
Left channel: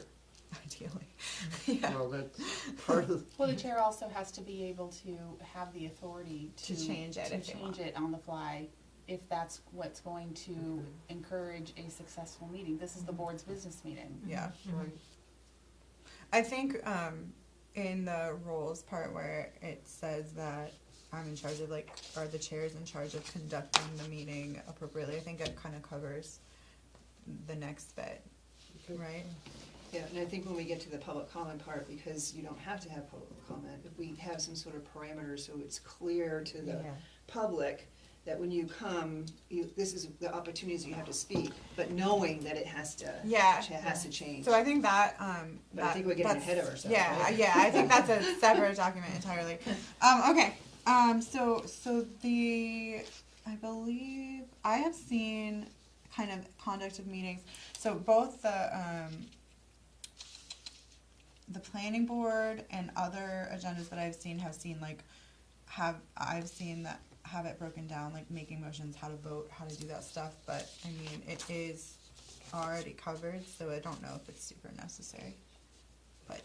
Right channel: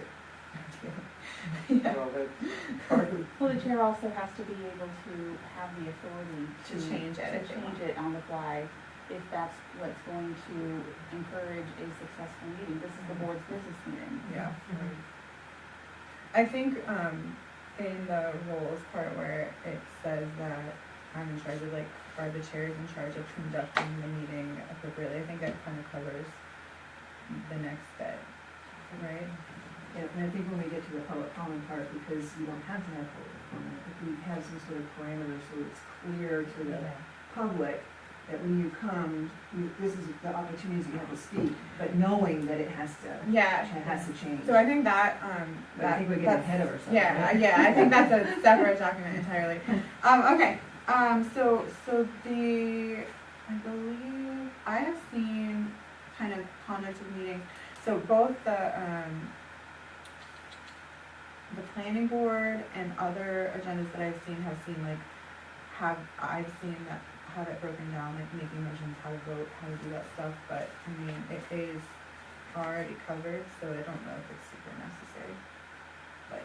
Yeah, so that's part of, Well, the chair also has to be able to have the authority To change it to if they change want. it on the fly, if that's what's going to encourage a successful meeting. This is the board's business meeting. yeah. I think, in the roles part where it says that I'm in charge of like, or the chair is in charge of conducting the meeting appropriately, I think it kind of covers the next bit, right? Yeah, and I think when we get to the public comment part, because you don't have to have public comment, if we have some sort of parameters so it's clear to the public that when you come, this is the opportunities you have to speak, but knowing that it has to change. So I think that, But I think we're getting that's- ahead of ourselves. Yeah, right? yeah, I think that's a separate document entirely. Okay, so I believe, I have seen kind of conduct of meetings, so both the planning board and other agendas that I've seen I've seen that have it broken down, like making motions, how to vote, how to do that stuff, but I mean, it is already covered, so I don't know if it's super necessary, but.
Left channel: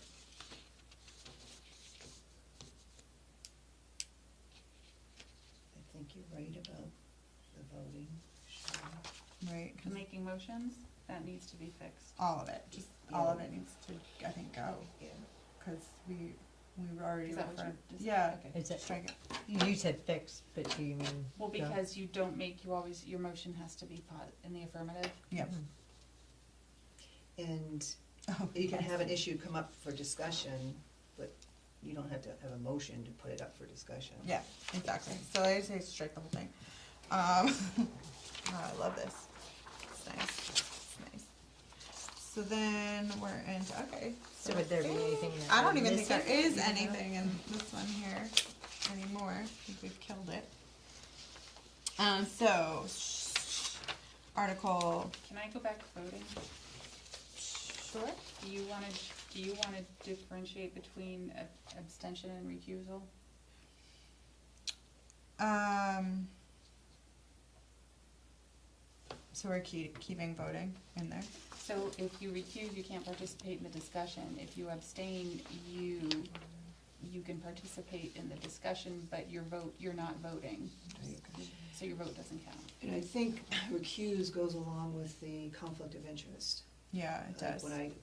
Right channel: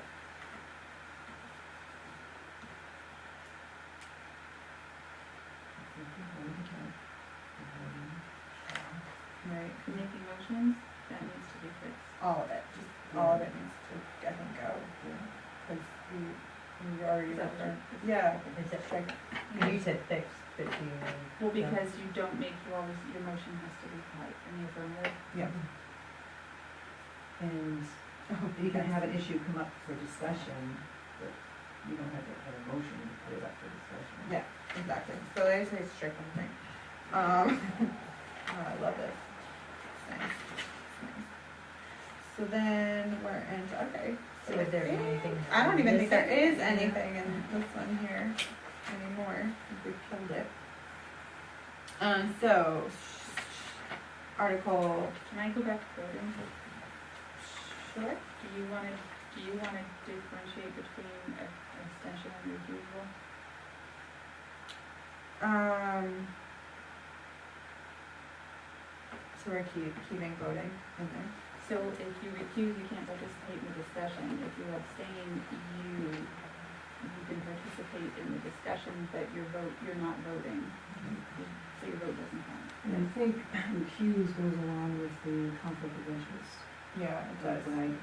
Right, Making motions, that needs to be fixed. all of it, just all of it needs to, I think, go, cause we already Is that what referred, you're- yeah, Is it, strike, you said fixed, but do you mean? Well, because you don't make, your motion has to be polite in the affirmative. yeah. And Oh, you can yes. have an issue come up for discussion, but you don't have to have a motion to put it up for discussion. Yeah, exactly, so I say strike one thing. I love this, it's nice, it's nice. So then we're into, okay. So would there be anything? I don't even think there missing? is anything in this one here anymore, we've killed it. So, article, Can I go back to voting? sure, Do you wanna differentiate between abstention and recusal? So we're keeping voting in there? So if you recuse, you can't participate in the discussion. If you abstain, you can participate in the discussion, but you're not voting. So your vote doesn't count. And I think recuse goes along with the conflict of interest. Yeah, it does. When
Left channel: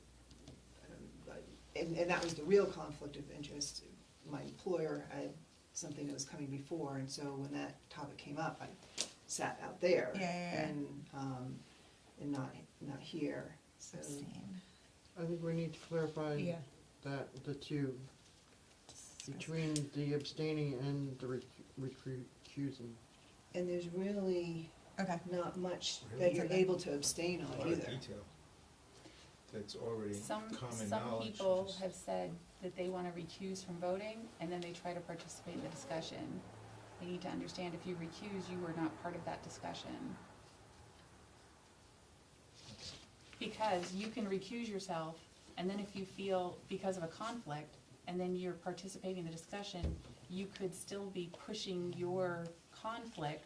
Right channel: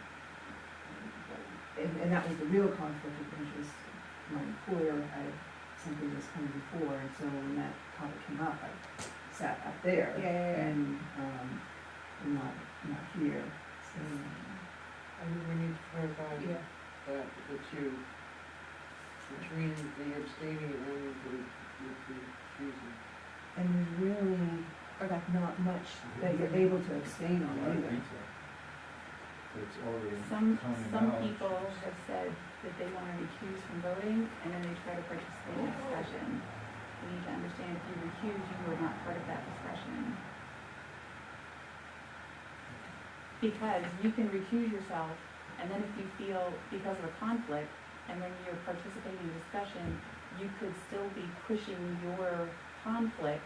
and that was the real conflict of interest. My employer had something that was coming before, and so when that topic came up, I sat up there. Yeah. And, not here, so. I think we need to clarify Yeah. that the two, between the abstaining and the recusing. And there's really Okay. not much that you're able to abstain A lot on of either. detail. But it's already Some common knowledge. people have said that they wanna recuse from voting, and then they try to participate in the discussion. You need to understand, if you recuse, you are not part of that discussion. Because you can recuse yourself, and then if you feel, because of a conflict, and then you're participating in a discussion, you could still be pushing your conflict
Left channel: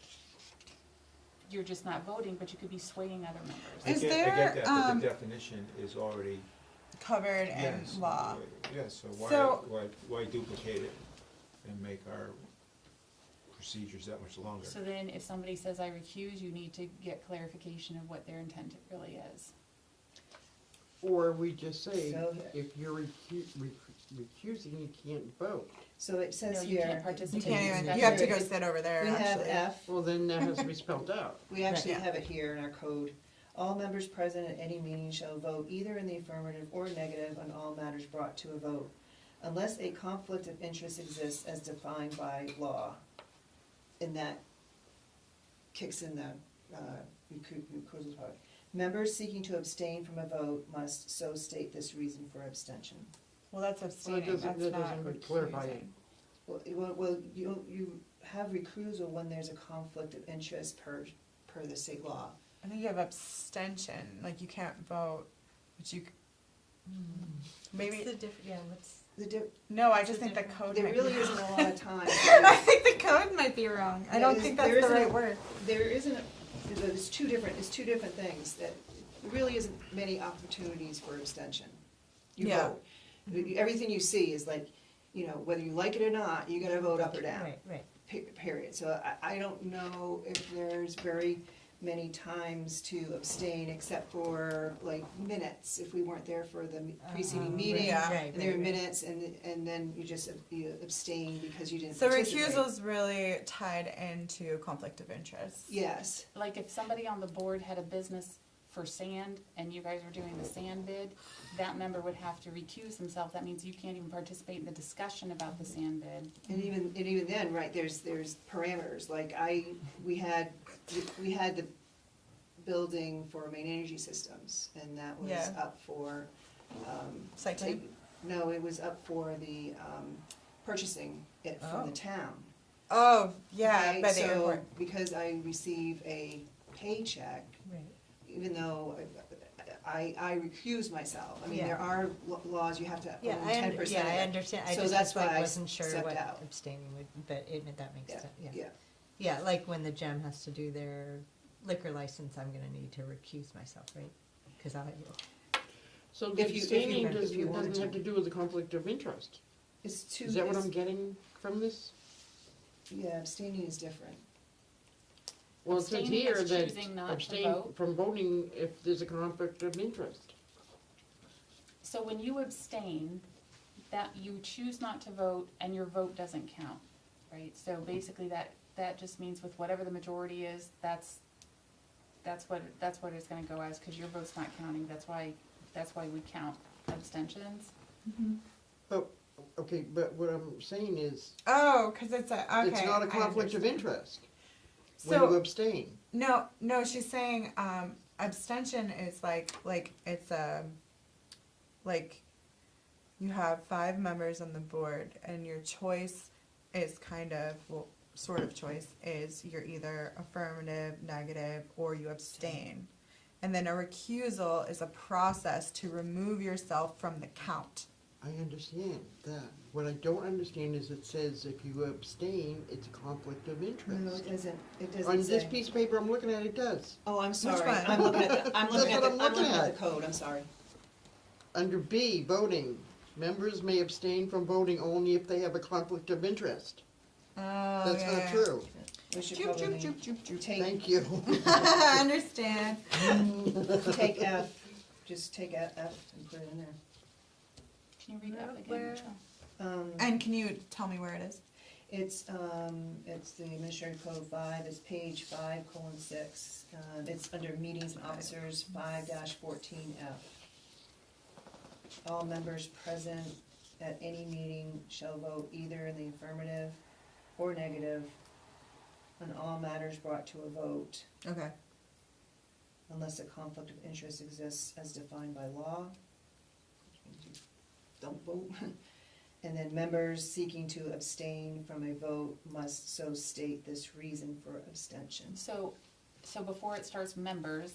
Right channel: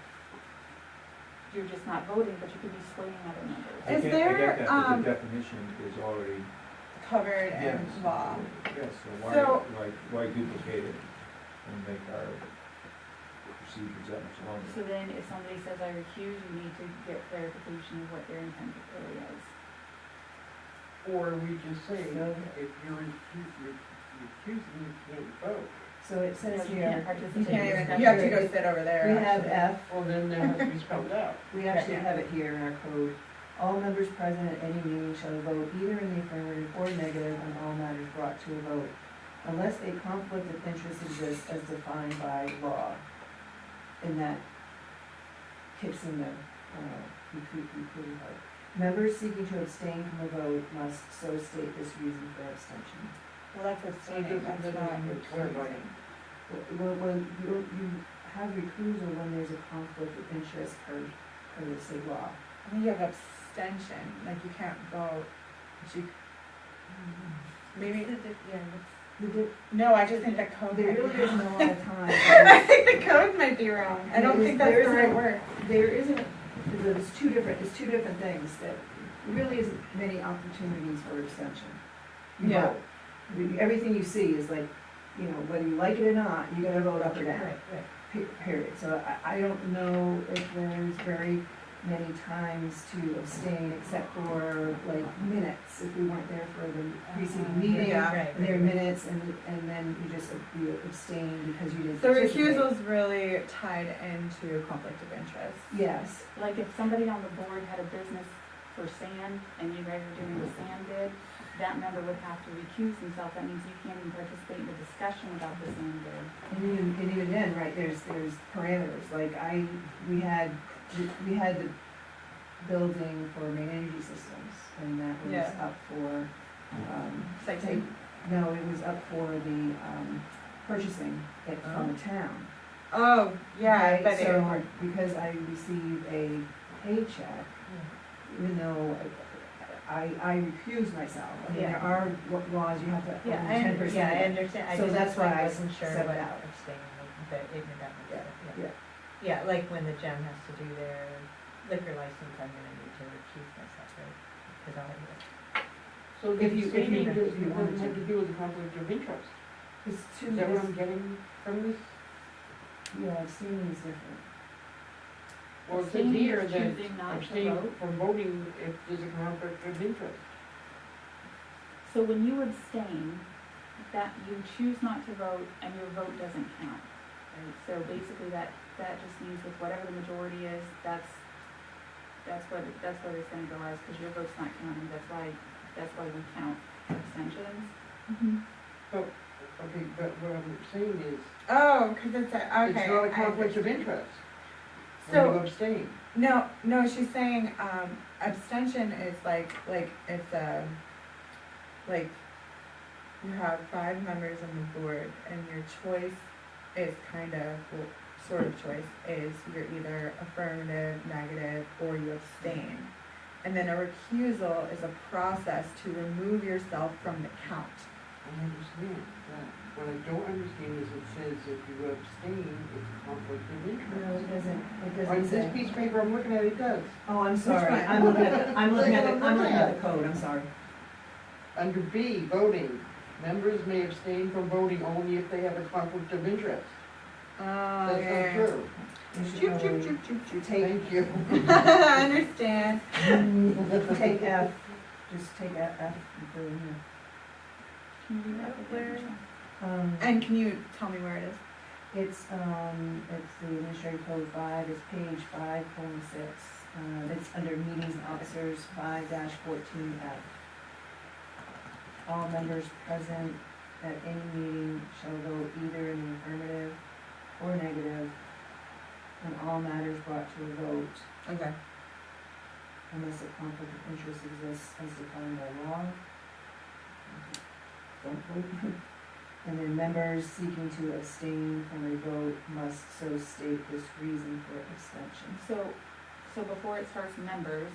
you're just not voting, but you could be swaying other members. I Is get there, that, but the definition is already, covered in yes. law. Yes, so So- why duplicate it and make our procedures that much longer? So then if somebody says I recuse, you need to get clarification of what their intent really is. Or we just say, So- if you're recusing, you can't vote. So it says No, you here. can't You participate. can't in even, you have to go discussion. sit over there, We have actually. F, Well, then that has to be spelled out. we actually Yeah. have it here in our code. All members present at any meeting shall vote either in the affirmative or negative on all matters brought to a vote, unless a conflict of interest exists as defined by law. And that kicks in the, recusal part. Members seeking to abstain from a vote must so state this reason for abstention. Well, that's So abstaining, it doesn't- that's that not doesn't clarify it. Well, you have recusal when there's a conflict of interest per the state law. I think you have abstention, like you can't vote, but you, maybe, no, I just think the code There might be really isn't wrong. a lot of time. I think the code might be wrong, I don't think There that's the isn't- right word. There isn't, it's two different things, that really isn't many opportunities for abstention. You Yeah. vote. Everything you see is like, you know, whether you like it or not, you gotta vote up or down. Period. So I don't know if there's very many times to abstain except for like minutes, if we weren't there for the preceding meeting. Yeah. There are minutes and then you just you abstain because you didn't So participate. recusal's really tied into conflict of interest. Yes, Like if somebody on the board had a business for sand and you guys are doing the sand bid, that member would have to recuse himself. That means you can't even participate in the discussion about the sand bid. and even then, right, there's parameters, like we had the building for main energy systems, and that was Yeah. up for, Citing. no, it was up for the, purchasing it from the town. Oh, yeah, Okay, but they were, so, because I receive a paycheck, even though I recuse myself, I mean, there Yeah. are laws, you have to, Yeah, only I 10%. understand, I So just that's why I wasn't sure stepped what out. abstaining would, but that makes Yeah, sense, yeah. Yeah, like when the gym has to do their liquor license, I'm gonna need to recuse myself, right? Cause I'll have So If you abstaining wanted doesn't to. have to do with a conflict of interest. It's two, Is that what I'm getting from this? yeah, abstaining is different. Well, it says Abstaining here is that choosing not to abstain vote. from voting if there's a conflict of interest. So when you abstain, that you choose not to vote and your vote doesn't count, right? So basically that just means with whatever the majority is, that's what it's gonna go as, cause your vote's not counting, that's why we count abstentions. Okay, but what I'm saying is, oh, cause it's a, okay. it's not a I conflict of understand. interest when you So, abstain. no, she's saying, abstention is like it's like, you have 5 members on the board, and your choice is kind of, well, sort of choice, is you're either affirmative, negative, or you abstain. And then a recusal is a process to remove yourself from the count. I understand that. What I don't understand is it says if you abstain, it's conflict of No, interest. it On doesn't this say. piece of paper I'm looking at, it does. Oh, I'm sorry, one? I'm looking at That's what I'm looking at. the code, I'm sorry. Under B, voting, members may abstain from voting only if they have a conflict of interest. Oh, That's not true. We should Choop, choop, probably choop, choop, choop. Thank you. I understand. take F, just take F and put it in here. Can you read that again? And can you tell me where it is? It's the Administrative Code 5, it's page 5:6. It's under meetings and officers 5-14F. All members present at any meeting shall vote either in the affirmative or negative on all matters brought to a vote, Okay. unless a conflict of interest exists as defined by law. Don't vote. And then members seeking to abstain from a vote must so state this reason for abstention. So before it starts members,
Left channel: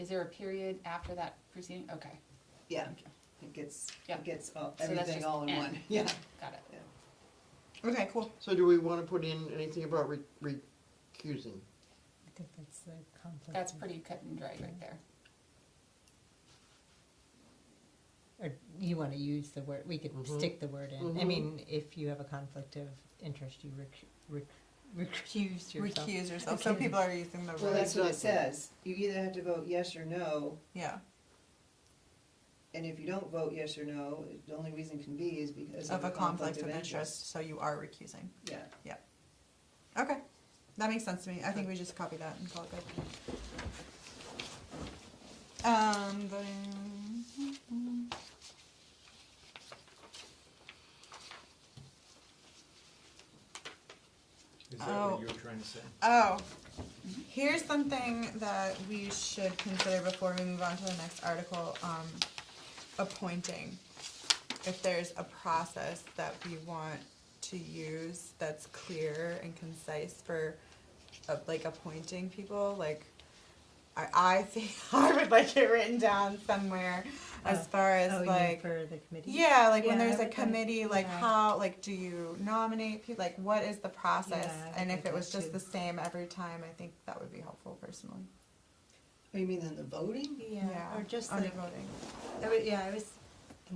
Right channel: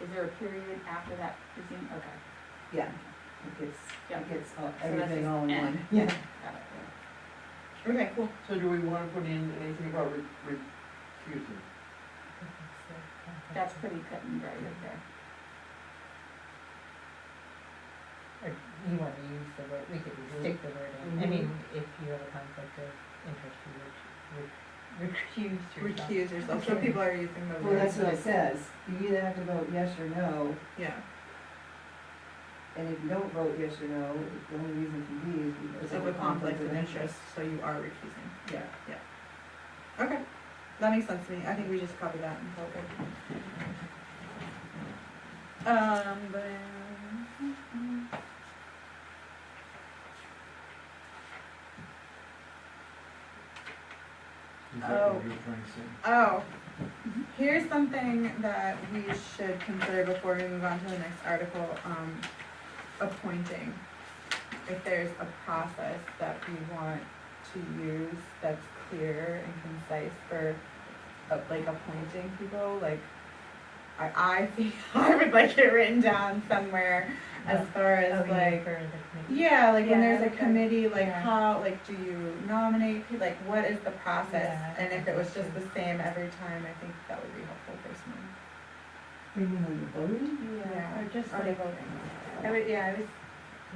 is there a period after that preceding? Okay. Yeah, it Yep. gets So that's everything just all in N. one. Yeah. Got it. Okay, cool. So do we wanna put in anything about recusing? I think that's That's pretty cut and dry right there. Or you wanna use the word, we could stick the word in, I mean, if you have a conflict of interest, you recuse yourself. Recuse yourself, so Okay. people are using the Well, word. that's what it says, you either have to vote yes or no, Yeah, and if you don't vote yes or no, the only reason can be is because of a conflict of interest, so you are recusing. Yeah. Okay, that makes sense to me, I think we just covered that and all good. Then. Is that Oh. what you're trying to say? Oh, here's something that we should consider before we move on to the next article, appointing. If there's a process that we want to use that's clear and concise for, like, appointing people, like, I think, I would like it written down somewhere as far as Oh, like, for the committee. yeah, like when Yeah, there's a okay. committee, like Yeah. how, like, do you nominate, like, what is the process? Yeah, And I if it was think just so. the same every time, I think that would be helpful personally. You mean in the voting? Yeah. Or just Are they like, voting? I was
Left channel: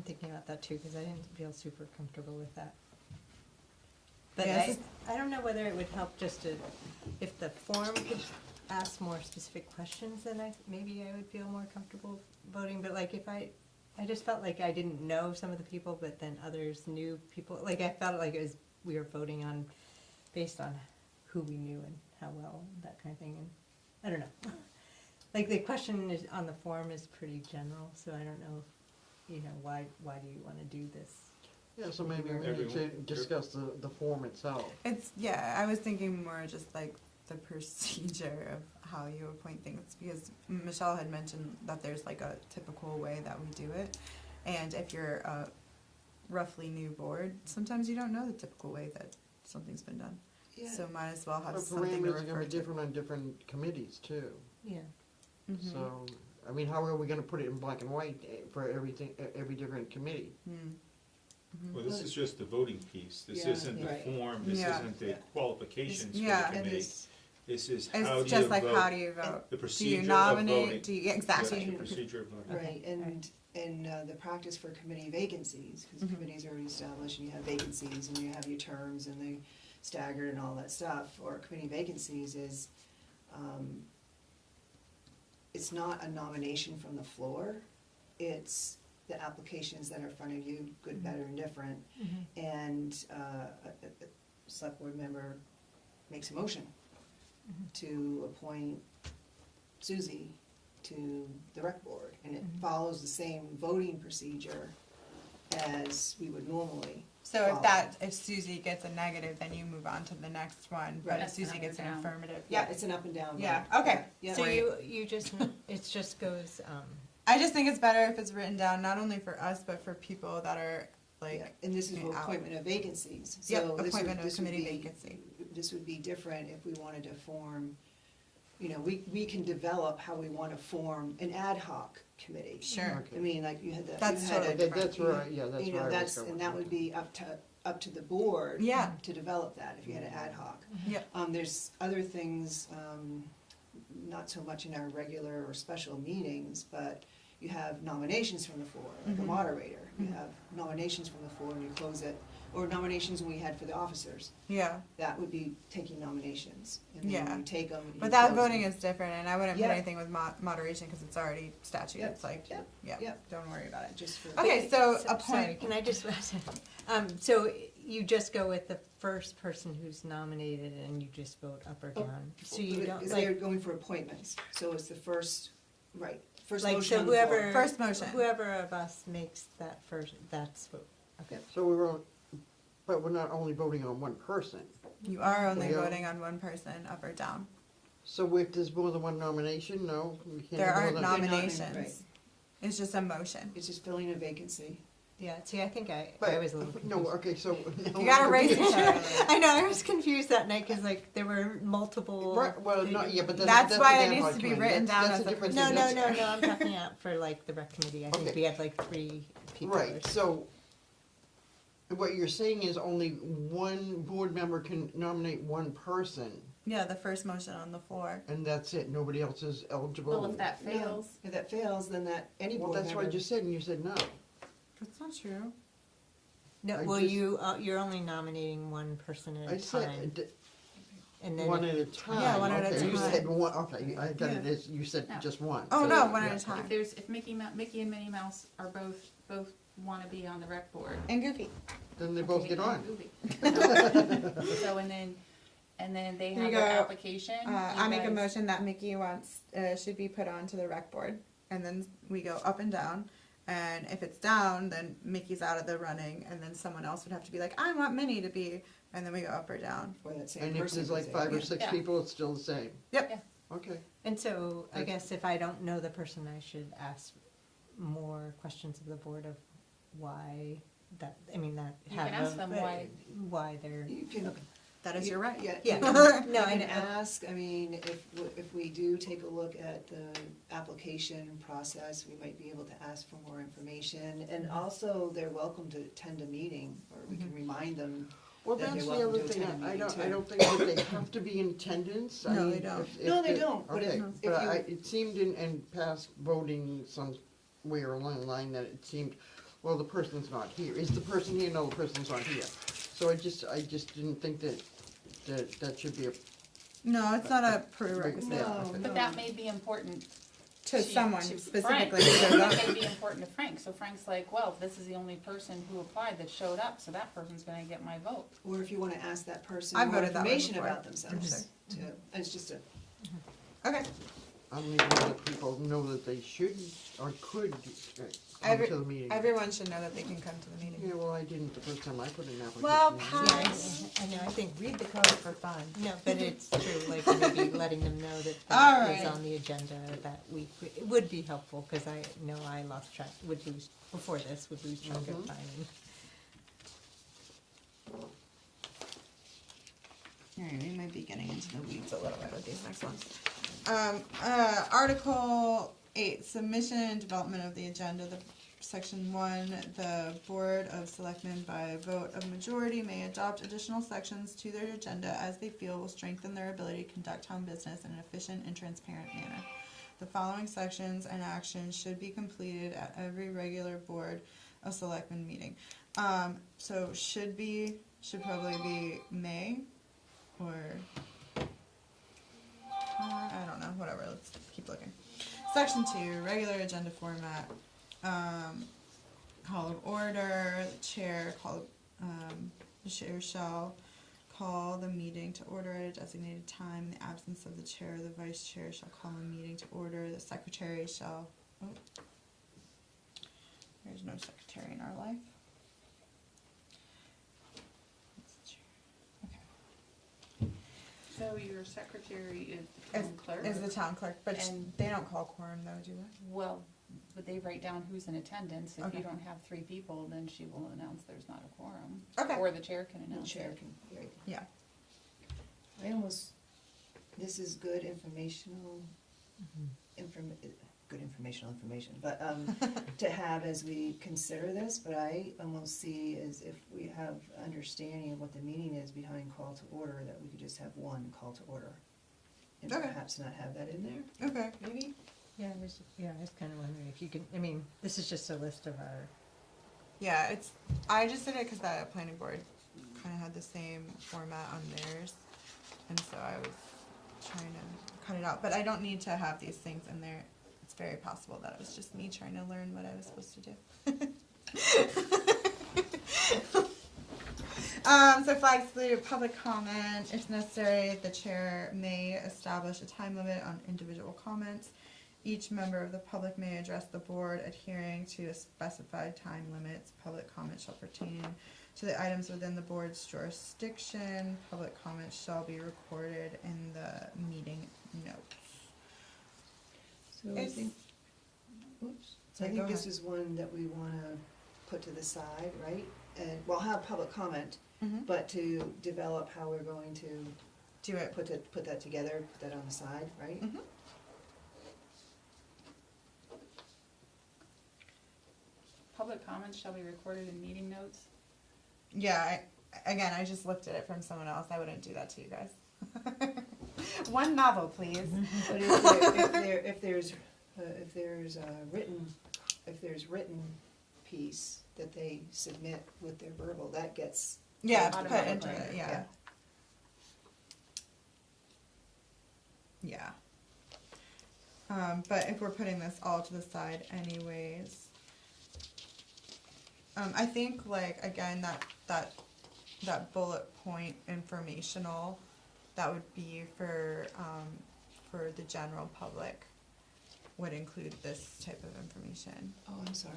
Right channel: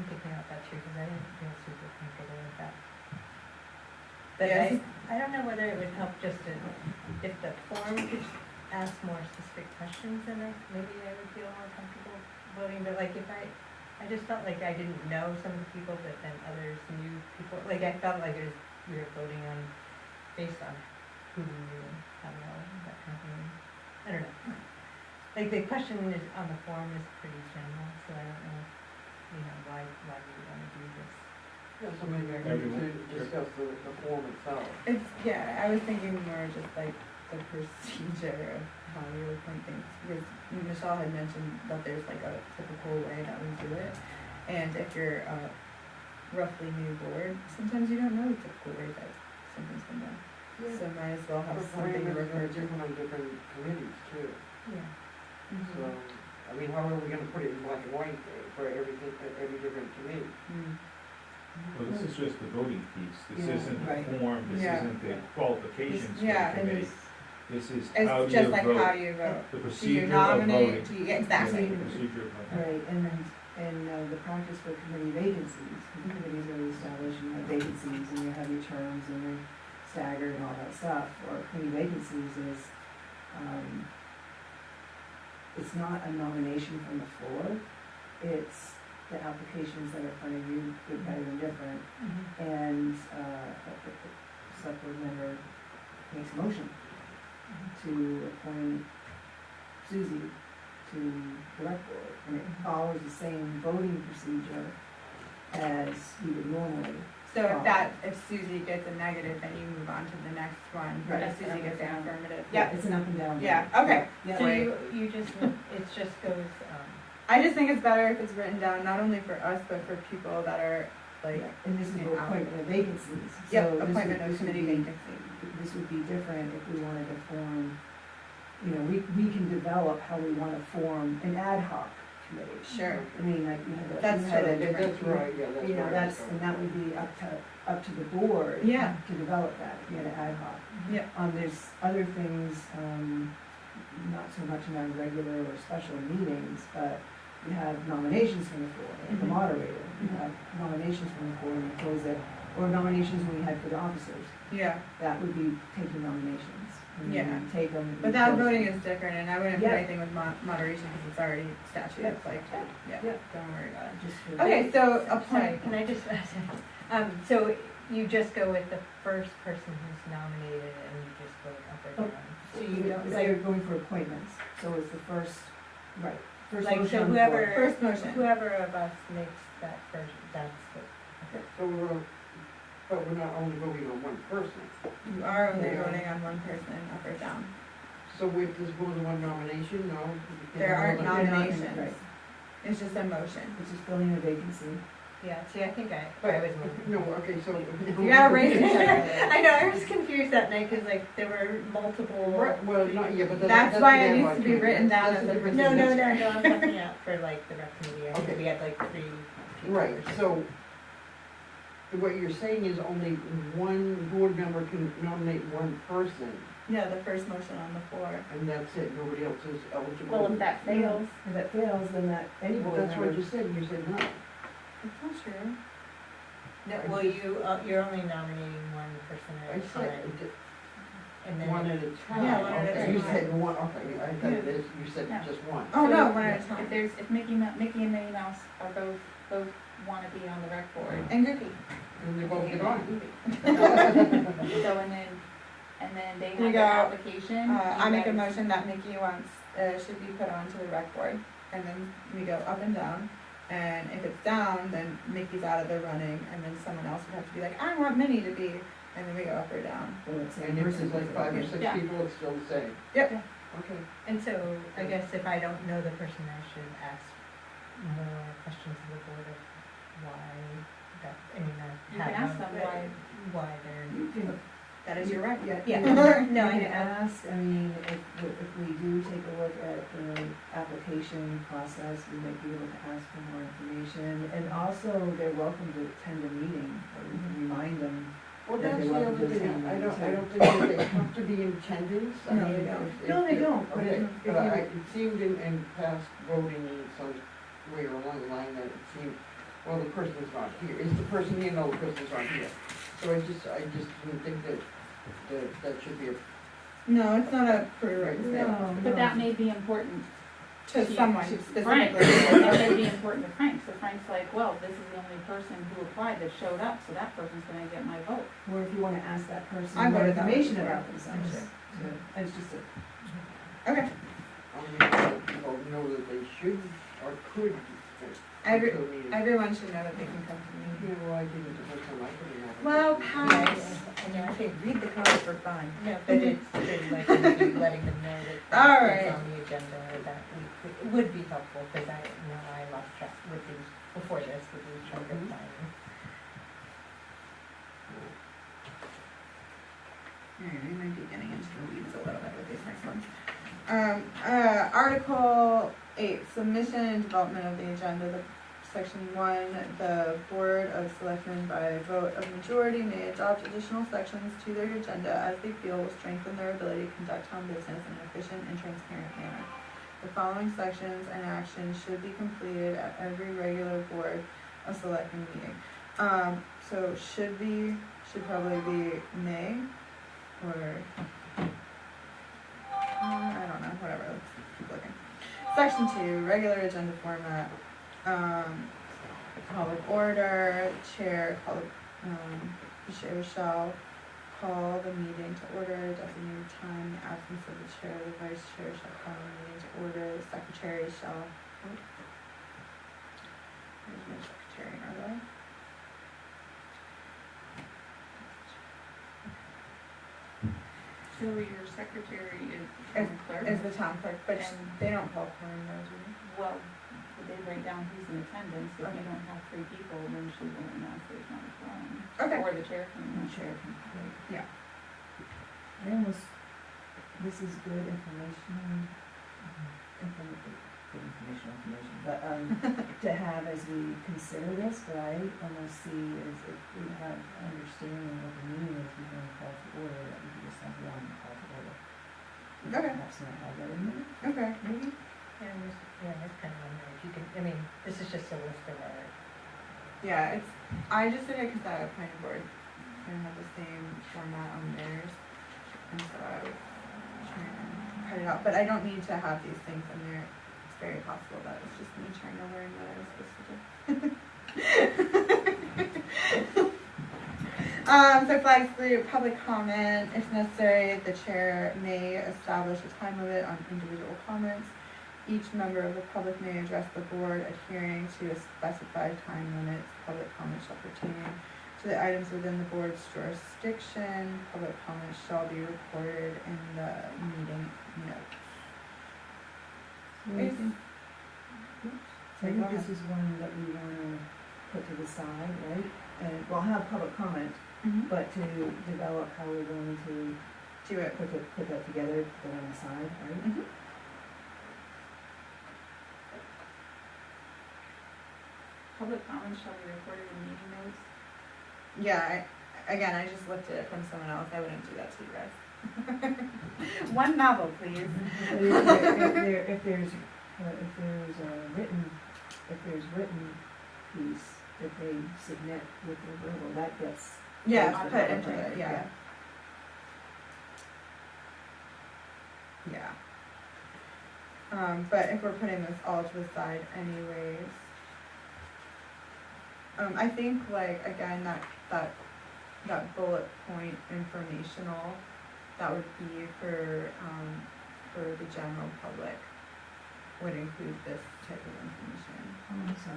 thinking about that too, cause I didn't feel super comfortable with that. But Yes. I don't know whether it would help just to, if the form could ask more specific questions, then maybe I would feel more comfortable voting, but like if I just felt like I didn't know some of the people, but then others knew people, like I felt like it was, we were voting on, based on who we knew and how well, that kind of thing. I don't know. Like the question is, on the form is pretty general, so I don't know, why do we wanna do this? Yeah, so maybe I need to discuss the form itself. It's, yeah, I was thinking more just like the procedure of how you appoint things, because Michelle had mentioned that there's like a typical way that we do it. And if you're a roughly new board, sometimes you don't know the typical way that something's been done. So might as well have The something to parameters are refer gonna be to. different on different committees too, Yeah. so, I mean, how are we gonna put it in black and white for everything, every different committee? Mm. Well, this is just the voting piece, this Yeah, isn't the right. form, this Yeah. isn't the qualifications for Yeah, the And committee. this, This is how do you vote. It's just like, how do you vote? The Do procedure you of nominate, voting. do you, exactly. Yeah, the procedure of voting. right, and the practice for committee vacancies, because committees are established, and you have vacancies, and you have your terms, and they're staggered and all that stuff, or committee vacancies is, it's not a nomination from the floor, it's the applications that are in front of you, good, better, and different, and, a select board member makes a motion to appoint Susie to the rec board, and it follows the same voting procedure as we would normally. So if Susie gets a negative, then you move on to the next one, but Right. if Susie gets an Yeah. affirmative, Yeah, it's an up and down. Yeah, okay. Yeah. So Right. you just, it just goes, I just think it's better if it's written down, not only for us, but for people that are like, And this is for Yeah. appointment of vacancies, so yep, this would, appointment of this would committee be, vacancy. this would be different if we wanted to form, you know, we can develop how we wanna form an ad hoc committee. Sure. I mean, like, we had the. That's we had totally a- That's right, yeah, that's right. You know, that's, and that would be up to the board. Yeah. To develop that, if we had an ad hoc. Yep. There's other things, not so much in our regular or special meetings, but you have nominations from the floor, like the Mhm. moderator, you have nominations from the floor and you close it, or nominations we had for the officers, Yeah, that would be taking nominations. And then Yeah. you take them. but that voting is different, and I wouldn't put Yeah. anything with moderation, because it's already statute, Yeah. it's like, Yeah. yeah, don't worry about it. Just for. Okay, so sorry, appoint, can I just, so you just go with the first person who's nominated and you just vote up or Oh, down? So you don't, Because they're going for appointments, so it's the first, right, first like, motion so on the floor. whoever, first motion. whoever of us makes that first, that's what. So but we're not only voting on one person, You are only Yeah. voting on one person, up or down. so if there's more than one nomination, no? You can't There have aren't more than- nominations, right. it's just a motion. It's just filling a vacancy. Yeah, see, I think I But, was. no, okay, so. You gotta raise it. I know, I was confused that night, cause like, there were multiple. Right, well, not, yeah, but That's why it the needs ad to hoc be written committee. down That's as a a different No, thing. no, I'm talking out for like the rec committee, I think Okay. we had like 3 people. Right, so what you're saying is only one board member can nominate one person. Yeah, the first motion on the floor. and that's it, nobody else is eligible. Well, if that fails, If that fails, then that, any Well, board that's what I member. just said, and you said no. That's not true. No, I well, just- you're only nominating one person I at a said, time, and then. one at a time. Yeah, one at a Okay, you time. said one, okay, I got it, you said No. just one. Oh, So no, if- one at a time. if Mickey and Minnie Mouse are both wanna be on the rec board. And Goofy. Then they both get on. So, and then they Here you have their go. application. I you make a guys- motion that Mickey wants, should be put onto the rec board, and then we go up and down. And if it's down, then Mickey's out of the running, and then someone else would have to be like, I want Minnie to be, and then we go up or down. When it's And if there's like 5 or 6 Yeah. people, it's still the same. Yep. Yeah. Okay. And so, I guess if I don't know the person, I should ask more questions of the board of why that, I mean, that. You can ask them why they're. You can, That is your right. yeah, Yeah. you can- No, I you can know. ask, I mean, if we do take a look at the application process, we might be able to ask for more information. And also, they're welcome to attend a meeting, or we can remind them. Well, That that's they the love other to thing, attend I meetings, don't too. think that they have to be in attendance, I No, mean. they don't. if- No, they if- don't, but okay, if but you- it seemed in past voting in some way or line that it seemed, well, the person's not here, is the person, you know, the person's not here. So I just didn't think that should be a, No, it's not a prerequisite. No. But that may be important To someone to specifically. Frank. It may be important to Frank, so Frank's like, well, this is the only person who applied that showed up, so that person's gonna get my vote. Or if you wanna ask that person I more voted that way information before. about themselves, too. It's just a, Okay, I mean, let people know that they should or could come Every- to the meeting. everyone should know that they can come to the meeting. Yeah, well, I didn't, the first time I could have. Well, Yeah, Pat, I know, I think, read the code for fun. no, but it's really like maybe letting them know that All that's right. on the agenda, or that we, it would be helpful, cause I know I lost track, would lose, before this, would lose track of Mhm. time. Alright, we might be getting into the weeds a little bit with these next ones. Article 8, submission and development of the agenda, Section 1, the Board of Selectmen by vote of majority may adopt additional sections to their agenda as they feel will strengthen their ability to conduct town business in an efficient and transparent manner. The following sections and actions should be completed at every regular Board of Selectmen meeting. So should probably be may, or, I don't know, whatever, let's keep looking. Section 2, regular agenda format, call of order, chair the chair shall call the meeting to order at a designated time, in the absence of the chair, the vice chair shall call the meeting to order, the secretary shall, there's no secretary in our life. So your secretary is As- the clerk? As the town clerk, but And- they don't call quorum though, do they? Well, would they write down who's in attendance? If Okay. you don't have 3 people, then she will announce there's not a quorum. Okay. Or the chair can and announce. chair can, like, Yeah. I almost, this is good information, good information, but, to have as we consider this, but I almost see as if we have understanding of what the meaning is behind call to order, that we can just have one call to order. We Okay. Perhaps not have that in there, Okay. maybe? Yeah, I just kind of wonder if you can, I mean, this is just a list of our, Yeah, I just did it because the planning board kind of had the same format on theirs, and so I was trying to cut it out, but I don't need to have these things in there. It's very possible that it's just me trying to learn what I was supposed to do. So flags through public comment, if necessary, the chair may establish a time limit on individual comments. Each member of the public may address the board adhering to a specified time limits. Public comment shall pertain to the items within the board's jurisdiction. Public comment shall be recorded in the meeting notes. So I Is- think, Oops. I think this is one that we wanna put to the side, right? And we'll have public comment, Mhm. but to develop how we're going to Do it. put that together, put that on the side, right? Mhm. Public comments shall be recorded in meeting notes. Yeah, again, I just looked at it from someone else. I wouldn't do that to you guys. One novel, please. But if there's a written, if there's written piece that they submit with their verbal, that gets. Yeah, Automatic, put into it, right, yeah. Yeah. But if we're putting this all to the side anyways, I think like, again, that bullet point informational, that would be for the general public, would include this type of information. Oh, I'm sorry.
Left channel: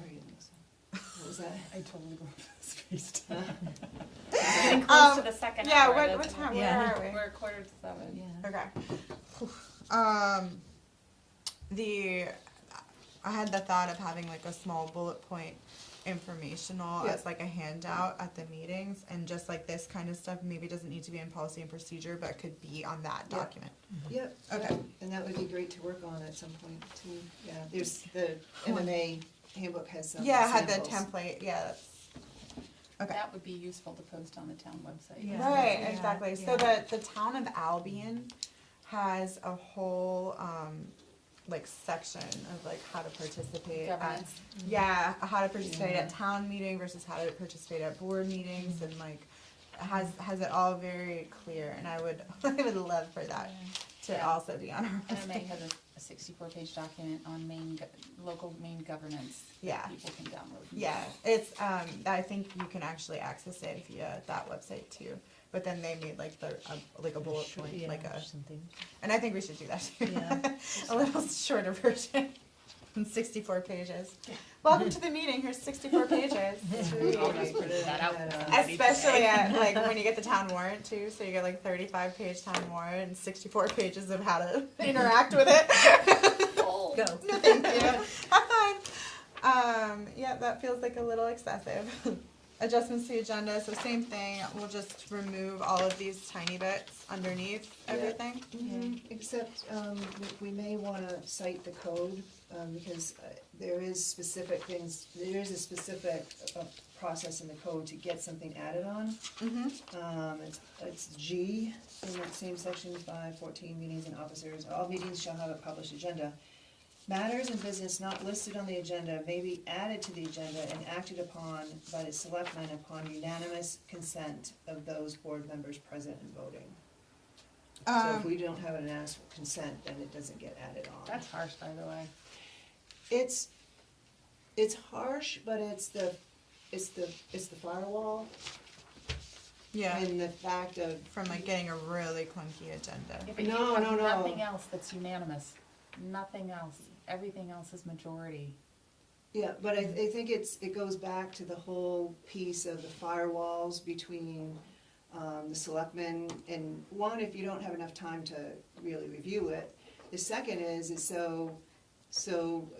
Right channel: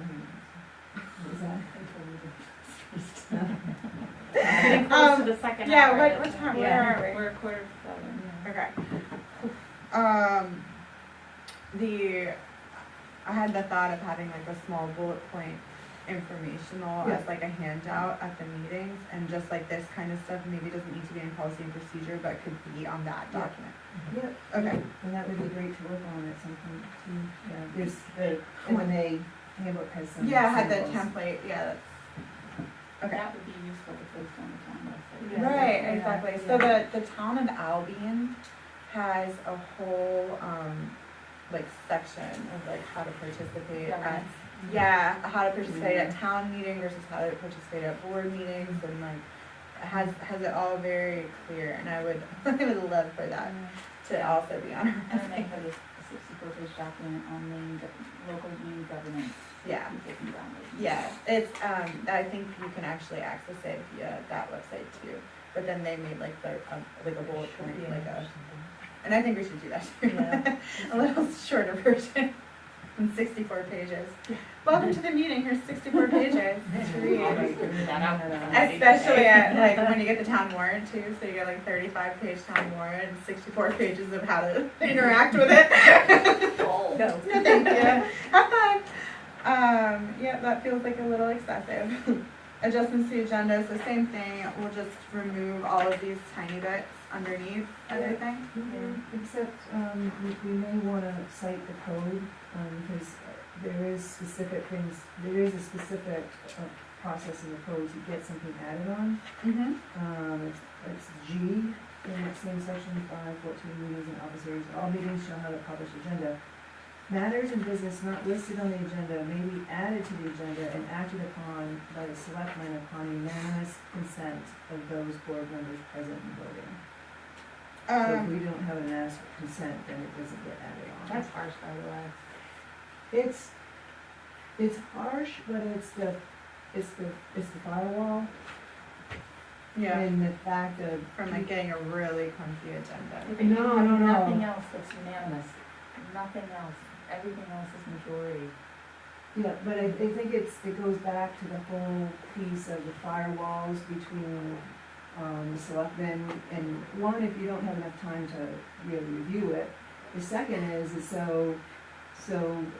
What was that? Getting close to the second Yeah, hour. what time, where Yeah, are we? we're 6:45. Okay. I had the thought of having like a small bullet point informational as like a handout at the meetings, and just like this kind of stuff maybe doesn't need to be in policy and procedure, but could be on that Yeah. document. Yeah. Okay. And that would be great to work on at some point too. Yeah, there's the MMA handbook has some Yeah, I had the samples. template, yeah, that's, okay. That would be useful to post on the town website. Yeah. Right, Yeah, exactly. So the town of Albion has a whole, like section of like how to participate at, Governance. yeah, how to participate at town meeting versus how to participate at board meetings, and like, has it all very clear, and I would love for that to also be on our And I website. think have a 64-page document on local main governance. Yeah. People can download. Yeah, it's, I think you can actually access it via that website too, but then they made like like a bullet point, like a, and I think we should do that too. Yeah. A little shorter version, 64 pages. Welcome to the meeting, here's 64 pages to read. I'll just print that out. Especially at, like, when you get the town warrant too, so you get like 35-page town warrant and 64 pages of how to interact with it. Oh. No, thank you. Have fun. Yeah, that feels like a little excessive. Adjustments to the agenda is the same thing, we'll just remove all of these tiny bits underneath everything. Except, we may wanna cite the code, because there is specific things, there is a specific, process in the code to get something added on. Mm-hmm. It's G, in that same section, 5:14 meetings and office areas, all meetings shall have a published agenda. Matters in business not listed on the agenda may be added to the agenda and acted upon by the selectmen upon unanimous consent of those board members present and voting. So if we don't have an ask for consent, then it doesn't get added on. That's harsh, by the way. It's harsh, but it's the firewall, Yeah, and the fact of. from like getting a really clunky agenda. If you No, have no, no. nothing else that's unanimous, nothing else, everything else is majority. Yeah, but I think it goes back to the whole piece of the firewalls between, the selectmen, and one, if you don't have enough time to really review it. The second is so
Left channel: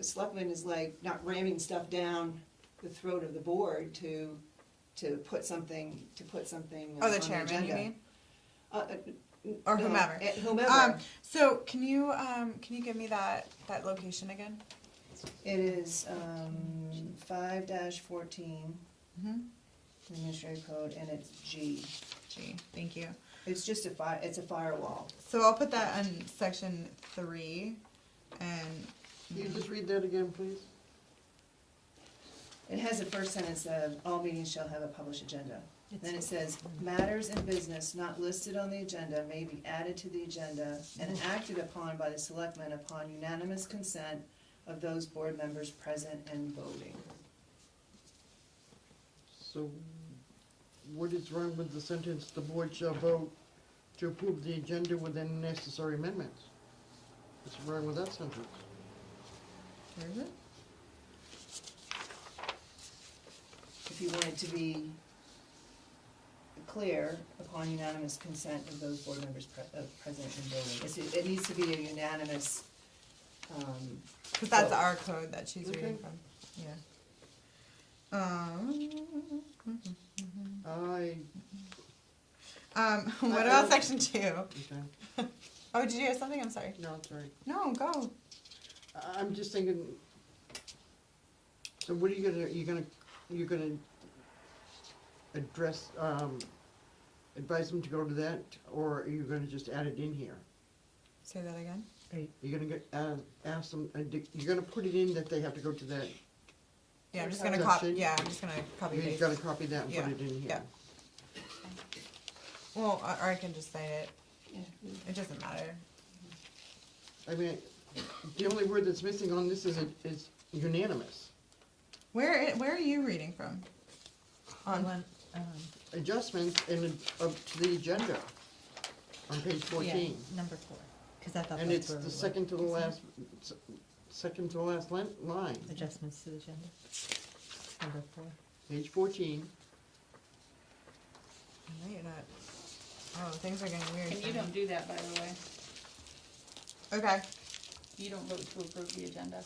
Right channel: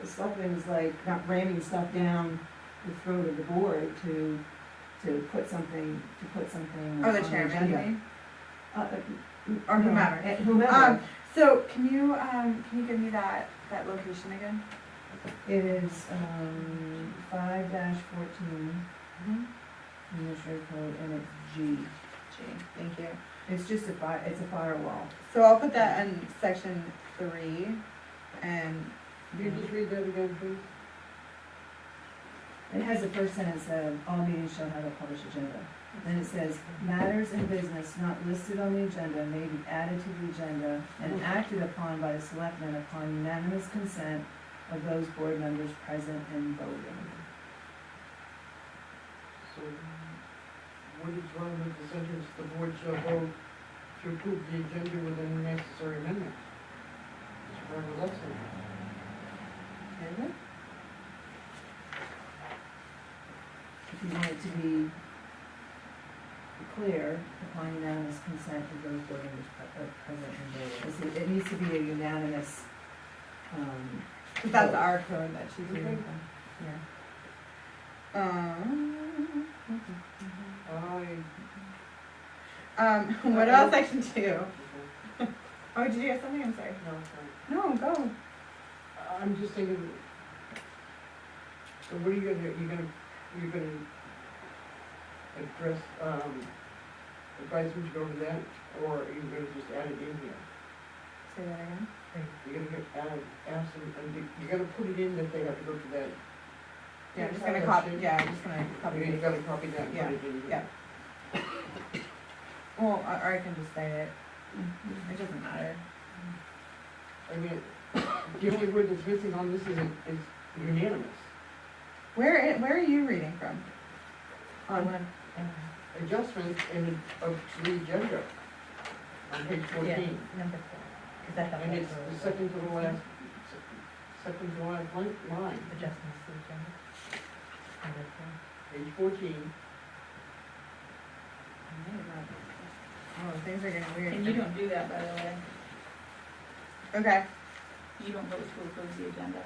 a selectman is like not ramming stuff down the throat of the board to put something Oh, on the the chairman, you agenda. mean? Or Or whomever. Whomever. So can you give me that location again? It is, 5-14 Mm-hmm. administrative code, and it's G. Thank you. It's just it's a firewall. So I'll put that in section 3, and, You just read that again, please? It has the first sentence, all meetings shall have a published agenda. Then it says, matters in business not listed on the agenda may be added to the agenda and acted upon by the selectmen upon unanimous consent of those board members present and voting. So, what is wrong with the sentence, the board shall vote to approve the agenda with any necessary amendments? What's wrong with that sentence? If you want it to be clear, upon unanimous consent of those board members present and voting. It needs to be a unanimous, because that's our code that she's reading from. Yeah. What about section 2? Oh, did you have something? I'm sorry. No, sorry. No, go. I'm just thinking, so what are you gonna, you're gonna address, advise them to go to that, or are you gonna just add it in here? Say that again? You're gonna ask them, you're gonna put it in that they have to go to that, Yeah, I'm just Have gonna that copy, sheet? yeah, I'm just gonna copy you it. gotta copy that and put Yeah, it in yeah. here. Well, or I can just say it, it doesn't matter. I mean, the only word that's missing on this is unanimous. Where are you reading from? On, Adjustments of the agenda on page Yeah, 14. number 4, because I thought And that it's was the second to the last line, adjustments to the agenda. Number 4. page 14. oh, things are getting weird. And you don't do that, by the way. Okay, You don't vote to approve the agenda.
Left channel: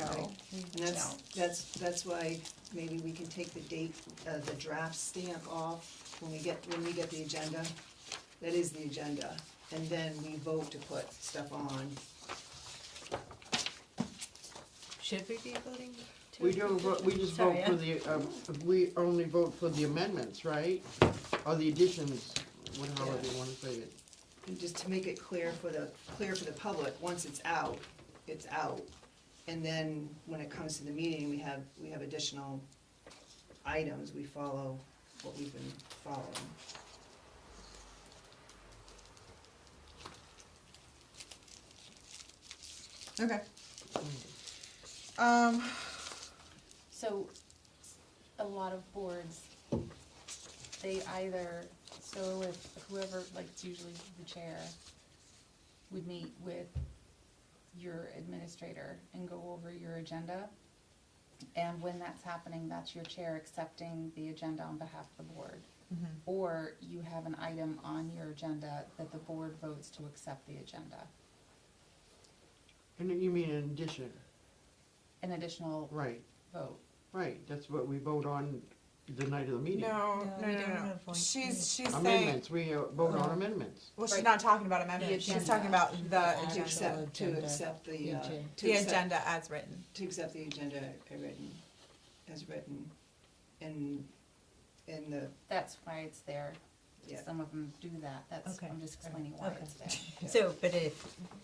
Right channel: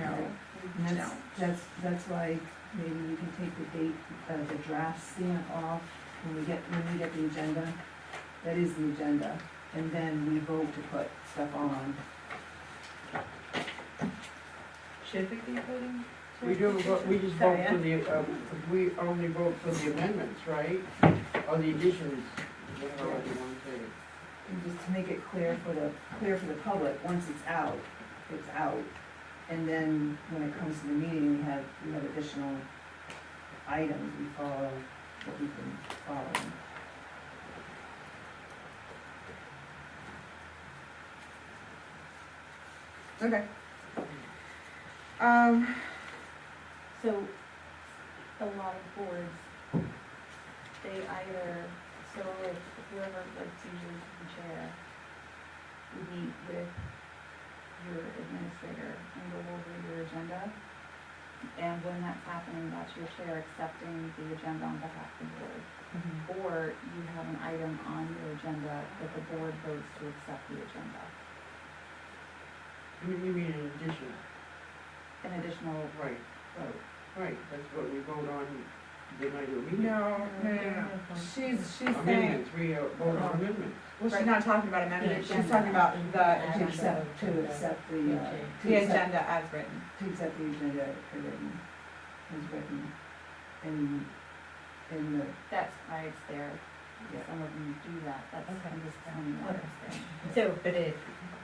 no, And no. that's why maybe we can take the date, the draft stamp off when we get the agenda. That is the agenda, and then we vote to put stuff on. Should we be voting? We don't vote, we just vote for the, we only vote for the amendments, right? Or the additions, whatever you want to say it. And just to make it clear for the public, once it's out, it's out. And then when it comes to the meeting, we have additional items, we follow what we've been following. Okay. So, a lot of boards, they either, so if whoever, like it's usually the chair, would meet with your administrator and go over your agenda. And when that's happening, that's your chair accepting the agenda on behalf of the board. Or you have an item on your agenda that the board votes to accept the agenda. And you mean in addition, An additional right, vote. right, that's what we vote on the night of the meeting. No, we don't have one. she's saying, Amendments, we vote on amendments. well, she's Right. not talking about amendments, she's agenda. talking about To the, accept the, the accept- agenda as written. To accept the agenda as written, and the, That's why it's there. Yeah. Some of them do that. That's, Okay. I'm just explaining why Okay. it's there. So,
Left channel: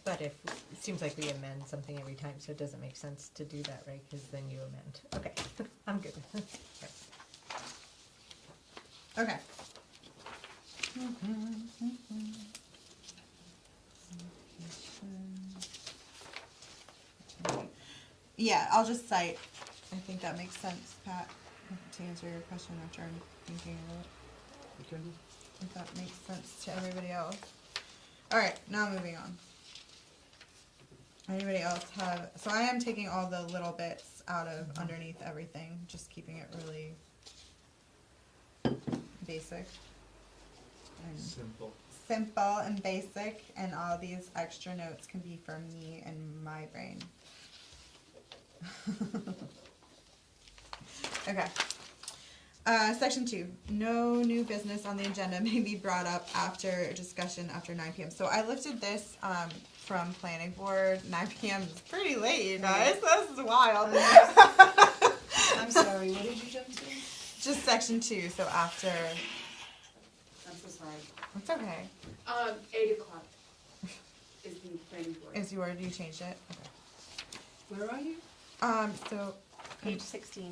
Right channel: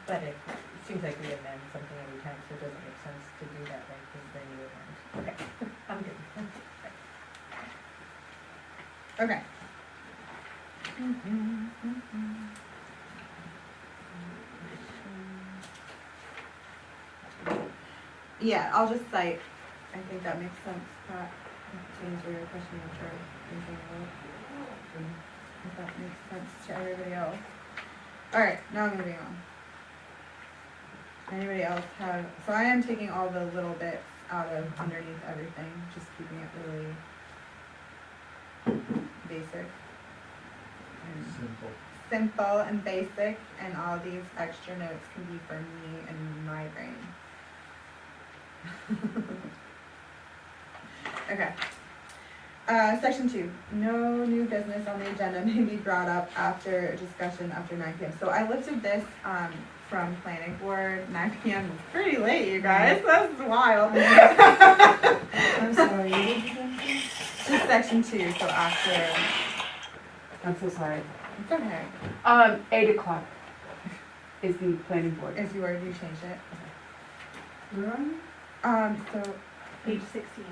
but it seems like we amend something every time, so it doesn't make sense to do that, right, because then you amend. Okay, I'm good. Okay. Yeah, I'll just cite, I think that makes sense, Pat, to answer your question after thinking about it. If that makes sense to everybody else. Alright, now moving on. Anybody else have, so I am taking all the little bits out of underneath everything, just keeping it really basic. And simple and basic, and all these extra notes can be for me and my brain. Okay. Section 2, no new business on the agenda may be brought up after discussion after 9 p.m. So I looked at this, from planning board, 9 p.m. is pretty late, you guys, that's wild. I'm sorry, what did you say? Just section 2, so after, I'm so sorry. it's okay, 8 o'clock is the planning board. is you already changed it? Where are you? So, Page 16.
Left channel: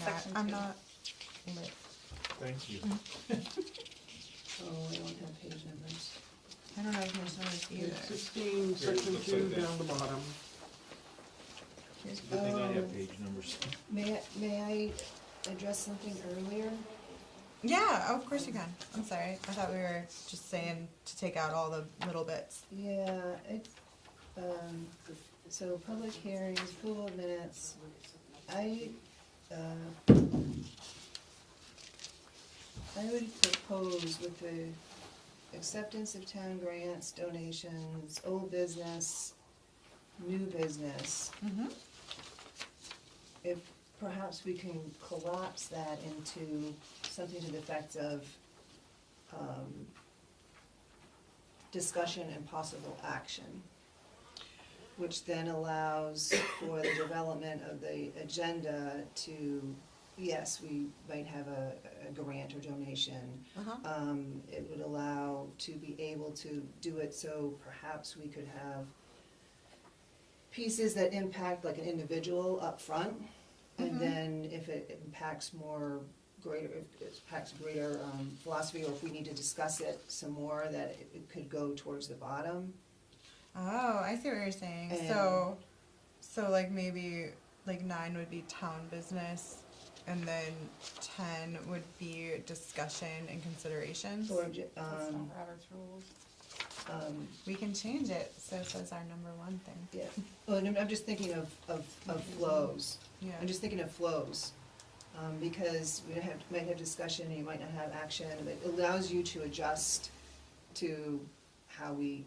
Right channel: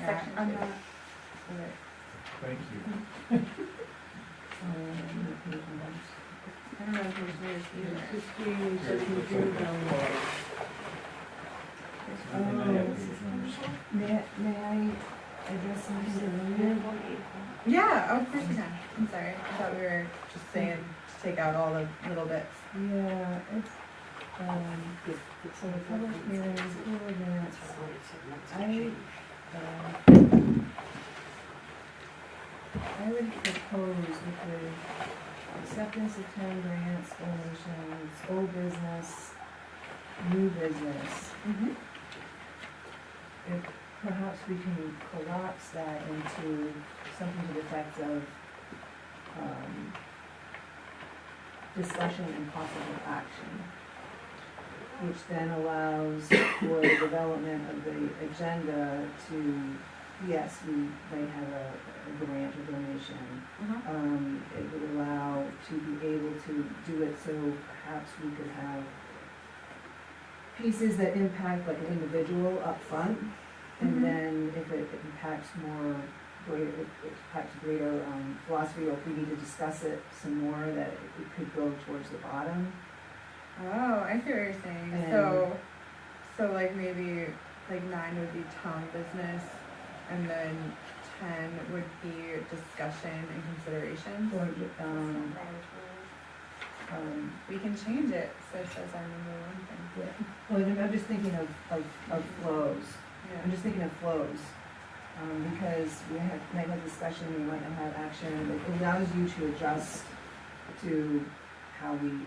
yeah, Section I'm 2. not, Thank you. I don't know if there's either. 16, Here, it 17, looks like down that. the bottom. May I address something earlier? Yeah, of course you can. I'm sorry. I thought we were just saying to take out all the little bits. Yeah, it's, so public hearings, minutes, I would propose with the acceptance of town grants, donations, old business, new business, if perhaps we can collapse that into something to the effect of, discussion and possible action, which then allows for the development of the agenda to, yes, we might have a a grant or donation. Uh-huh. It would allow to be able to do it so perhaps we could have pieces that impact like an individual up front, and Mhm. then if it impacts greater philosophy, or if we need to discuss it some more, that it could go towards the bottom. Oh, I see what you're saying. And- So like maybe like 9 would be town business, and then 10 would be discussion and considerations. Or, Robert's rules. We can change it, so it says our number one thing. well, I'm just thinking of flows. Yeah. I'm just thinking of flows, because we might have discussion, you might not have action. It allows you to adjust to how we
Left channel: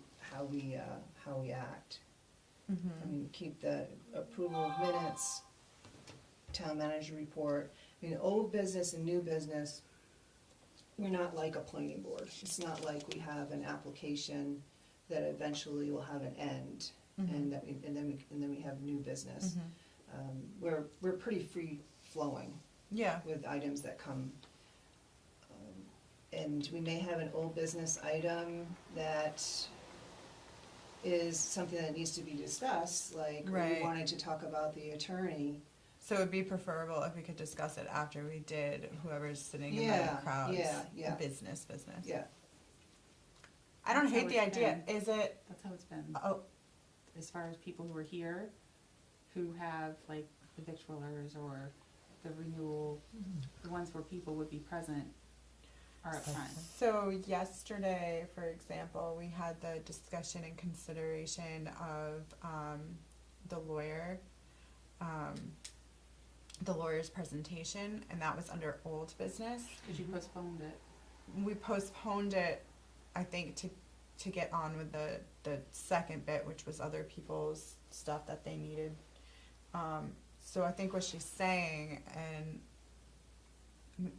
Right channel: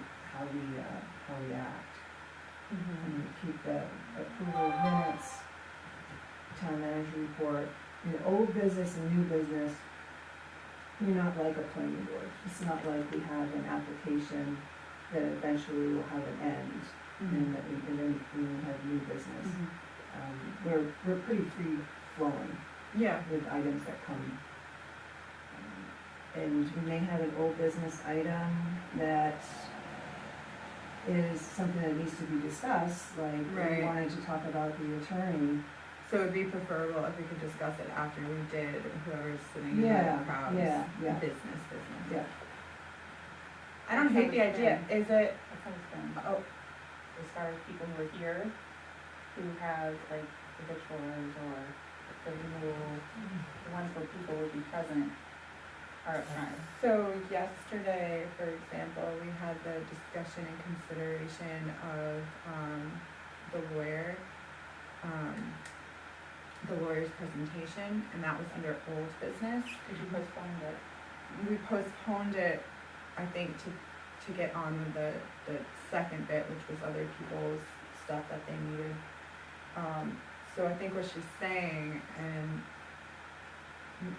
act. And keep the approval of minutes, town manager report. I mean, old business and new business, we're not like a planning board. It's not like we have an application that eventually will have an end, and then we have new business. We're pretty free flowing Yeah. with items that come. And we may have an old business item that is something that needs to be discussed, like we Right. wanted to talk about the attorney. So it'd be preferable if we could discuss it after we did whoever's sitting in Yeah, the crowd's yeah. business. Yeah. I don't hate the idea. Is it? That's how it's been, Oh, as far as people who are here, who have like the victuals or the rule, the ones where people would be present are up front. so yesterday, for example, we had the discussion and consideration of the lawyer's presentation, and that was under old business. Cause you postponed it. We postponed it, I think, to get on with the second bit, which was other people's stuff that they needed. So I think what she's saying, and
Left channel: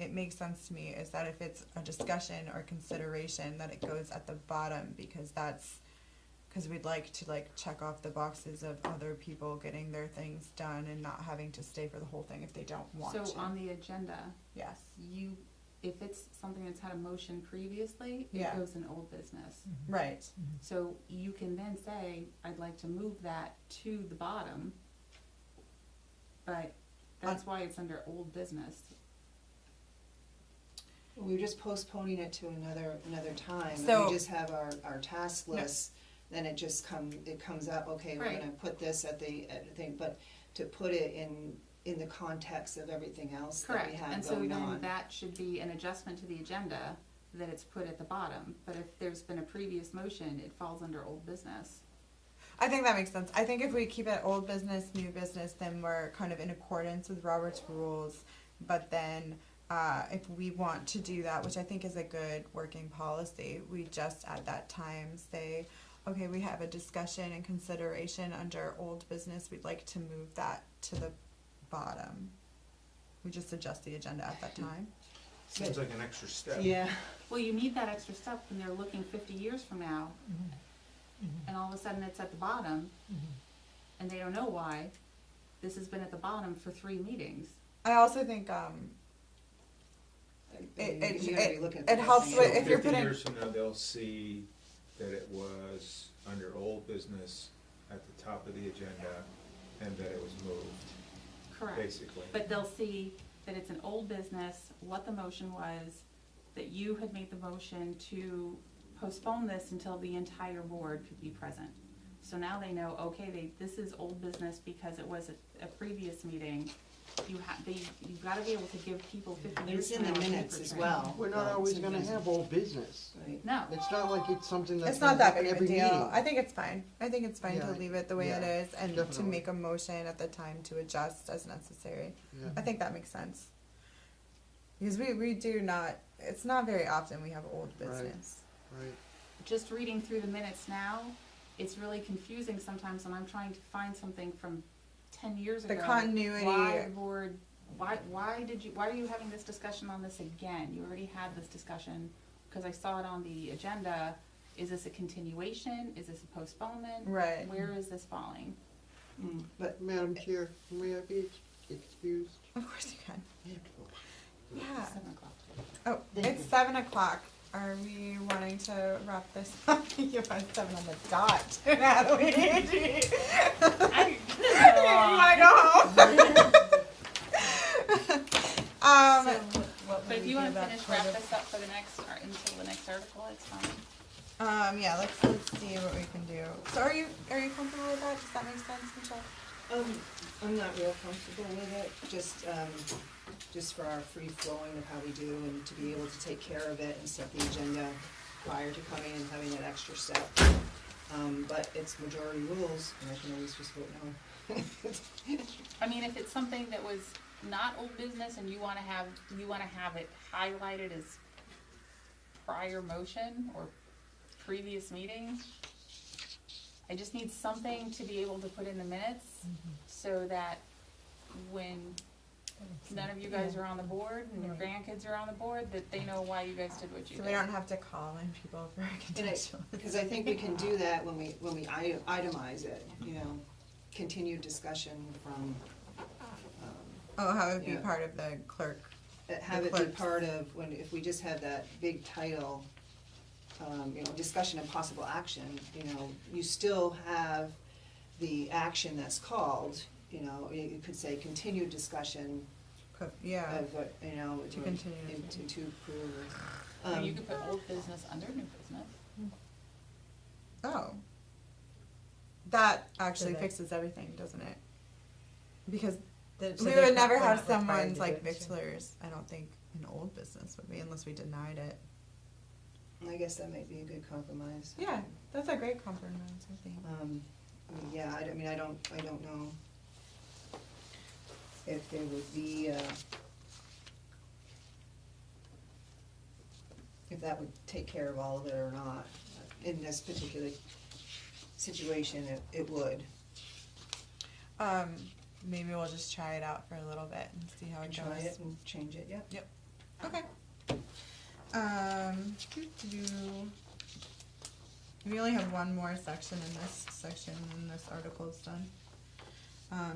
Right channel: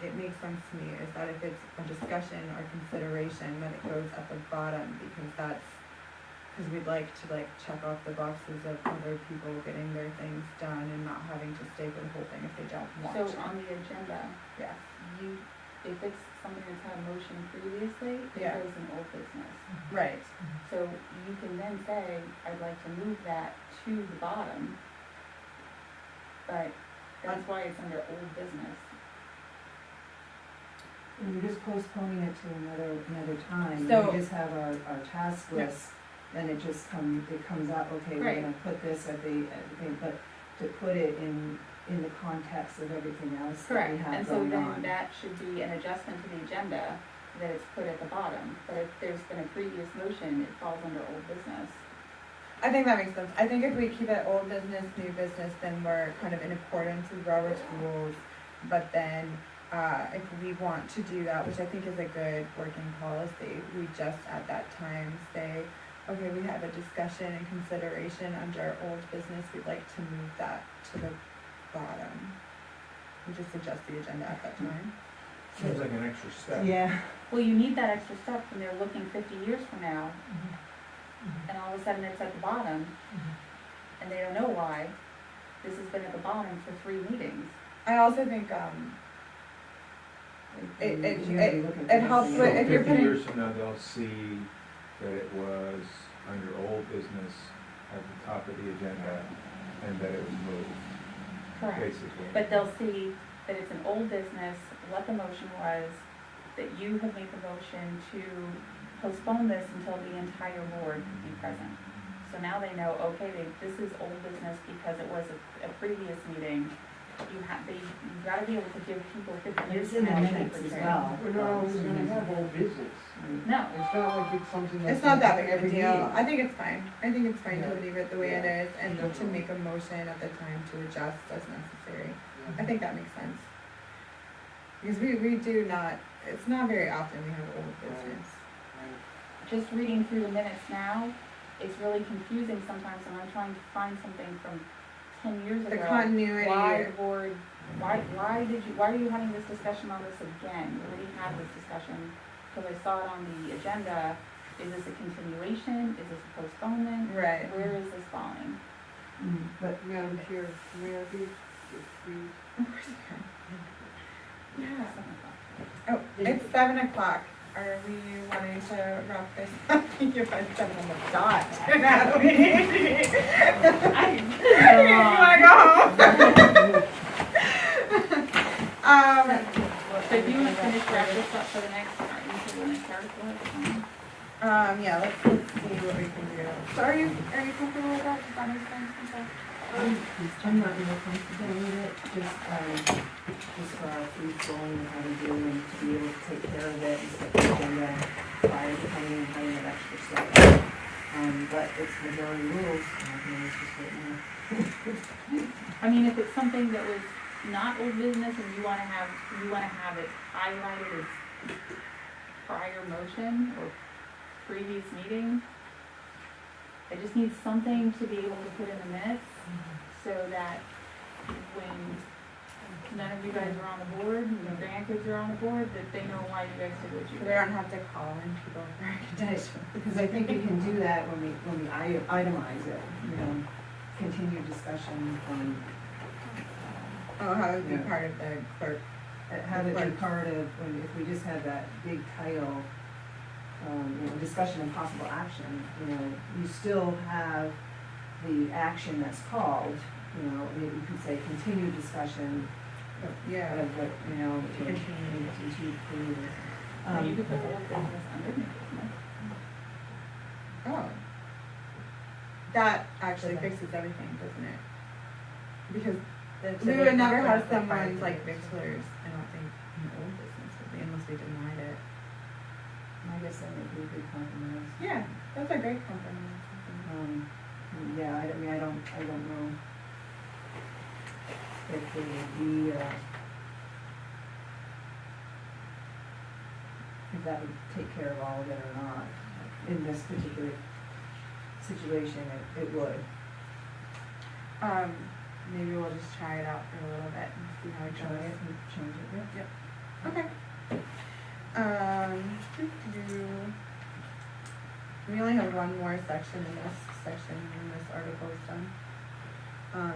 it makes sense to me, is that if it's a discussion or consideration, that it goes at the bottom, because we'd like to like check off the boxes of other people getting their things done and not having to stay for the whole thing if they don't want to. So on the agenda, Yes. if it's something that's had a motion previously, it Yeah. goes in old business. Right. So you can then say, I'd like to move that to the bottom, but that's why it's under old business. We're just postponing it to another time. So- We just have our task list, then it comes up, okay, we're Right. gonna put this at the thing, but to put it in the context of everything else that we Correct, have and so going then on. that should be an adjustment to the agenda, that it's put at the bottom. But if there's been a previous motion, it falls under old business. I think that makes sense. I think if we keep it old business, new business, then we're kind of in accordance with Robert's rules. But then, if we want to do that, which I think is a good working policy, we just at that time say, okay, we have a discussion and consideration under old business, we'd like to move that to the bottom. We just adjust the agenda at that time. Seems like an extra step. Yeah. Well, you need that extra step when they're looking 50 years from now, and all of a sudden it's at the bottom, and they don't know why. This has been at the bottom for 3 meetings. I also think, You're gonna be looking for it helps something with- else. if you're 50 putting- years from now, they'll see that it was under old business at the top of the agenda and that it was moved, basically. But they'll see that it's an old business, what the motion was, that you have made the motion to postpone this until the entire board could be present. So now they know, okay, this is old business because it was a previous meeting. You've gotta be able to give people 50 years. It's in the to know minutes what as they're well. We're not always gonna have old business. doing. No, It's not like it's something that's. It's not that big of a every deal. meeting. I think it's fine. I think it's fine to Yeah. leave it the way it Yeah. is and to Definitely. make a motion at the time to adjust as necessary. Yeah. I think that makes sense. Because we do not, it's not very often we have old Right. business. Right. just reading through the minutes now, it's really confusing sometimes when I'm trying to find something from 10 years ago. The continuity. Why the board, why are you having this discussion on this again? You already had this discussion, because I saw it on the agenda. Is this a continuation? Is this a postponement? Right. Where is this falling? But Madam Chair, may I be excused? Of course you can. Yeah. 7:00. Are we wanting to wrap this up? If I 7 on the dot. Natalie. You wanna go home? But if you wanna finish wrap this up for the next time, for the next article, it's fine. Yeah, let's see what we can do. So are you comfortable with that? Does that make sense, Michelle? I'm not real comfortable with it, just for our free flowing and how we do and to be able to take care of it and set the agenda prior to coming and having that extra step. But it's majority rules, and I can always just put it in. I mean, if it's something that was not old business and you wanna have it highlighted as prior motion or previous meetings, I just need something to be able to put in the minutes so that when none of you guys are on the board and your grandkids are on the board, that they know why you guys did what you So did. they don't have to call in people for Because I think we can do that when we itemize it, you know, continue discussion from, Oh, how would be Yeah. part of the clerk? have it be part of, if we just have that big title, discussion and possible action, you still have the action that's called, you can say continue discussion Yeah. of, To continue. to continue. Or you could put old business under new business. Oh. That actually fixes everything, doesn't it? Because So we they would never don't have have to someone find like it. Victor's, I don't think, in the old business would be, unless we denied it. I guess that might be a good compromise. Yeah, that's a great compromise, I think. Yeah, I mean, I don't know if it would be, if that would take care of all of it or not. In this particular situation, it would. Maybe we'll just try it out for a little bit and see how it Try goes. it and change it, yeah. Okay. We only have one more section in this section, and this article is done.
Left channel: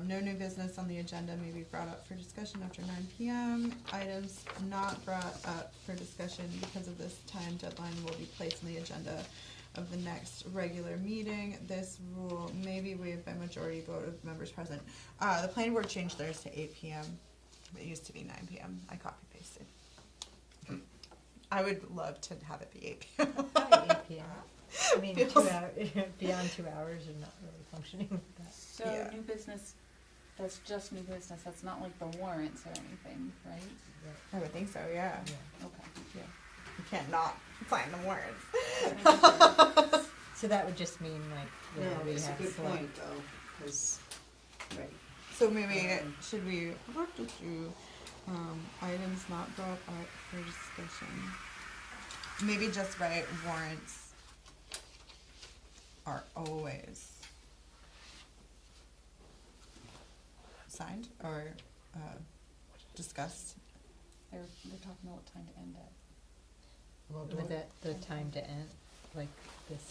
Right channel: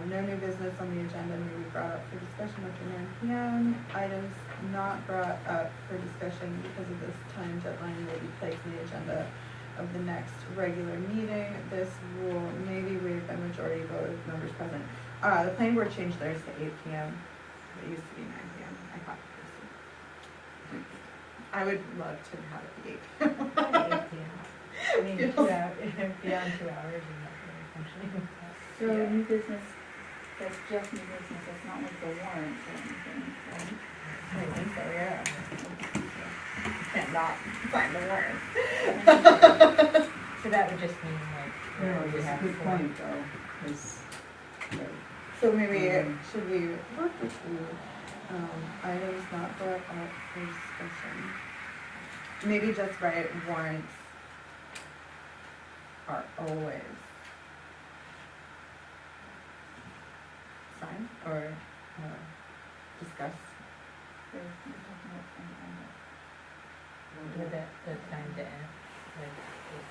No new business on the agenda may be brought up for discussion after 9 p.m. Items not brought up for discussion because of this time deadline will be placed on the agenda of the next regular meeting. This rule may be waived by majority vote of members present. The planning board changed theirs to 8 p.m. It used to be 9 p.m. I thought it was. I would love to have it be 8. I mean, 2 hours, beyond 2 hours, you're not really functioning with that. So Yeah. new business, that's just new business, that's not like the warrants or anything, right? I think so, yeah. You can't not sign the warrants. So that would just mean like, No, where you it's a have good some- point, though, is, right. So maybe, should we, items not brought up for discussion? Maybe just write warrants are always signed or, discussed. We're talking about time to end it. The time to end, like this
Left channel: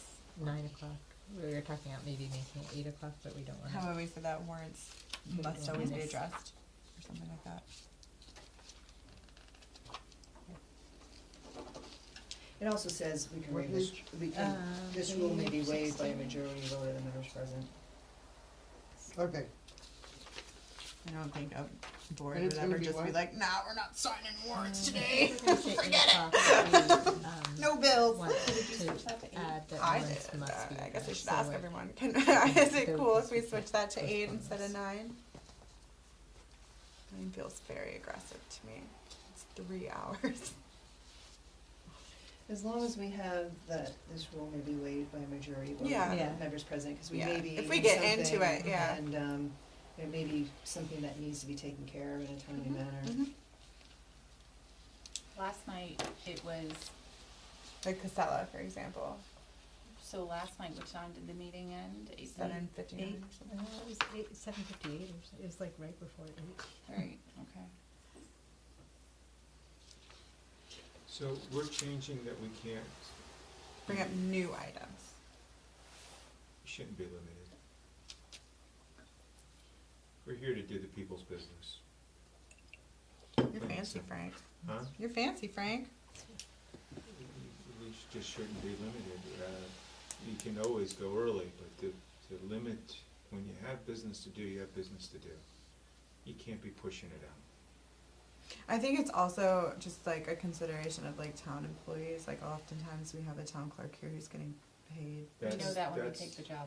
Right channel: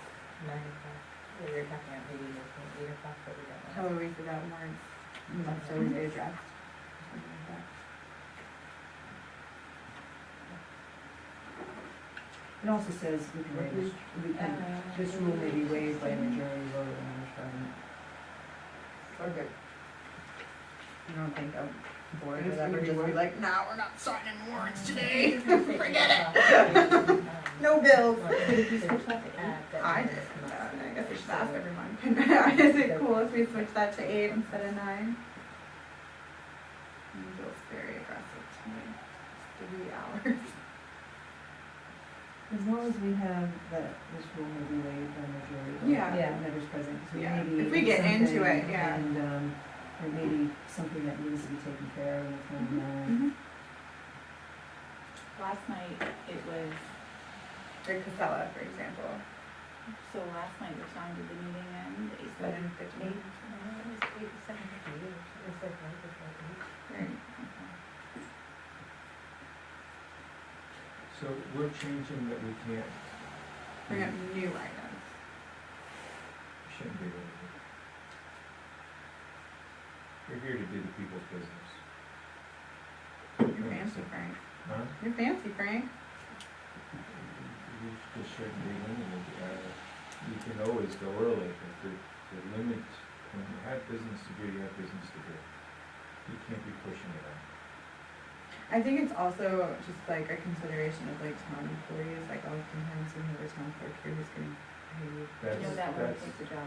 9 o'clock, we were talking about maybe making it 8 o'clock, but we don't know. How would we say that warrants must always be addressed, or something like that? It also says this rule may be waived by a majority vote of the members present. Okay, I don't think a board It's would ever gonna be just be what? like, nah, we're not signing warrants today. Forget it. No bills. I I did, I guess we should ask everyone, is it cool if we switch that to 8 instead of 9? It feels very aggressive to me, it's 3 hours. As long as we have that this rule may be waived by a majority vote Yeah. of the members present, because we Yeah. may be. If we get into something it, yeah. And, there may be something that needs to be taken care of in a timely manner. Last night, it was, Like Casella, for example. so last night, what time did the meeting end? 7:15. 8, no, it was 8, 7:50, it was like right before 8. Right, okay. So we're changing that we can't. Bring up new items. Shouldn't be doing it. We're here to do the people's business. You're fancy, Frank. Huh? You're fancy, Frank. just shouldn't be limited. You can always go early, but to limit, when you have business to do, you have business to do. You can't be pushing it out. I think it's also just like a consideration of like town employees, like oftentimes we have a town clerk here who's getting paid. That's, You know, that would that's, take the job.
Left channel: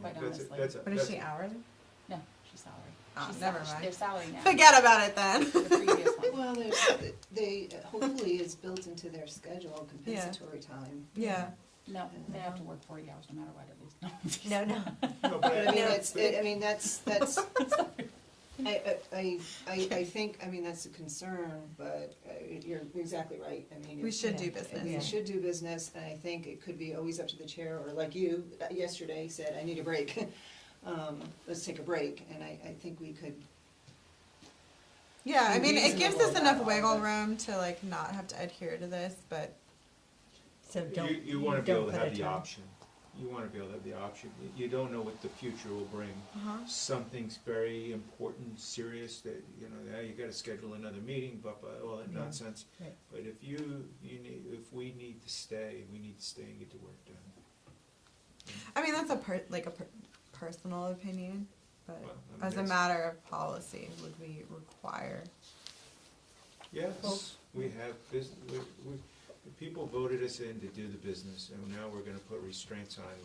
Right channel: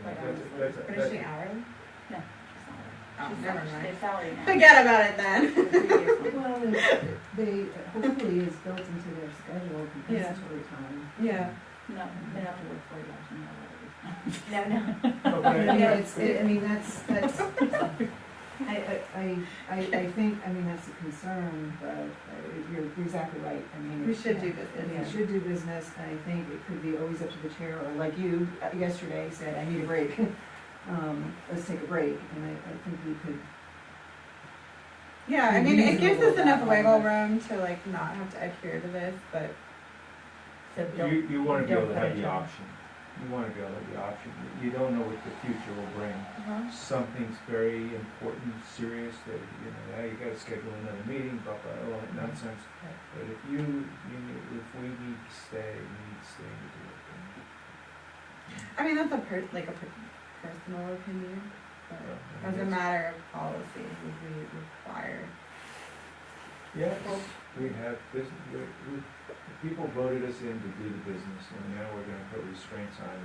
Quite that's, honestly. that's, What is she, that's, hourly? No, she's not. Oh, She's never not. mind. They're salary now. Forget about it then. Well, they, hopefully is built into their schedule, compensatory time. Yeah. No, they have to work 40 hours an hour at least. No, no. no, but I mean, I- I mean, that's, I think, I mean, that's a concern, but you're exactly right, I mean. We should do We business. should do business, and I think it could be always up to the chair, or like you yesterday said, I need a break. Let's take a break, and I think we could, Yeah, I mean, it gives us Reasonable enough about wiggle it. room to like not have to adhere to this, but So don't. you wanna be don't able to put have it the down. option. You wanna be able to have the option. You don't know what the future will bring. uh-huh. Something's very important, serious, that, you know, now you gotta schedule another meeting, blah, blah, all that nonsense. Right. But if if we need to stay, we need to stay and get the work done. I mean, that's a personal opinion, but Well, I as a guess- matter of policy, we require. Yes, we have business, people voted us in to do the business, and now we're gonna put restraints on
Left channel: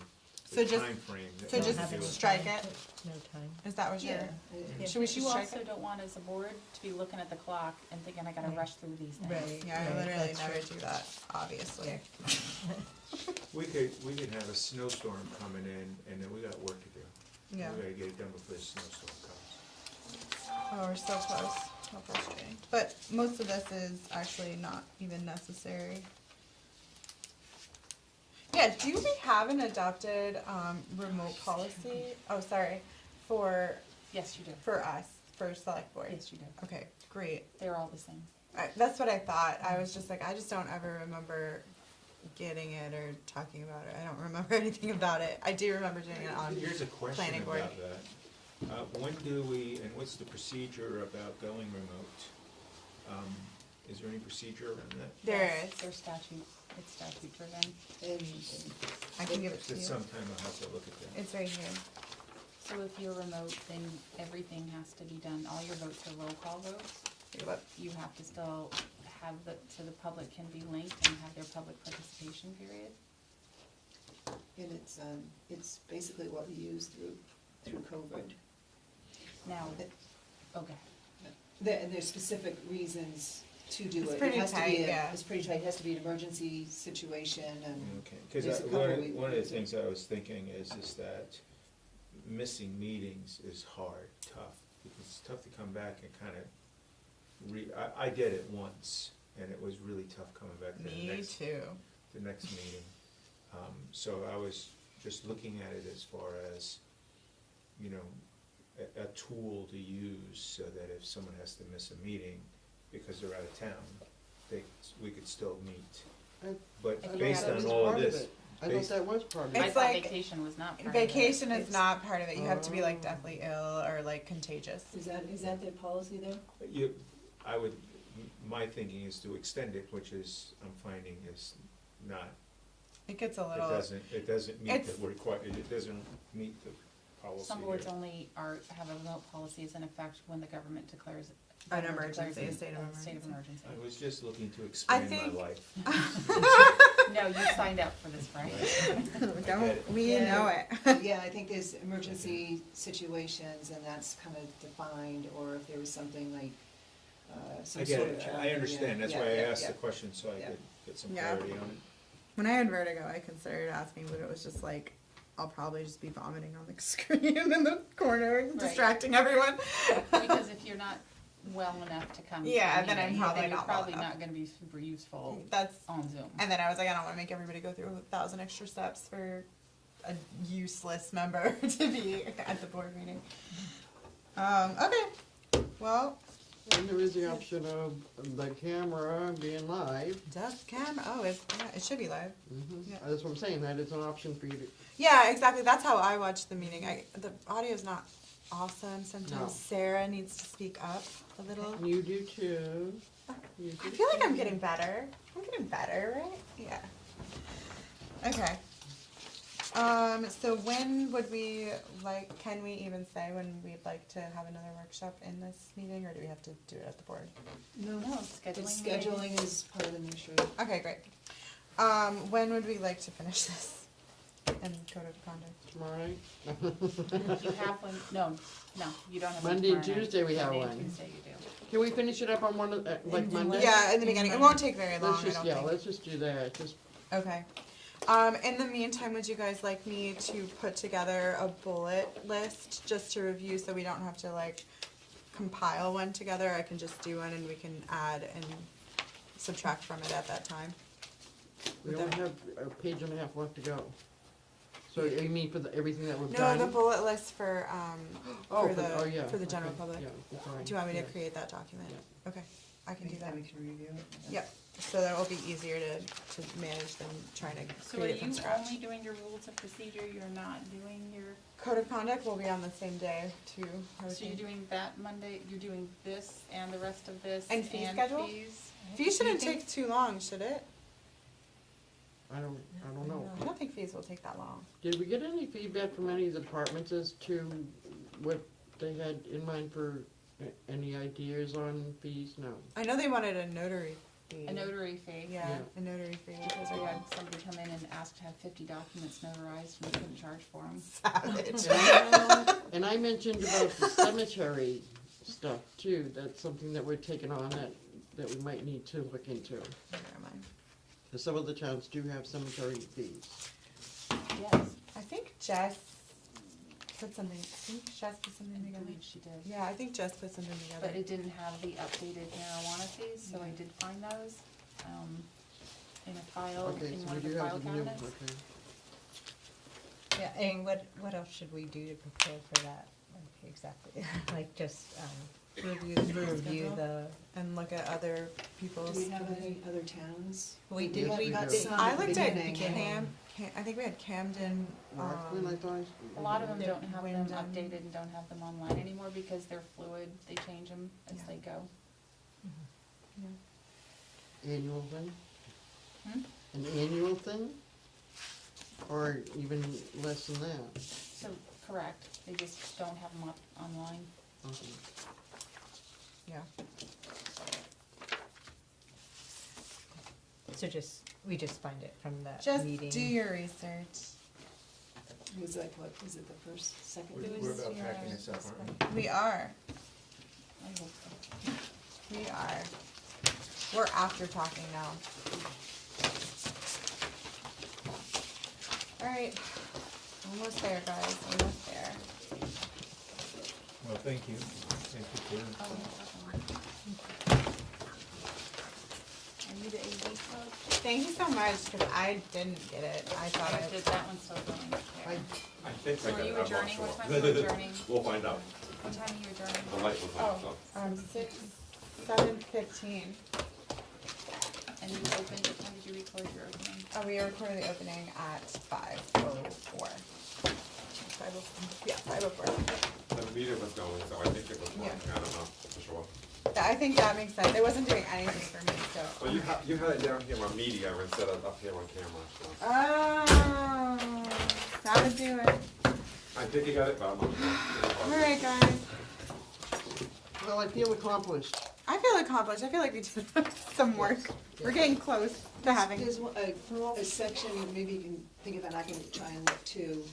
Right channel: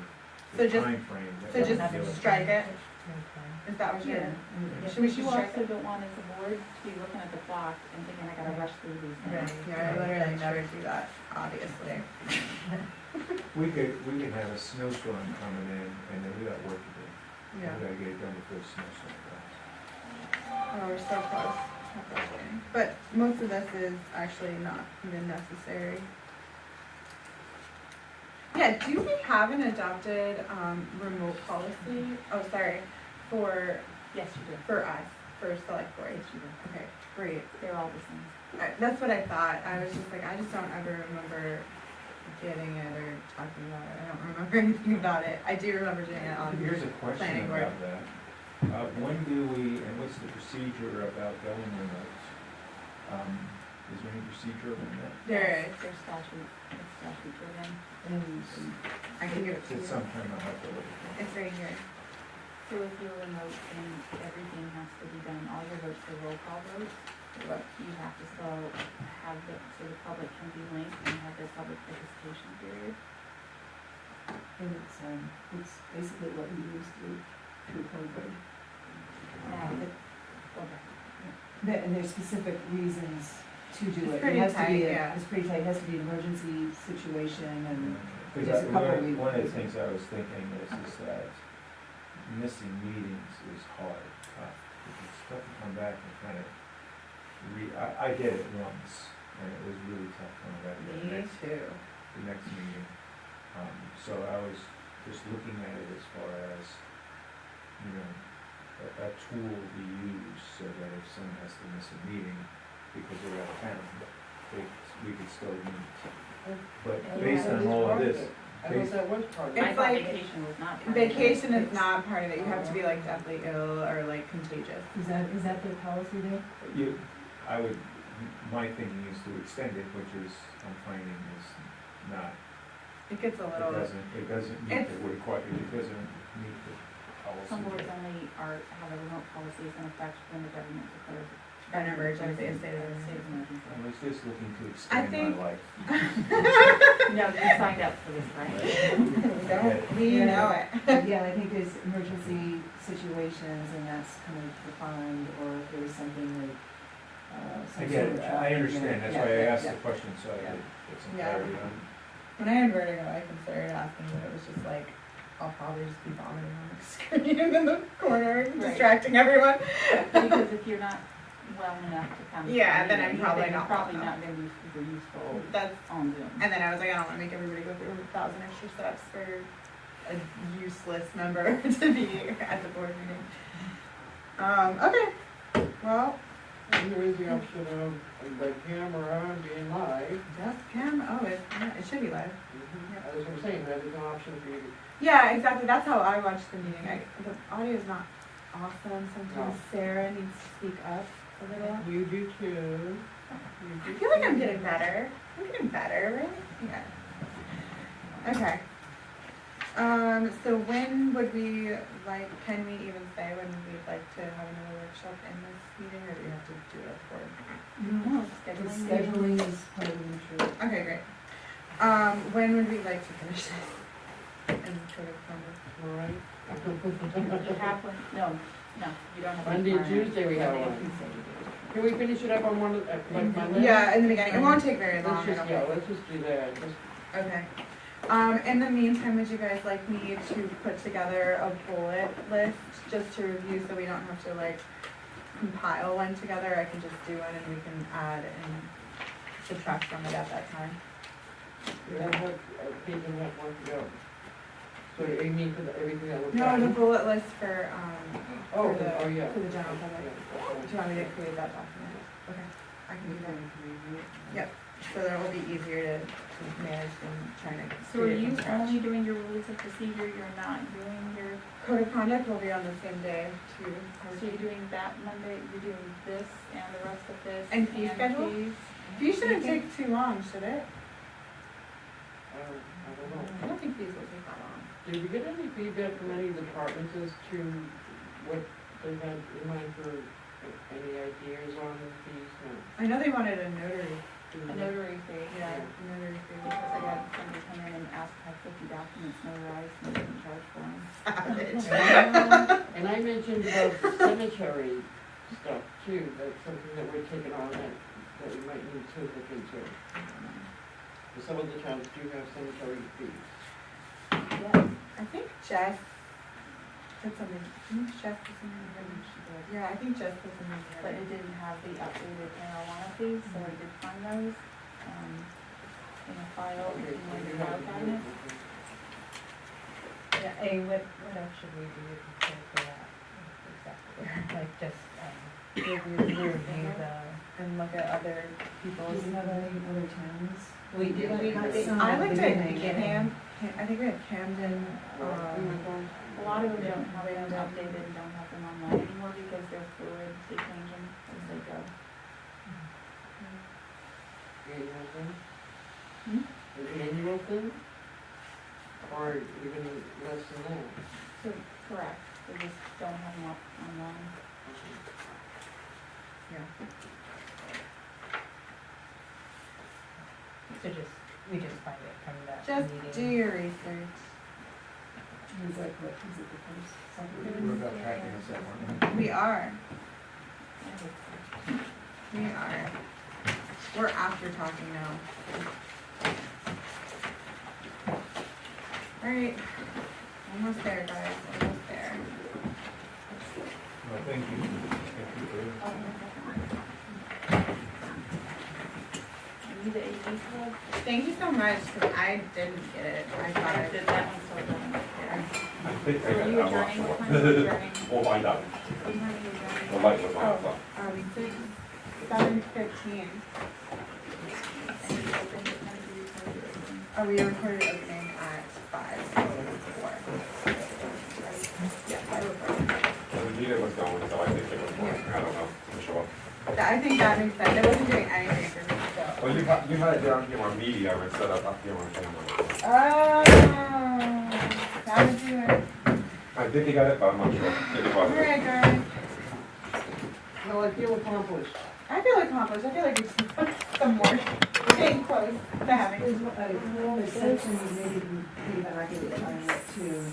So the just- timeframe. that so we're just doing. strike it? No time. Is that what you're? yeah. Should we You strike also it? don't want as a board to be looking at the clock and thinking I gotta rush through these things. Right, yeah, I literally never do that, obviously. We could have a snowstorm coming in, and then we got work to do. Yeah, We gotta get it done before the snowstorm comes. oh, we're so close. But most of this is actually not even necessary. Yeah, do we have an adopted, remote policy? Oh, sorry, for, Yes, you do. for us, for select board? Yes, you do. Okay, great. They're all the same. That's what I thought. I was just like, I just don't ever remember getting it or talking about it. I don't remember anything about it. I do remember doing it on your Here's a question planning board. about that. When do we, and what's the procedure about going remote? Is there any procedure on that? There is. There's statutes, it's statute driven. And I can give it to It's you. sometime I'll have to look at that. It's right here. So if you're remote and everything has to be done, all your votes are roll call votes, What? you have to still have the, so the public can be linked and have their public participation period. it's basically what we use through COVID. Now, That- okay. There's specific reasons to do It's it. pretty It has to be, tight, yeah. it's pretty tight, it has to be an emergency situation and, Because There's a couple we- one of the things I was thinking is that missing meetings is hard, tough. It's tough to come back and kind of I did it once, and it was really tough coming back to too. the next meeting. So I was just looking at it as far as, you know, a tool to use so that if someone has to miss a meeting because they're out of town, we could still meet. But based that on was all part of of this, it. I thought that was part of it. I It's thought like- vacation was not part of it. Vacation is not part of it. You have to be like deathly ill or like contagious. is that their policy there? my thinking is to extend it, which is, I'm finding is not, It gets a little, it doesn't meet It's- the requirement, it doesn't meet the policy. Some boards only have a remote policies in effect when the government declares an emergency, a state of a state emergency. of emergency. I was just looking to I expand think- my life. No, you signed up for this, right? Don't we Yeah. know it? Yeah, I think there's emergency situations and that's kind of defined, or if there was something like, some sort Again, of. I understand, that's why I asked the Yeah. question, so I could get some Yeah. clarity on. When I had vertigo, I considered asking, but it was just like, I'll probably just be vomiting on the screen in the corner, distracting everyone. Because if you're not well enough to come. to Yeah, the then I'm meeting, probably then not you're probably well not gonna be super useful That's, on Zoom. and then I was like, I don't wanna make everybody go through 1,000 extra steps for a useless member to be at the board meeting. Okay, well, And there is the option of, by camera, being live. does cam, oh, it should be live. That's what I'm saying, that is an option for you. Yeah, exactly, that's how I watch the meeting. The audio is not awesome, sometimes No. Sarah needs to speak up a little. You do too. I feel like I'm getting better. I'm getting better, right? Yeah. Okay. So when would we, like, can we even say when we'd like to have another workshop in this meeting, or do we have to do it at the board? No, the scheduling. scheduling is part of the insurance. Okay, great. When would we like to finish this? And code of conduct? Alright. You have one, no, you don't have one. Monday, tomorrow night. Tuesday we have Monday, one. Tuesday you do. Can we finish it up on one, like Monday? Yeah, in the beginning, it won't take very long, Let's I just, don't yeah, think. let's just do that, just, Okay. In the meantime, would you guys like me to put together a bullet list just to review so we don't have to like compile one together? I can just do one and we can add and subtract from it at that time. we don't have, a page and a half left to go. So you need for everything that was No, done? the bullet list for Oh, the, oh, yeah. for the general public. Yeah, Do you want me to create that document? Okay, I can do that. Yep, so that will be easier to manage than trying to So are create it you from scratch. only doing your rules of procedure, you're not doing your, Code of conduct will be on the same day too. so you're doing that Monday, you're doing this and the rest of this? And fee schedule? fees? Fees shouldn't take too long, should it? I don't know. I don't think fees will take that long. Did we get any feedback from any of the departments as to what they had in mind for any ideas on fees? No. I know they wanted a notary fee. A notary fee. Yeah, a notary fee. Because we had somebody come in and ask to have 50 documents notarized, we didn't charge for them. Savage. And I mentioned about the cemetery stuff too, that's something that we're taking on that we might need to look into. Because some of the towns do have cemetery fees. Yes, I think Jess said something, didn't Jess put something I together? believe she did. Yeah, I think Jess put something But together. it didn't have the updated marijuana fees, so I did find those, in a file, Okay, in so my we do file have to cabinets. Yeah, and what else should we do to prepare for that? Exactly, like just, review the, And look at other Do people's. we have any other towns? We do. We got They- some. I looked at beginning. I think we had Camden, We went on. A lot of them don't have them updated, don't have them online anymore because they're fluid, they change them as they go. Annual thing? Hmm? An annual thing? Or even less than that? So, correct, they just don't have them up online. Okay. yeah. so we just find it from that Just meeting. do your research. Is that correct? Is it the first, second? We're about tracking us somewhere. We are, I hope so. we are. We're after talking now. Alright, almost there, guys, almost there. Well, thank you. Thank you for Are you the AV club? Thank you so much, 'cause I didn't get it, I I thought did that one, so done. yeah. I think So are you adjourning, what time are you adjourning? We'll find out. What time are you adjourning? The light was on, so. 7:15. And you open, what time do you close your opening? We recorded the opening at 5:04. Yeah, 5:04. The meeting was going, so I think it was fine. I don't know, for sure. Yeah, I think that makes sense, it wasn't doing anything for me, so. Well, you had it down here on media instead of up here on camera. Oh, that would do it. I think you got it, but I'm not sure. Maybe it wasn't. Alright, guys, Well, I feel accomplished. I feel accomplished, I feel like we did some work, we're getting close to having. There's a section, maybe you can think about, I could try and look too,